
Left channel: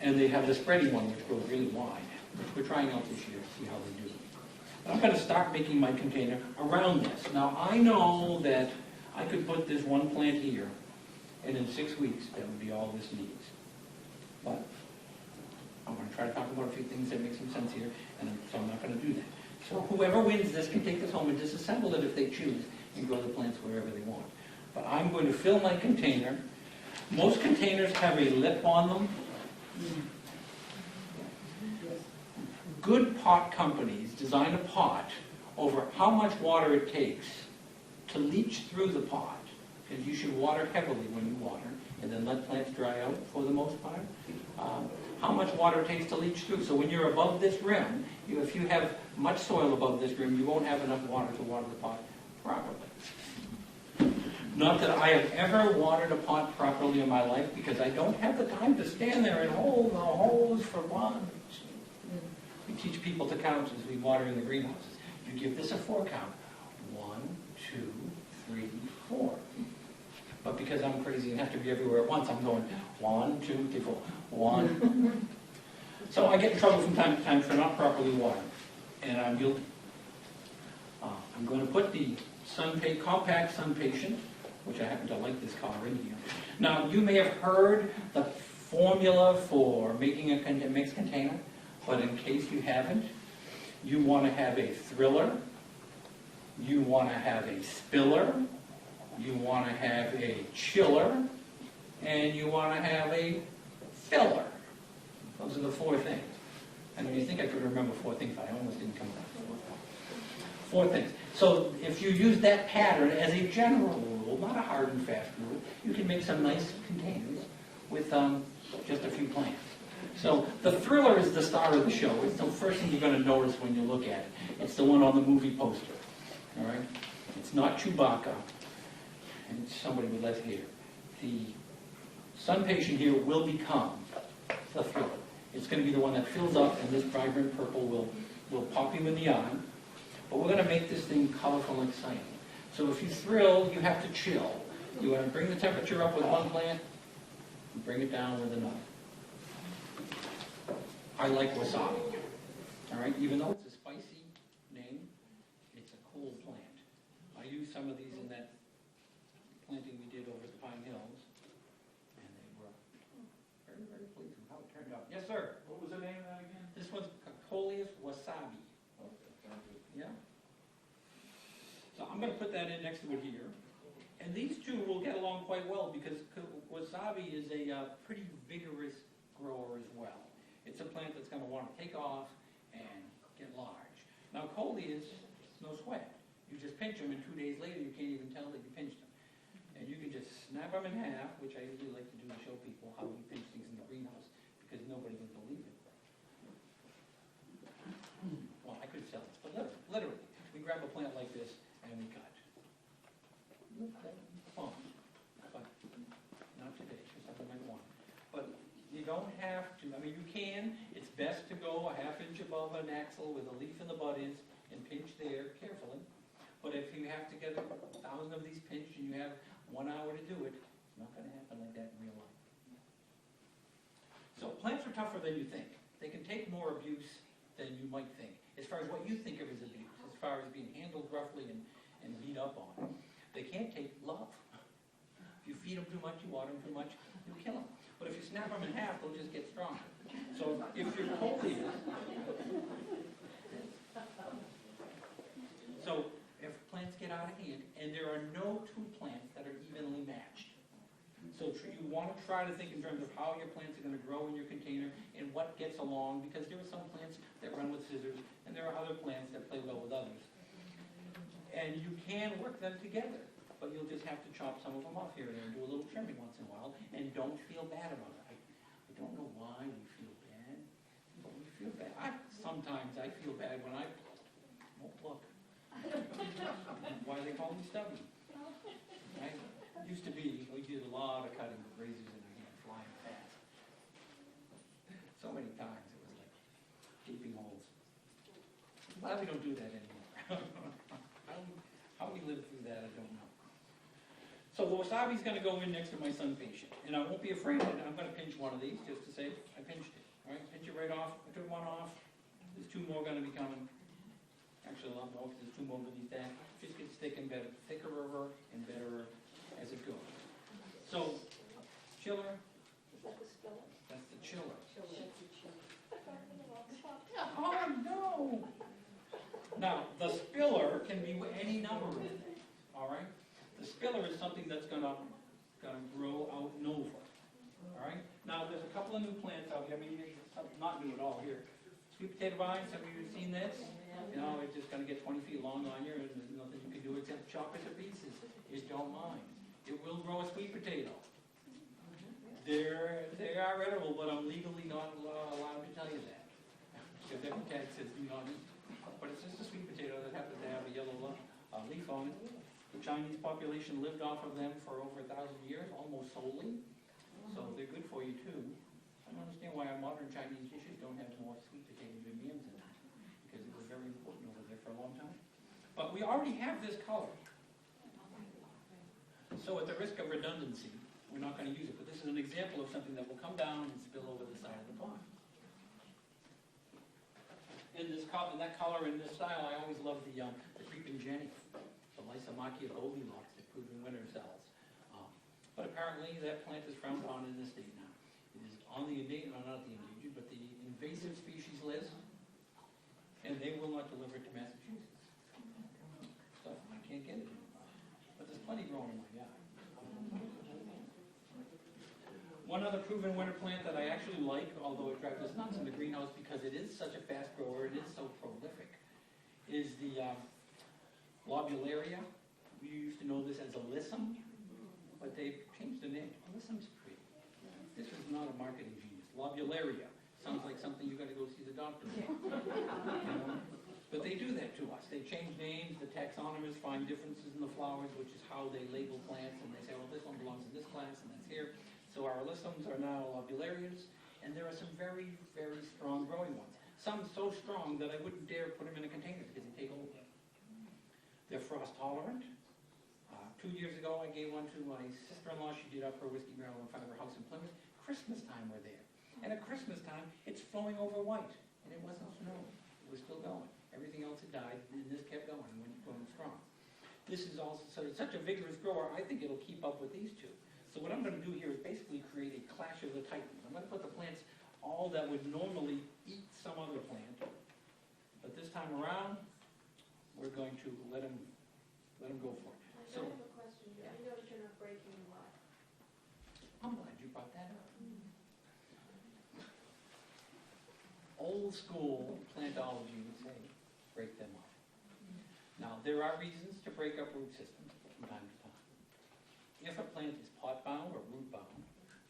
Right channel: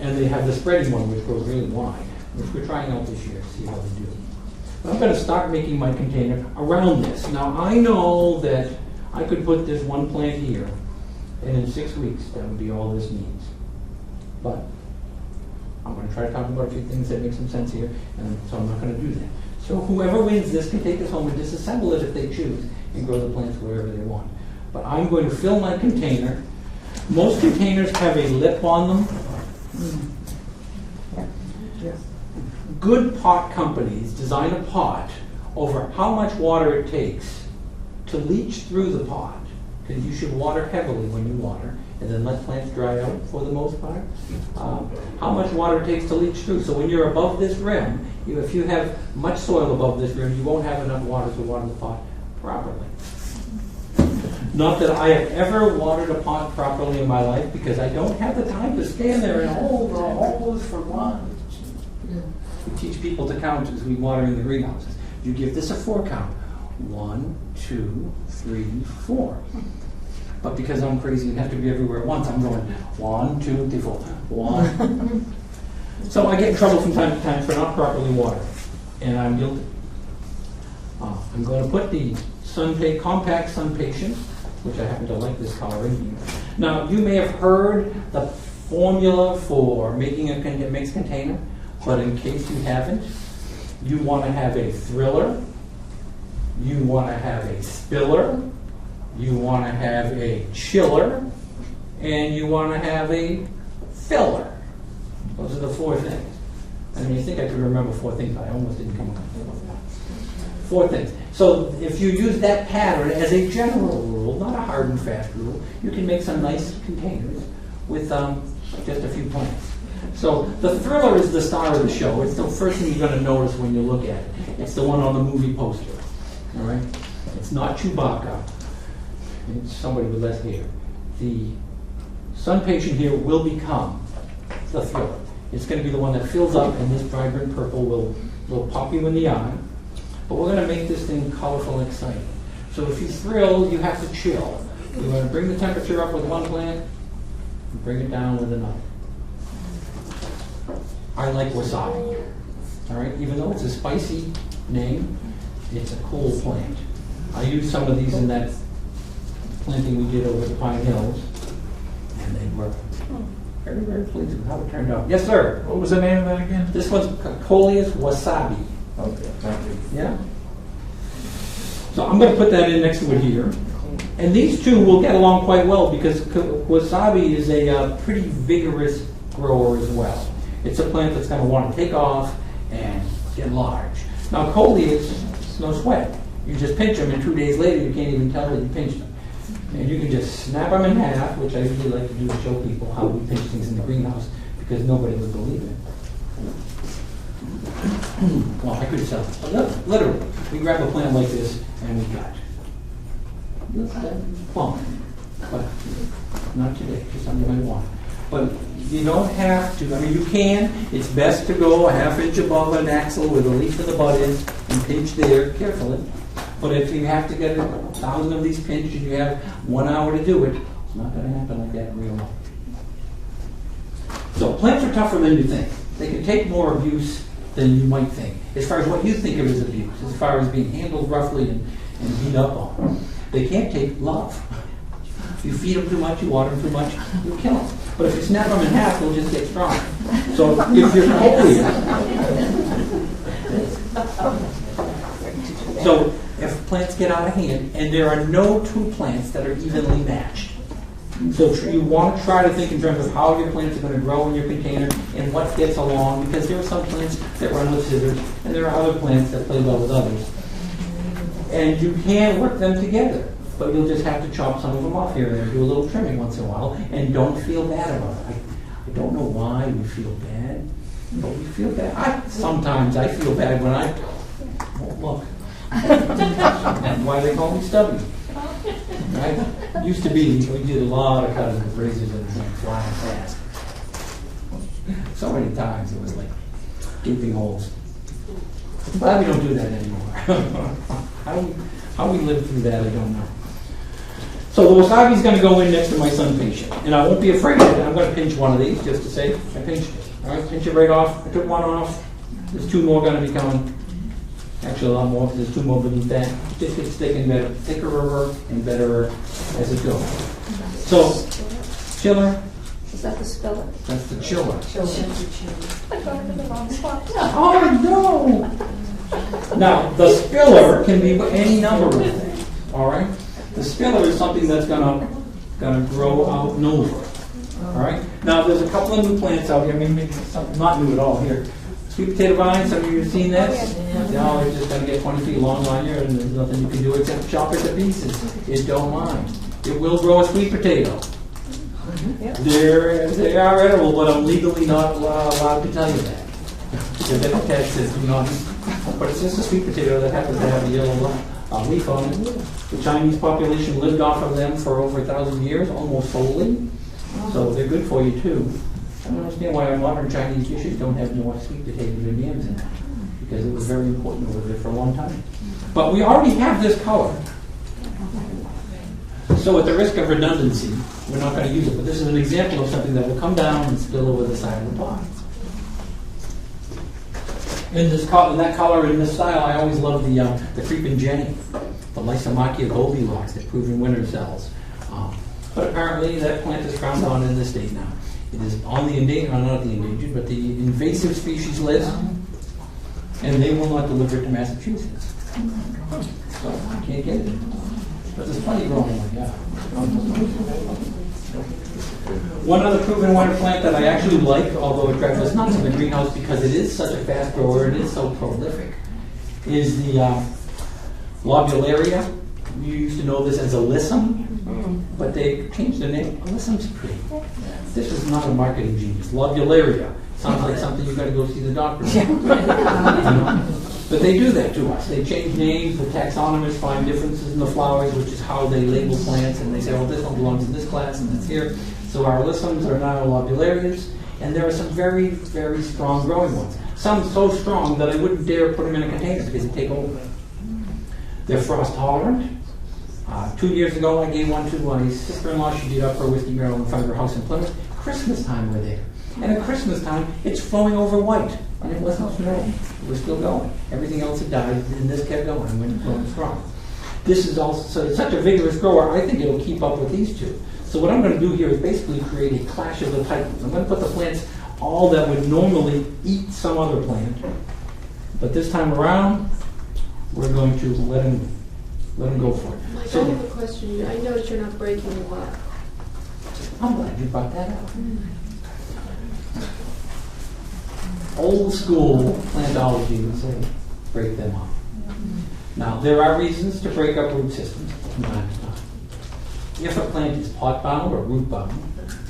And they have the spreading one, which grows really wide, which we're trying out this year to see how they do. But I'm going to start making my container around this. Now, I know that I could put this one plant here, and in 6 weeks, that would be all this needs. But I'm going to try to talk about a few things that make some sense here, and so I'm not going to do that. So whoever wins this can take this home and disassemble it if they choose, and grow the plants wherever they want. But I'm going to fill my container. Most containers have a lip on them. Good pot companies design a pot over how much water it takes to leach through the pot. Because you should water heavily when you water, and then let plants dry out for the most part. How much water it takes to leach through. So when you're above this rim, if you have much soil above this rim, you won't have enough water to water the pot properly. Not that I have ever watered a pot properly in my life, because I don't have the time to stand there and hold the hose for one. We teach people to count as we water in the greenhouses. You give this a 4 count. 1, 2, 3, 4. But because I'm crazy and have to be everywhere at once, I'm going 1, 2, 3, 4. 1. So I get in trouble from time to time for not properly watering, and I'm guilty. I'm going to put the Compact Sun Patient, which I happen to like this color in here. Now, you may have heard the formula for making a mixed container, but in case you haven't, you want to have a thriller, you want to have a spiller, you want to have a chiller, and you want to have a filler. Those are the 4 things. And you think I could remember 4 things, but I almost didn't come up with 4 things. So if you use that pattern as a general rule, not a hard and fast rule, you can make some nice containers with just a few plants. So the thriller is the star of the show. It's the first thing you're going to notice when you look at it. It's the one on the movie poster. All right? It's not Chewbacca. And it's somebody with less hair. The Sun Patient here will become the thriller. It's going to be the one that fills up, and this vibrant purple will pop you in the eye. But we're going to make this thing colorful and exciting. So if you thrill, you have to chill. You want to bring the temperature up with one plant, and bring it down with another. I like wasabi. All right, even though it's a spicy name, it's a cool plant. I used some of these in that planting we did over the Pine Hills, and they were very, very pleased with how it turned out. Yes, sir. What was the name of that again? This one's Coleus wasabi. Okay, thank you. Yeah. So I'm going to put that in next to it here. And these two will get along quite well because wasabi is a pretty vigorous grower as well. It's a plant that's going to want to take off and get large. Now, Coleus, it's no sweat. You just pinch them, and 2 days later, you can't even tell that you pinched them. And you can just snap them in half, which I usually like to do to show people how we pinch things in the greenhouse because nobody would believe it. Well, I could sell it. Literally, we grab a plant like this and we cut. Plump, but not today, just something you might want. But you don't have to, I mean, you can. It's best to go a half inch above an axle where the leaf of the bud is and pinch there carefully. But if you have to get 1,000 of these pinched and you have 1 hour to do it, it's not going to happen like that in real life. So plants are tougher than you think. They can take more abuse than you might think, as far as what you think of as abuse, as far as being handled roughly and beat up on. They can't take love. If you feed them too much, you water them too much, you'll kill them. But if you snap them in half, they'll just get stronger. So if you're So if plants get out of hand, and there are no two plants that are evenly matched. So you want to try to think in terms of how your plants are going to grow in your container and what gets along, because there are some plants that run with scissors, and there are other plants that play well with others. And you can work them together, but you'll just have to chop some of them off here and there, do a little trimming once in a while, and don't feel bad about it. I don't know why we feel bad, but we feel bad. Sometimes I feel bad when I won't look. That's why they call me stubby. Right? Used to be, we did a lot of cutting with razors and like flying fast. So many times it was like gaping holes. I'm glad we don't do that anymore. How we lived through that, I don't know. So the wasabi's going to go in next to my sun patient. And I won't be afraid of it. I'm going to pinch one of these just to say I pinched it. All right, pinch it right off. I took one off. There's 2 more going to be coming. Actually, a lot more, because there's 2 more beneath that. Just gets thicker and better as it goes. So, chiller, Is that the spiller? that's the chiller. I got it in the wrong spot. Oh, no! Now, the spiller can be any number of things, all right? The spiller is something that's gonna grow out and over, all right? Now, there's a couple of new plants out here, maybe some, not new at all here. Sweet potato vines, some of you have seen this? No, it's just going to get 20 feet long on here, and there's nothing you can do except chop it to pieces. It don't mind. It will grow a sweet potato. They are edible, but I'm legally not allowed to tell you that. Because Epitaph says do not. But it's just a sweet potato that happens to have a yellow leaf on it. The Chinese population lived off of them for over 1,000 years, almost solely. So they're good for you too. I don't understand why our modern Chinese dishes don't have more sweet potatoes and yams in them, because it was very important over there for a long time. But we already have this color. So at the risk of redundancy, we're not going to use it, but this is an example of something that will come down and spill over the side of the pot. In that color, in this style, I always love the creeping Jenny, the Lysomachia Goldilocks that prove in winter cells. But apparently that plant is frowned on in this state now. It is on the endangered, not the endangered, but the invasive species list, and they will not deliver it to Massachusetts. So I can't get it. But there's plenty growing like that. One other proven winter plant that I actually like, although it is not in the greenhouse because it is such a fast grower, it is so prolific, is the Lobularia. You used to know this as Alyssum, but they changed the name. Alyssum's pretty. This is not a marketing genius. Lobularia sounds like something you've got to go see the doctor about. You know? But they do that to us. They change names. The taxonomists find differences in the flowers, which is how they label plants, and they say, well, this one belongs in this class and that's here. So our Alyssums are now Lobularias, and there are some very, very strong growing ones. Some so strong that I wouldn't dare put them in a container because they take over. They're frost tolerant. 2 years ago, I gave one to my sister-in-law. She did up her whiskey barrel in front of her house in Plymouth. Christmas time we're there. And at Christmas time, it's flowing over white, and it wasn't snowing. It was still going. Everything else had died, and this kept going and went growing strong. This is also, so it's such a vigorous grower, I think it'll keep up with these two. So what I'm going to do here is basically create a clash of the titans. I'm going to put the plants all that would normally eat some other plant, but this time around, we're going to let them go for it. Mike, I So have a question. I noticed you're not breaking them up. I'm glad you brought that up. Old school plantology would say, break them up. Now, there are reasons to break up root systems from time to time. If a plant is pot bound or root bound,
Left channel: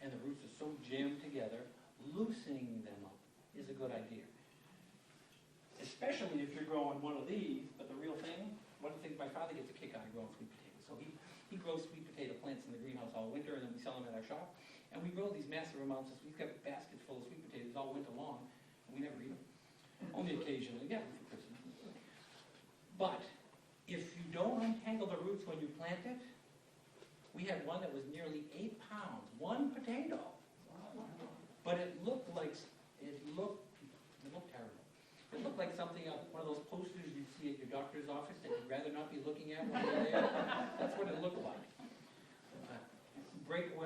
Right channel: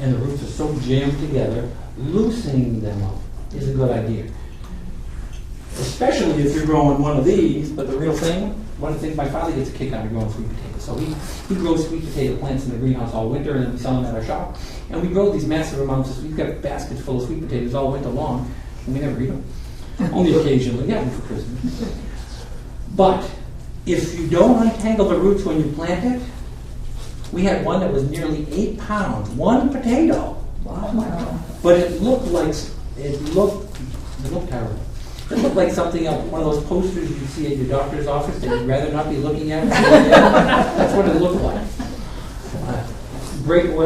and the roots are so jammed together, loosening them up is a good idea. Especially if you're growing one of these, but the real thing, one of the things my father gets a kick out of growing sweet potatoes. So he grows sweet potato plants in the greenhouse all winter, and then we sell them at our shop. And we grow these massive amounts we've got baskets full of sweet potatoes all winter long, and we never eat them. Only occasionally, yeah, for Christmas. But if you don't untangle the roots when you plant it, we had one that was nearly 8 pounds, one potato. Wow. But it looked terrible. It looked like something else, one of those posters you see at your doctor's office that you'd rather not be looking at. That's what it looked like.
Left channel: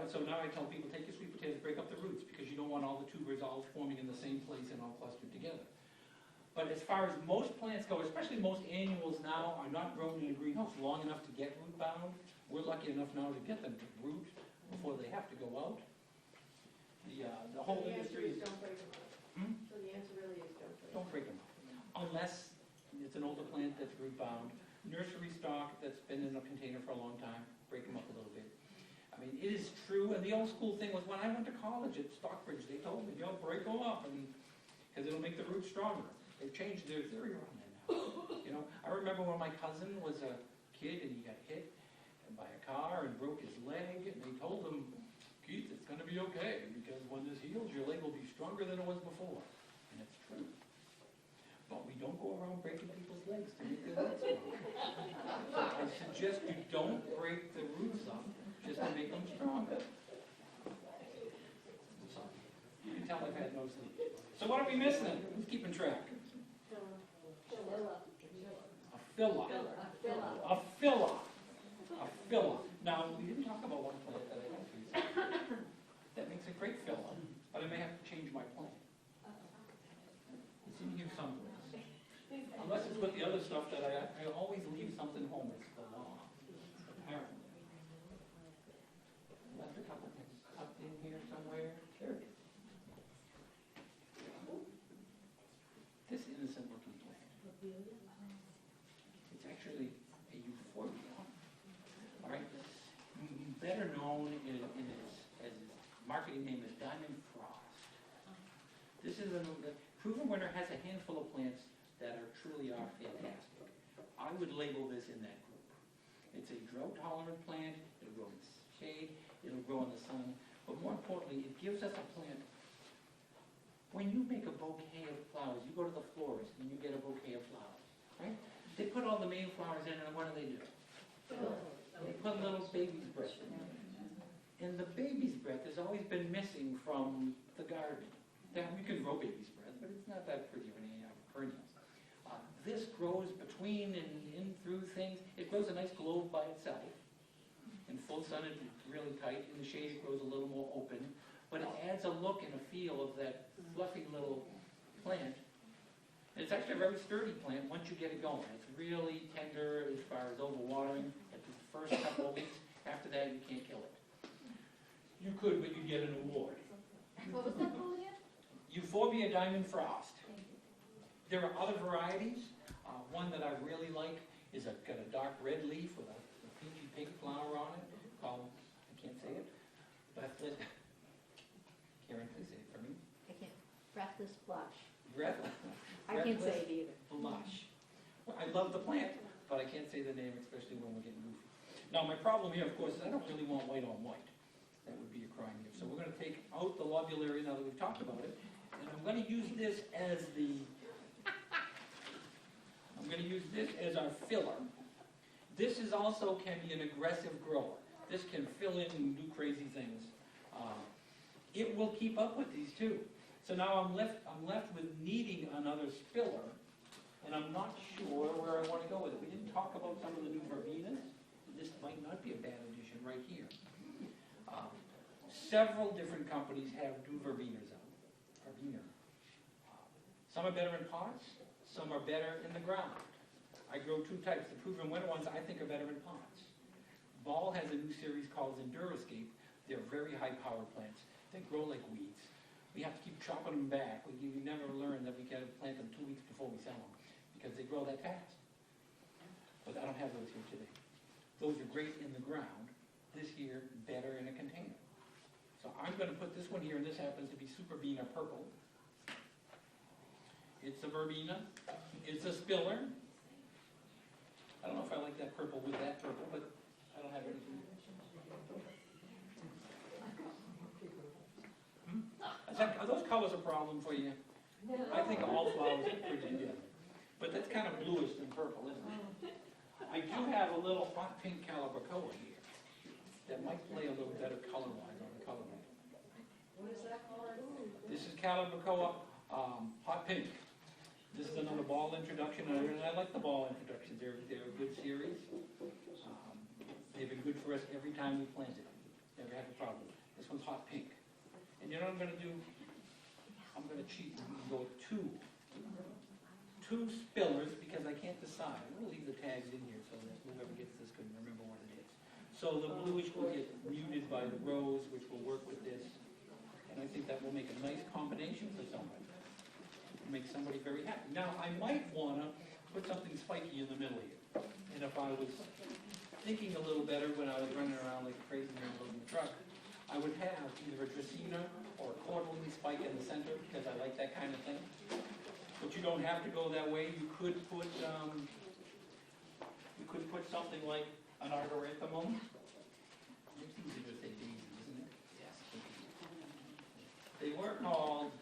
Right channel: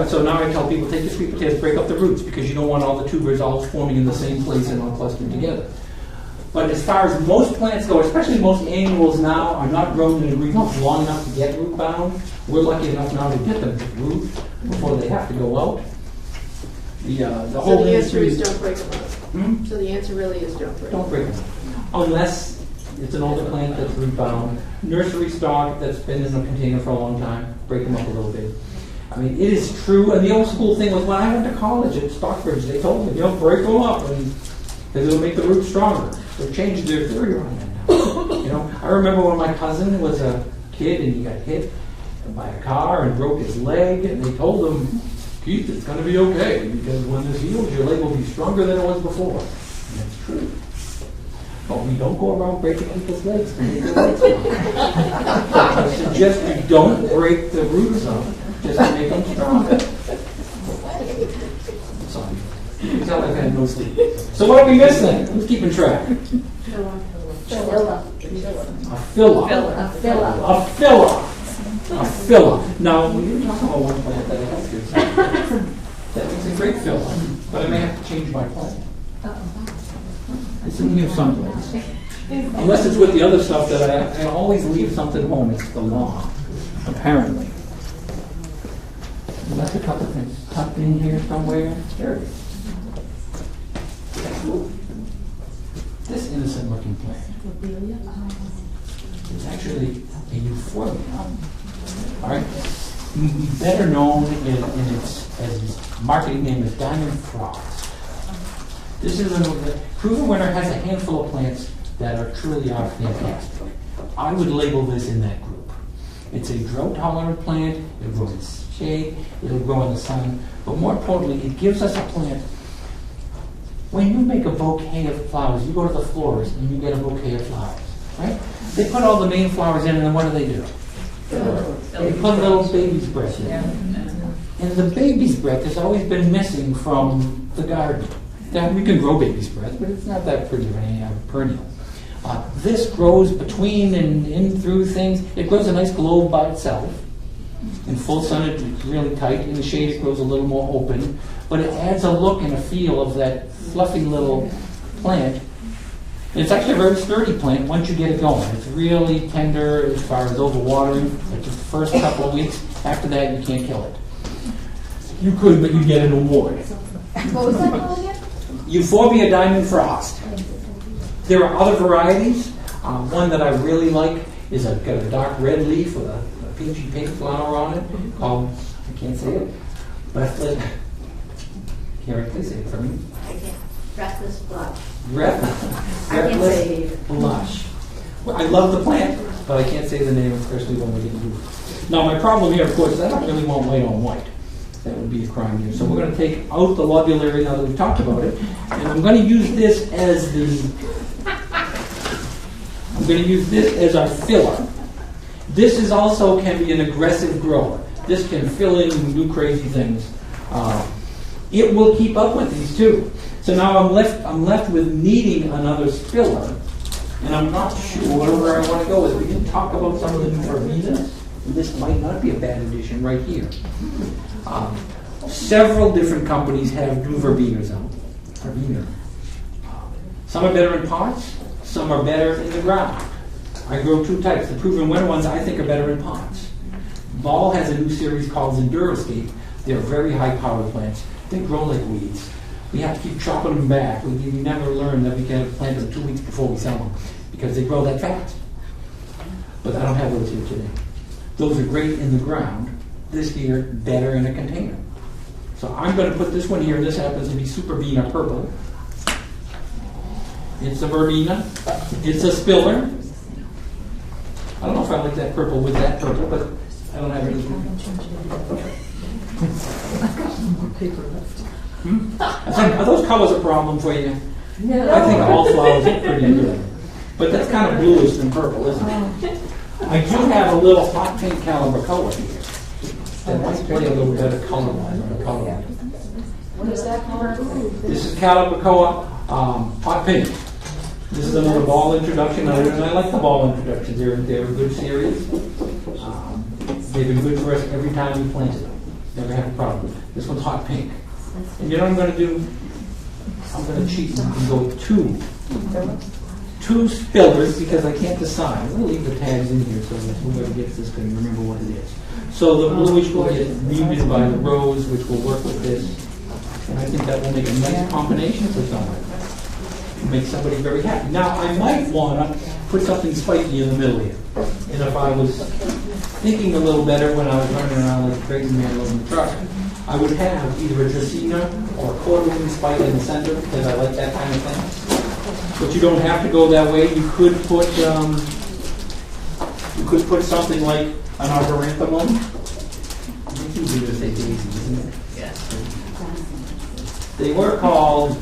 So now I tell people, take your sweet potatoes, break up the roots, because you don't want all the tubers all forming in the same place and all clustered together. But as far as most plants go, especially most annuals now, are not grown in a greenhouse long enough to get root bound. We're lucky enough now to get them to root before they have to go out. The So whole the answer industry is don't break them up. Hmm? So the answer really is don't break them Don't break them. Unless it's an older plant that's root bound. Nursery stock that's been in a container for a long time, break them up a little bit. I mean, it is true, and the old school thing was when I went to college at Stockbridge, they told me, break them up, and because it'll make the roots stronger. They've changed their theory on that now. I remember when my cousin was a kid and he got hit by a car and broke his leg, and they told him, Keith, it's going to be okay, because when this heals, your leg will be stronger than it was before. And that's true. But we don't go around breaking people's legs to make their legs stronger. I suggest we don't break the roots up just to make them stronger. Sorry. You can tell I've had no sleep. So what are we missing? Who's keeping track? Filler. A filler. A filler. A filler. A filler. Now, we didn't talk about one plant that I have here. That makes a great filler, but I may have to change my plan. It's in here someplace. Unless it's with the other stuff that I always leave something home. It's the law, apparently. Unless a couple things tucked in here somewhere. There it is. This innocent looking plant is actually a euphorbia. All right? Better known in its marketing name as Diamond Frost. This is Proven Winter has a handful of plants that are truly fantastic. I would label this in that group. It's a drought-tolerant plant. It'll grow in shade. It'll grow in the sun. But more importantly, it gives us a plant. When you make a bouquet of flowers, you go to the florist and you get a bouquet of flowers, right? They put all the main flowers in, and then what do? They put a little baby's breath in. And the baby's breath has always been missing from the garden. Now, we can grow baby's breath, but it's not that pretty or any perennial. This grows between and in through things. It grows a nice globe by itself. In full sun, it's really tight. In the shade, it grows a little more open. But it adds a look and a feel of that fluffy little plant. And it's actually a very sturdy plant once you get it going. It's really tender as far as overwatering. It's the first couple of weeks. After that, you can't kill it. You could, but you'd get an award. What was that called again? Euphorbia Diamond Frost. There are other varieties. One that I really like is got a dark red leaf with a peachy pink flower on it called, I can't say it, Breathless. Karen, please say it for me. Breathless blush. Breathless Blush. Well, I love the plant, but I can't say the name, especially when we get to it. Now, my problem here, of course, is I don't really want white on white. That would be a crime here. So we're going to take out the lobulary now that we've talked about it, and I'm going to use this as our filler. This is also can be an aggressive grower. This can fill in and do crazy things. it will keep up with these too. So now I'm left with needing another spiller, and I'm not sure where I want to go with it. We didn't talk about some of the new verbenas. This might not be a bad addition right here. Several different companies have new verbenas out. Verbena. Some are better in pots, some are better in the ground. I grow two types. The proven winner ones I think are better in pots. Ball has a new series called Enduroscape. They're very high powered plants. They grow like weeds. We have to keep chopping them back. We never learn that we can plant them 2 weeks before we sell them because they grow that fast. But I don't have those here today. Those are great in the ground. This year, better in a container. So I'm going to put this one here. This happens to be Superbena purple. It's a verbena. It's a spiller. I don't know if I like that purple with that purple, but I don't have any. Are those colors a problem for you? No. I think all flowers are pretty good. But that's kind of bluish than purple, isn't it? I do have a little hot pink Calibracoa here. That might play a little better color-wise on the color. What is that color? This is Calibracoa hot pink. This is another ball introduction, and I like the ball introductions. They're a good series. They've been good for us every time we planted them. Never had a problem. This one's hot pink. And you know what I'm going to do? I'm going to cheat and go with two spillers because I can't decide. I'm going to leave the tags in here so that whoever gets this can remember what it is. So the bluish will get muted by the rose, which will work with this. And I think that will make a nice combination for someone. Make somebody very happy. Now, I might want to put something spiky in the middle here. And if I was thinking a little better when I was running around like a crazy man in the truck, I would have either a Dracaena or a quarter-wing spike in the center because I like that kind of thing. But you don't have to go that way. You could put something like an arboretumum. It's easy to say daisies, isn't it? Yes. They were called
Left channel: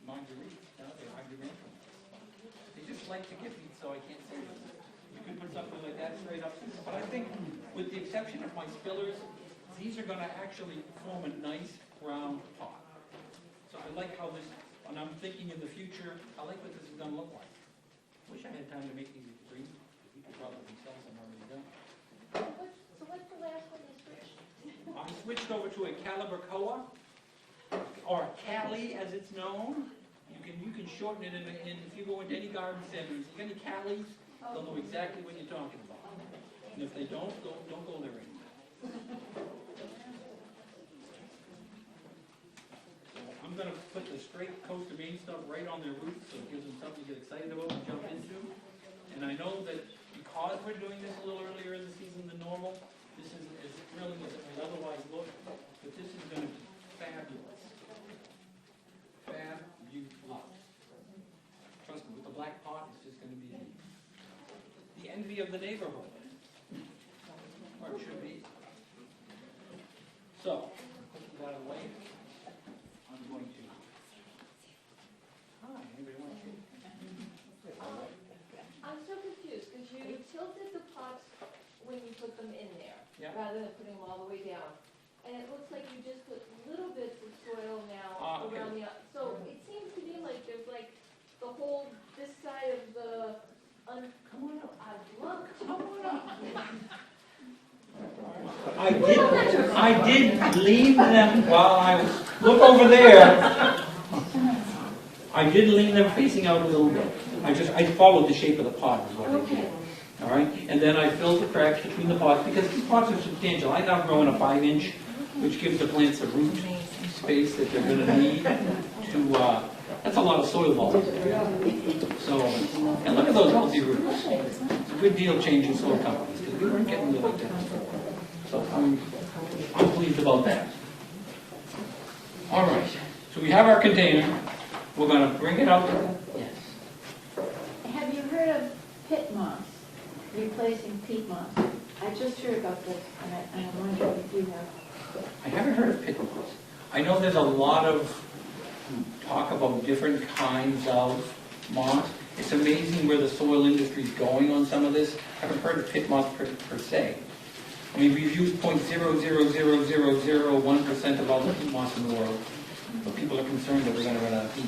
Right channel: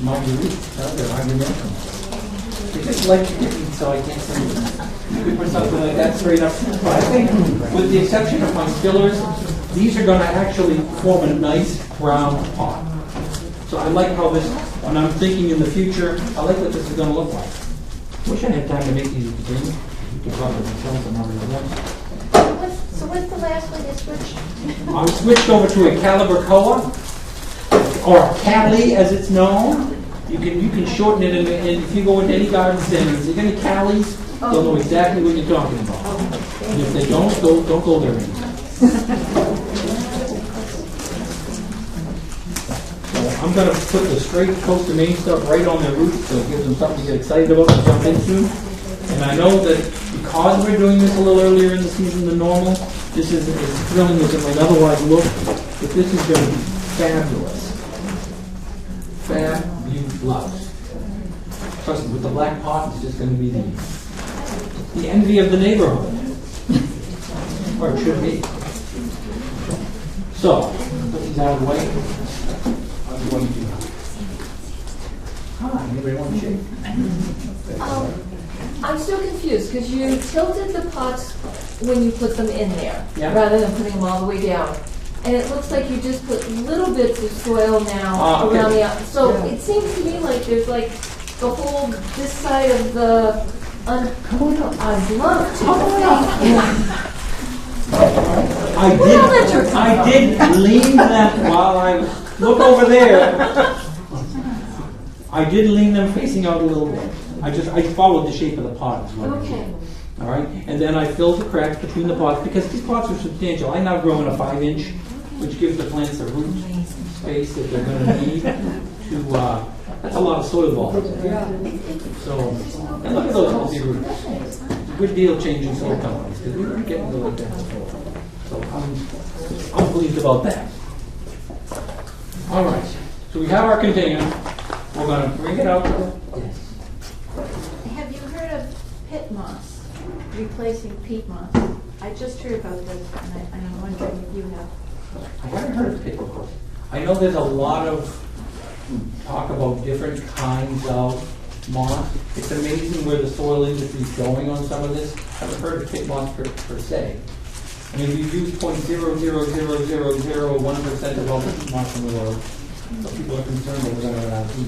Marguerite. They just like Tiffany, so I can't say them. You could put something like that straight up. But I think, with the exception of my spillers, these are going to actually form a nice round pot. So I like how this, when I'm thinking in the future, I like what this is going to look like. Wish I had time to make these green. You could probably sell some other ones. So what's the last one you switched? I'm switched over to a Calibracoa, or Cali as it's known. You can shorten it, and if you go into any garden center, if there's any Calis, they'll know exactly what you're talking about. And if they don't go there anymore. So I'm going to put the straight Costa Maine stuff right on their roots, so it gives them something to get excited about and jump into. And I know that because we're doing this a little earlier in the season than normal, this is as thrilling as it might otherwise look, but this is going to be fabulous. Fabulous. Trust me, with the black pot, it's just going to be the envy of the neighborhood. Or it should be. So, put these out of the way. I'm going to. Hi, anybody want to shake? I'm still confused because you tilted the pots when you put them in there, Yeah. rather than putting them all the way down. And it looks like you just put little bits of soil now Okay. around the outside. So it seems to me like there's like the whole, this side of the, I'd love to. I did lean them while I look over there. I did lean them facing out a little bit. I followed the shape of the pot is what I Okay. did. All right, and then I filled the cracks between the pots because these pots are substantial. I now grow in a 5-inch, which gives the plants a root space that they're going to need to. That's a lot of soil volume. So, and look at those healthy roots. Good deal changing soil companies because we weren't getting the like that before. So I'm pleased about that. All right, so we have our container. We're going to bring it out. Yes. Have you heard of pit moss, replacing peat moss? I just heard about this, and I'm wondering if you have. I haven't heard of pit moss. I know there's a lot of talk about different kinds of moss. It's amazing where the soil industry is going on some of this. I haven't heard of pit moss per se. I mean, we've used 0.00001% of all the peat moss in the world, but people are concerned that we're gonna run out of peat.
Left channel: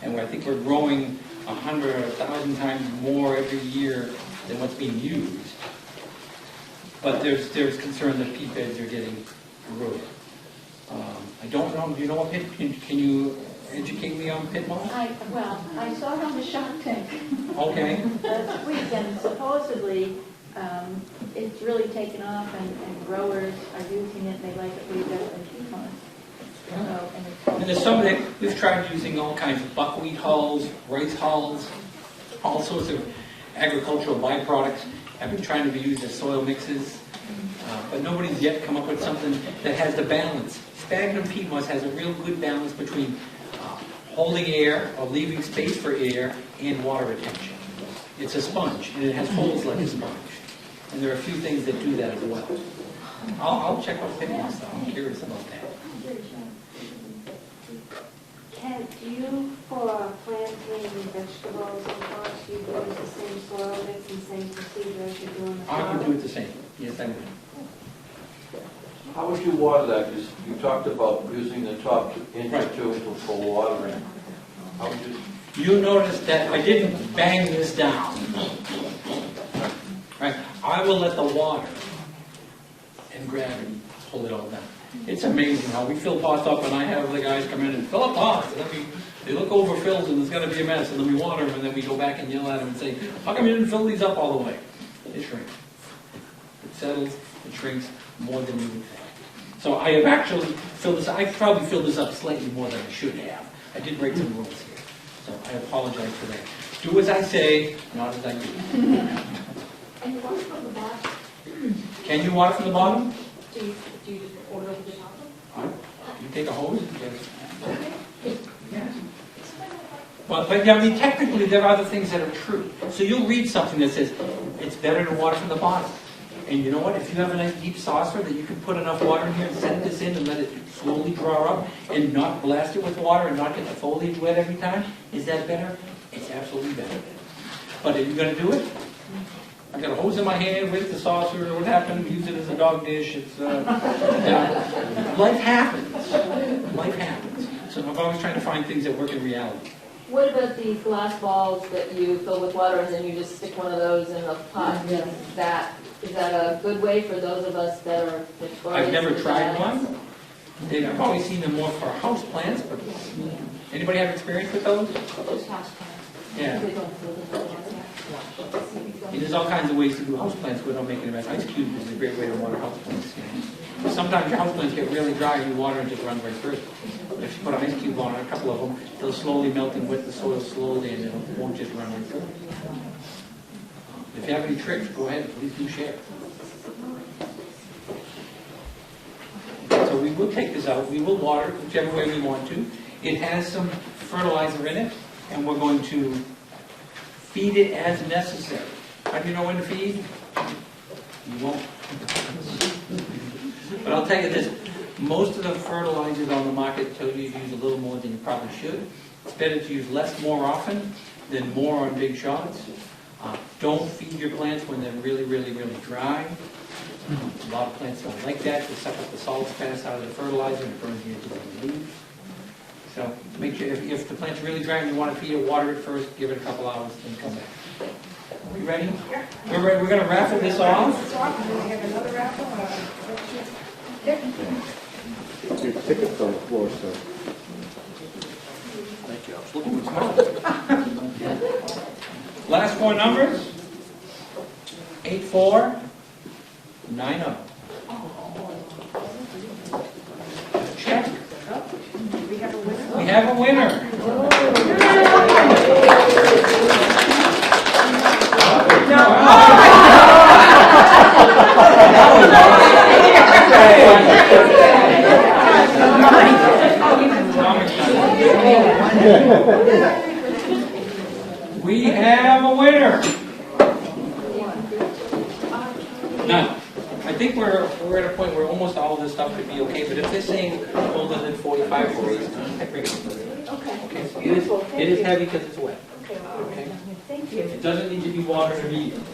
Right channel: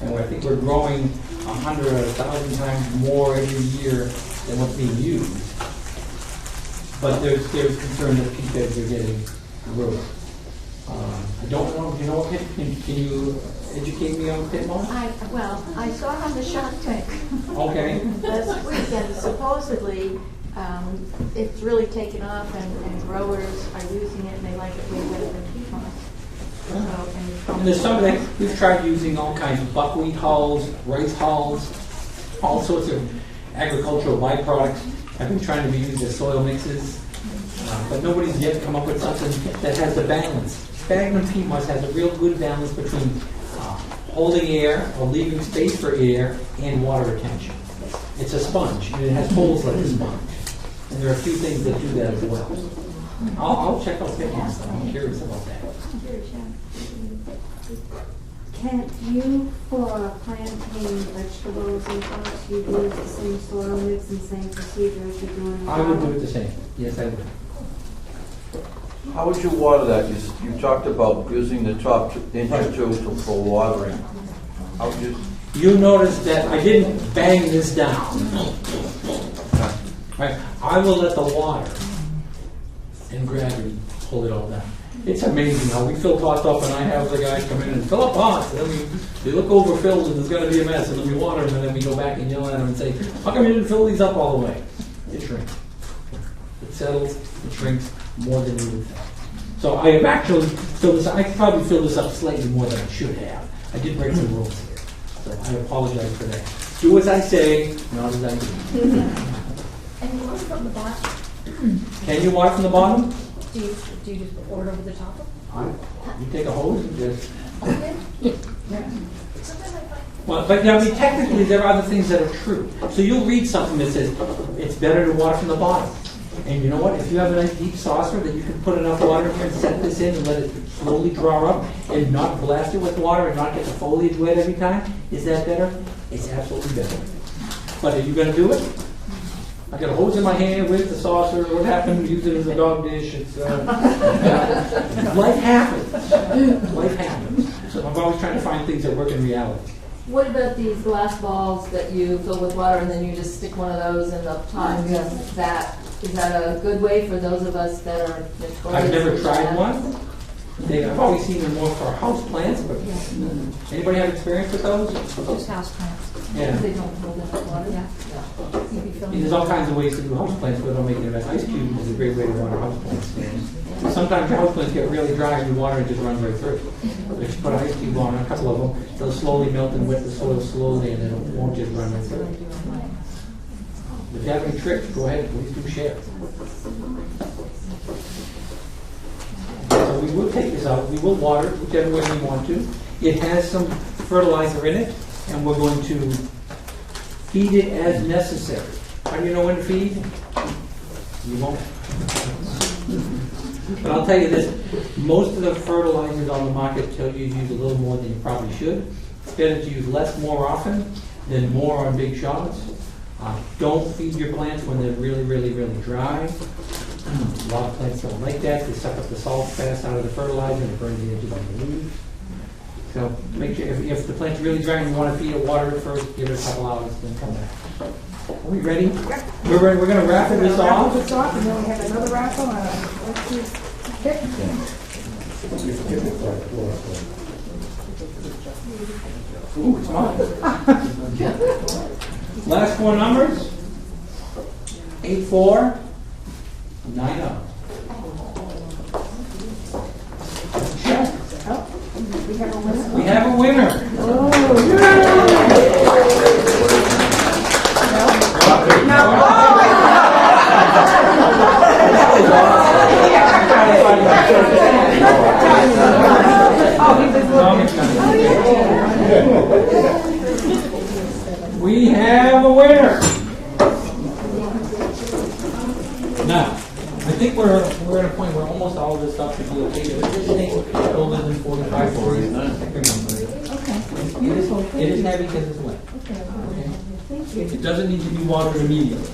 And I think we're growing 100 or 1,000 times more every year than what's being used. But there's concern that peat beds are getting eroded. I don't know, do you know what pit, can you educate me on pit moss? Well, I saw it on the Shark Tank Okay, last week, and supposedly, it's really taken off, and growers are using it, and they like it way better than peat moss. and there's some that, we've tried using all kinds of buckwheat hulls, rice hulls, all sorts of agricultural byproducts have been trying to be used as soil mixes, but nobody's yet come up with something that has the balance. Sphagnum peat moss has a real good balance between holding air or leaving space for air and water retention. It's a sponge, and it has holes like a sponge. And there are a few things that do that as well. I'll check out pit moss, though. I'm curious about that. Can you, for planting vegetables and crops, you use the same soil mix and same procedure as you're doing? I would do it the same. Yes, I would. How would you water that? You talked about using the top inch or two for watering. How would you? You notice that I didn't bang this down. Right? I will let the water and gravity hold it all down. It's amazing how we fill pots up, and I have the guys come in and fill up pots, and then they look overfilled, and there's got to be a mess, and then we water them, and then we go back and yell at them and say, how come you didn't fill these up all the way? It shrinks. It settles, it shrinks more than you would think. So I have actually filled this up. I probably filled this up slightly more than I should have. I did break some rules here. So I apologize for that. Do as I say, not as I do. And you water from the bottom? Can you water from the bottom? Do you just pour it over the top of You take a hose? Yes. it? Okay. Well, but I mean, technically, there are other things that are true. So you'll read something that says it's better to water from the bottom. And you know what? If you have a nice deep saucer that you can put enough water in here and set this in and let it slowly draw up and not blast it with water and not get the foliage wet every time, is that better? It's absolutely better. But if you're going to do it, I got a hose in my hand with the saucer. What happened? Use it as a dog dish. It's life happens. Life happens. So I'm always trying to find things that work in reality. What about these glass balls that you fill with water and then you just stick one of those in the pot? Is that a good way for those of us that are notorious? I've never for tried that? one. I've always seen them more for house plants, but anybody have experience with those? Just house plants. Yeah. They don't hold up water. Yeah. There's all kinds of ways to do house plants without making it. Ice cube is a great way to run a house plant. Sometimes your house plants get really dry and the water just runs right through. But if you put an ice cube on a couple of them, they'll slowly melt and wet the soil slowly, and it won't just run right through. If you have any tricks, go ahead, please do share. So we will take this out. We will water it whichever way we want to. It has some fertilizer in it, and we're going to feed it as necessary. How do you know when to feed? You won't. But I'll tell you this, most of the fertilizers on the market tell you to use a little more than you probably should. It's better to use less more often than more on big shots. Don't feed your plants when they're really, really, really dry. A lot of plants don't like that. They suck up the salt fast out of the fertilizer and burn the edges of the leaves. So make sure if the plant's really dry and you want to feed it, water it first, give it a couple hours, then come back. Are we ready? We're ready. We're going to raffle this off. Raffle this off, and then we have another raffle. Let's see. Here. Ooh, it's hot. Last four numbers. 8490. Check. Oh, we have a winner. We have a winner. We have a winner. Now, I think we're at a point where almost all of this stuff should be okay, but if this thing's older than 45 degrees, I bring it. It's beautiful. It is heavy because it's wet. Okay. It doesn't need to be watered immediately.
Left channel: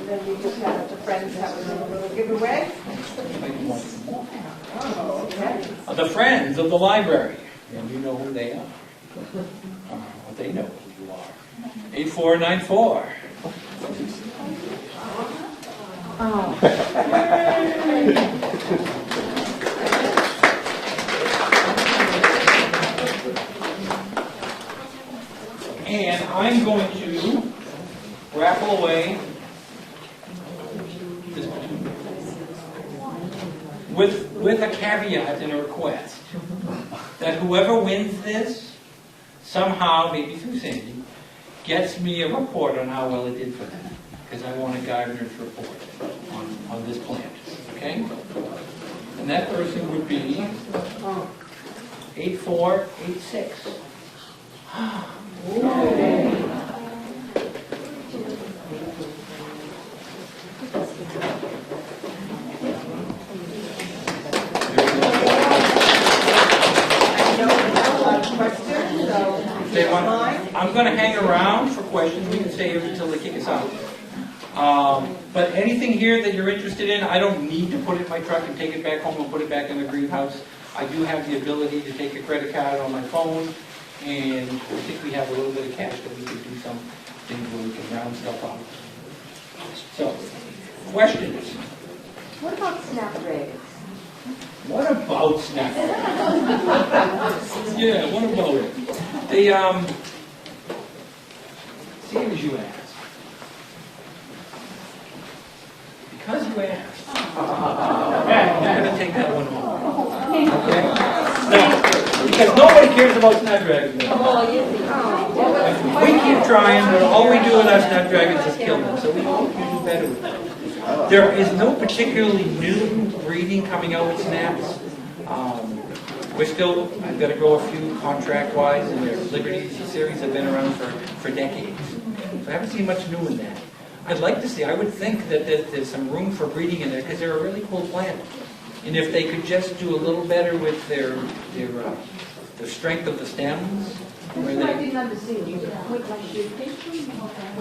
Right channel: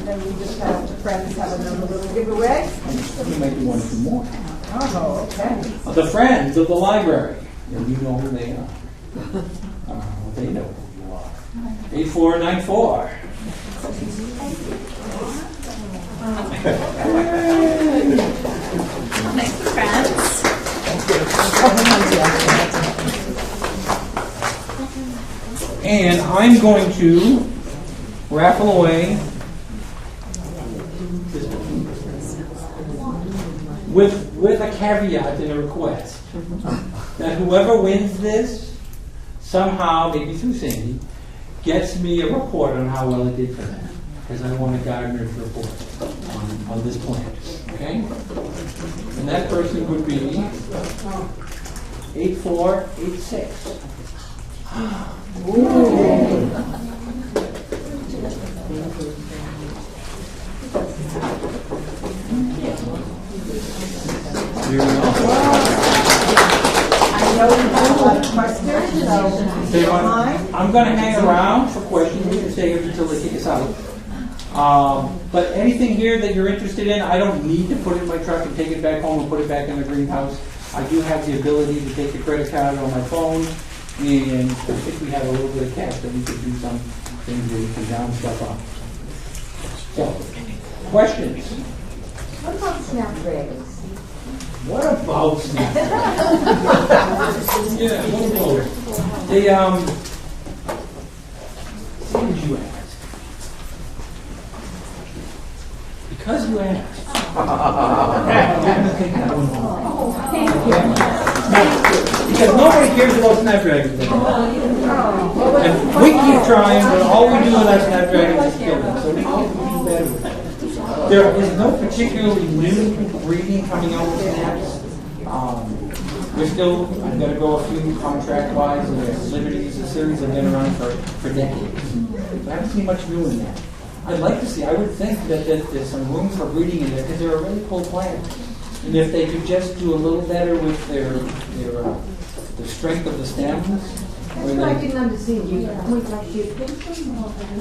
And then we just have the friends have a little giveaway. You might want to do more. Oh, okay. The Friends of the Library, and you know who they are. Well, they know who you are. 8494. And I'm going to raffle away with a caveat and a request that whoever wins this somehow, maybe through Sandy, gets me a report on how well it did for that. Because I want a gardener's report on this plant. Okay? And that person would be 8486. I know you have a lot of questions, so They want- mine. I'm going to hang around for questions. We can stay here until they kick us out. But anything here that you're interested in, I don't need to put it in my truck and take it back home and put it back in the greenhouse. I do have the ability to take a credit card on my phone, and I think we have a little bit of cash that we could do some things where we can round stuff up. So, questions? What about snapdragons? What about Snapdragon? Yeah, what about it? They, same as you asked. Because you asked. Yeah, I'm gonna take that one home. Okay? Now, because nobody cares about Snapdragons anymore. And we keep trying, but all we do with our Snapdragons is kill them, so we hope you do better with that. There is no particularly new breeding coming out with snaps. We're still going to grow a few contract-wise, and their Liberty series have been around for decades. So I haven't seen much new in that. I'd like to see, I would think that there's some room for breeding in there, because they're a really cool plant. And if they could just do a little better with the strength of the stems. where I they- didn't understand you. Would I shoot them?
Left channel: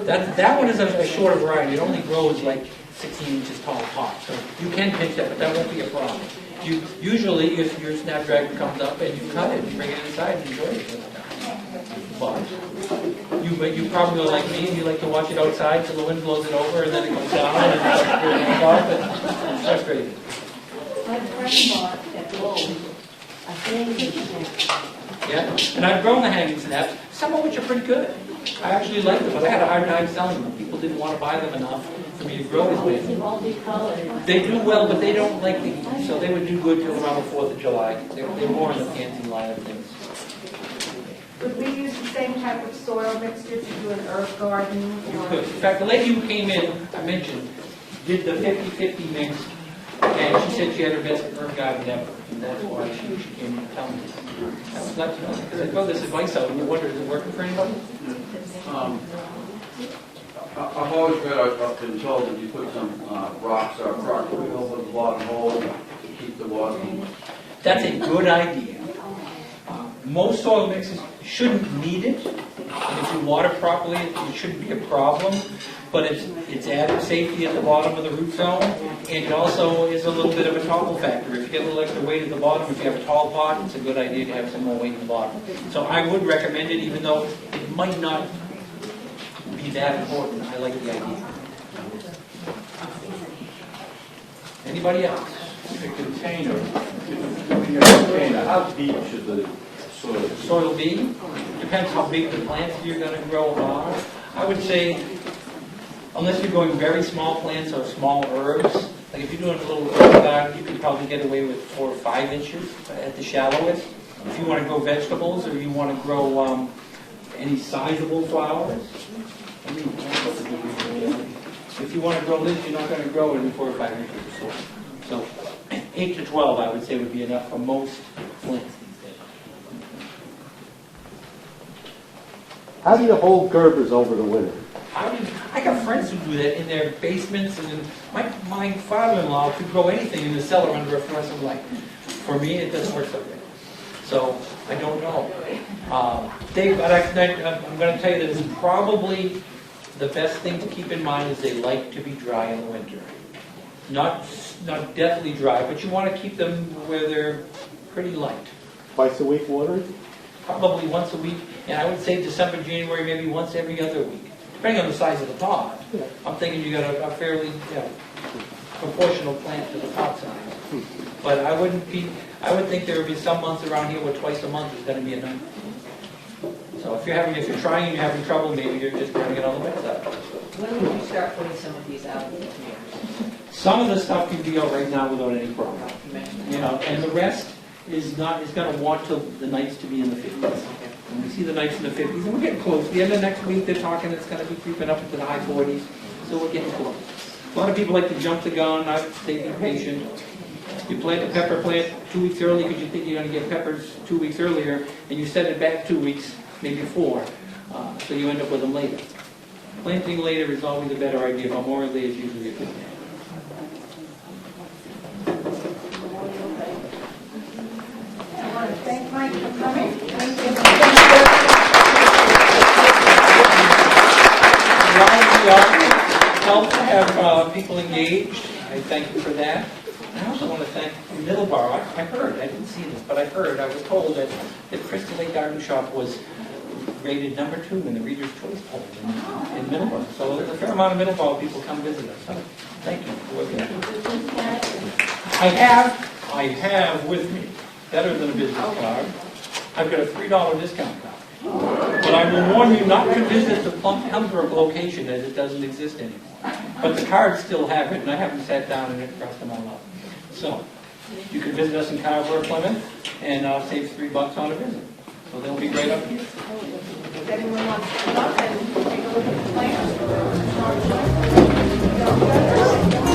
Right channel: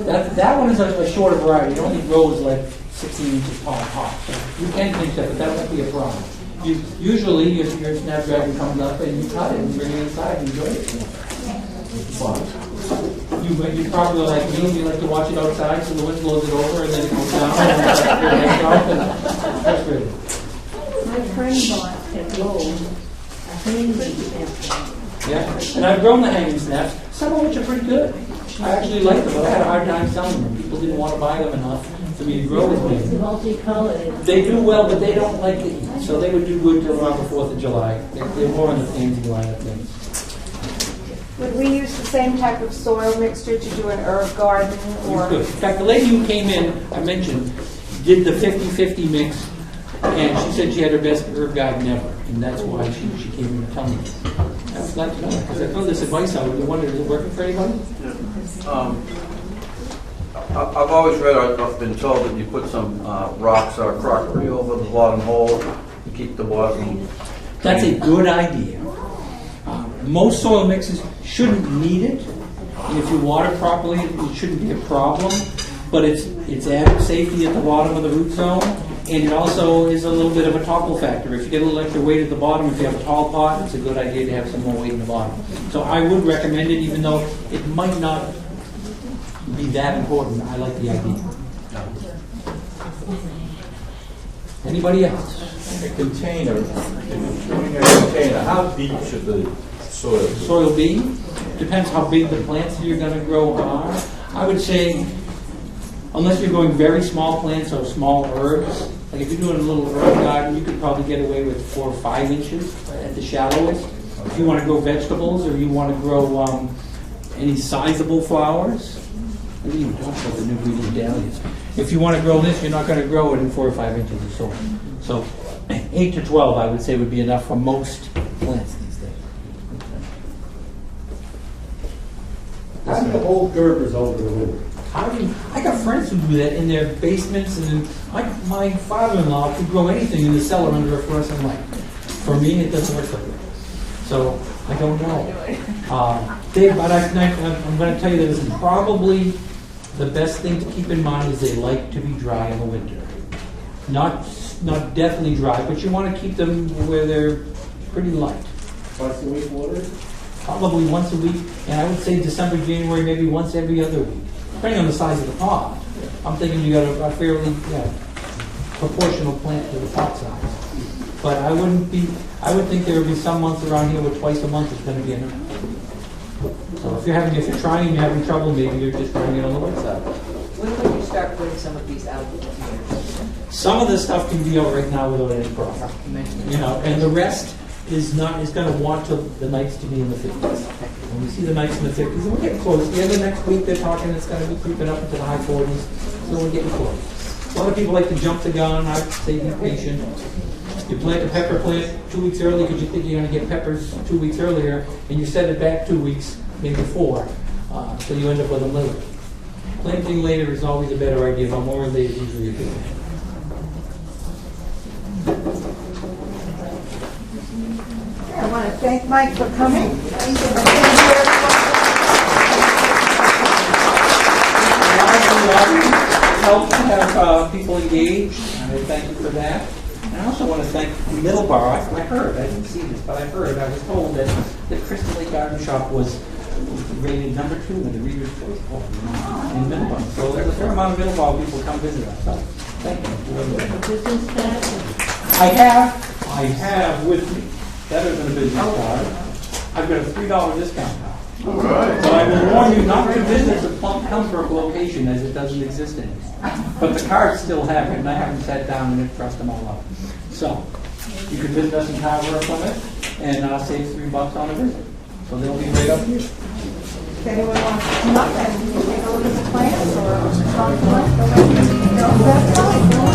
That one is a shorter variety. It only grows like 16 inches tall top. So you can pinch that, but that won't be a problem. Usually your Snapdragon comes up and you cut it and bring it inside and enjoy it. But you probably like me and you like to watch it outside so the wind blows it over and then it goes down. That's great. My friend bought at Lowe's a hanging snapdragon. Yeah, and I've grown the hanging snaps, some of which are pretty good. I actually like them, but I had a hard time selling them. People didn't want to buy them enough for me to grow as It's big. multicolored. They do well, but they don't like to eat, so they would do good till around the 4th of July. They're more in the pansy line of things. Would we use the same type of soil mixture to do an herb garden You or? could. In fact, the lady who came in, I mentioned, did the 50-50 mix, and she said she had her best herb garden ever, and that's why she came in to tell me. I was glad to know, because I throw this advice out, and you wonder, is it working for anybody? I've always read, I've been told that you put some rocks or crockery over the bottom hole to keep the bottom. That's a good idea. Most soil mixes shouldn't need it, and if you water properly, it shouldn't be a problem. But it's added safety at the bottom of the root zone, and it also is a little bit of a topple factor. If you get a little extra weight at the bottom, if you have a tall pot, it's a good idea to have some more weight in the bottom. So I would recommend it, even though it might not be that important. I like the idea. Anybody else? A container, doing a container, how deep should the soil be? Soil be, depends how big the plants you're going to grow are. I would say, unless you're growing very small plants or small herbs, like if you're doing a little herb garden, you could probably get away with 4 or 5 inches at the shallowest. If you want to grow vegetables or you want to grow any sizable flowers, maybe you can't put the new green dahlias. If you want to grow this, you're not going to grow it in 4 or 5 inches or so. So 8 to 12, I would say, would be enough for most plants these days. How do you hold Gerbers over the winter? I got friends who do that in their basements, and my father-in-law could grow anything in the cellar under a fluorescent light. For me, it doesn't work like that. So I don't know. Dave, but I'm going to tell you that this is probably the best thing to keep in mind is they like to be dry in the winter. Not deathly dry, but you want to keep them where they're pretty light. Twice a week water? Probably once a week, and I would say December, January, maybe once every other week, depending on the size of the pond. I'm thinking you got a fairly proportional plant to the pot size. But I would think there would be some months around here where twice a month is going to be enough. So if you're trying and you're having trouble, maybe you're just doing it on the wet side. When will you start putting some of these out? Some of the stuff can be out right now without any problem. And the rest is going to want the nights to be in the 50s. When we see the nights in the 50s, and we're getting close. The end of next week, they're talking it's going to be creeping up into the high 40s, so we're getting close. A lot of people like to jump the gun. I would say be patient. You plant the pepper plant 2 weeks early because you think you're going to get peppers 2 weeks earlier, and you set it back 2 weeks, maybe 4, so you end up with them later. Planting later is always a better idea. Memorial Day is usually a good thing. I want to thank Mike for coming. Help to have people engaged. I thank you for that. And I also want to thank Middleborough. I heard, I didn't see this, but I was told that Crystal Lake Garden Shop was rated number 2 in the Reader's Choice poll in Middleborough. So there's a fair amount of Middleborough people come visit us. So thank you. I have with me, better than a business card, I've got a $3 discount card. But I will warn you not to visit the Pembroke location as it doesn't exist anymore. But the cards still have it, and I haven't sat down and trust them all up. So you can visit us in Carver from it, and save $3 on a visit. So they'll be right up here. If anyone wants to come up and take a look at the plants or talk to us,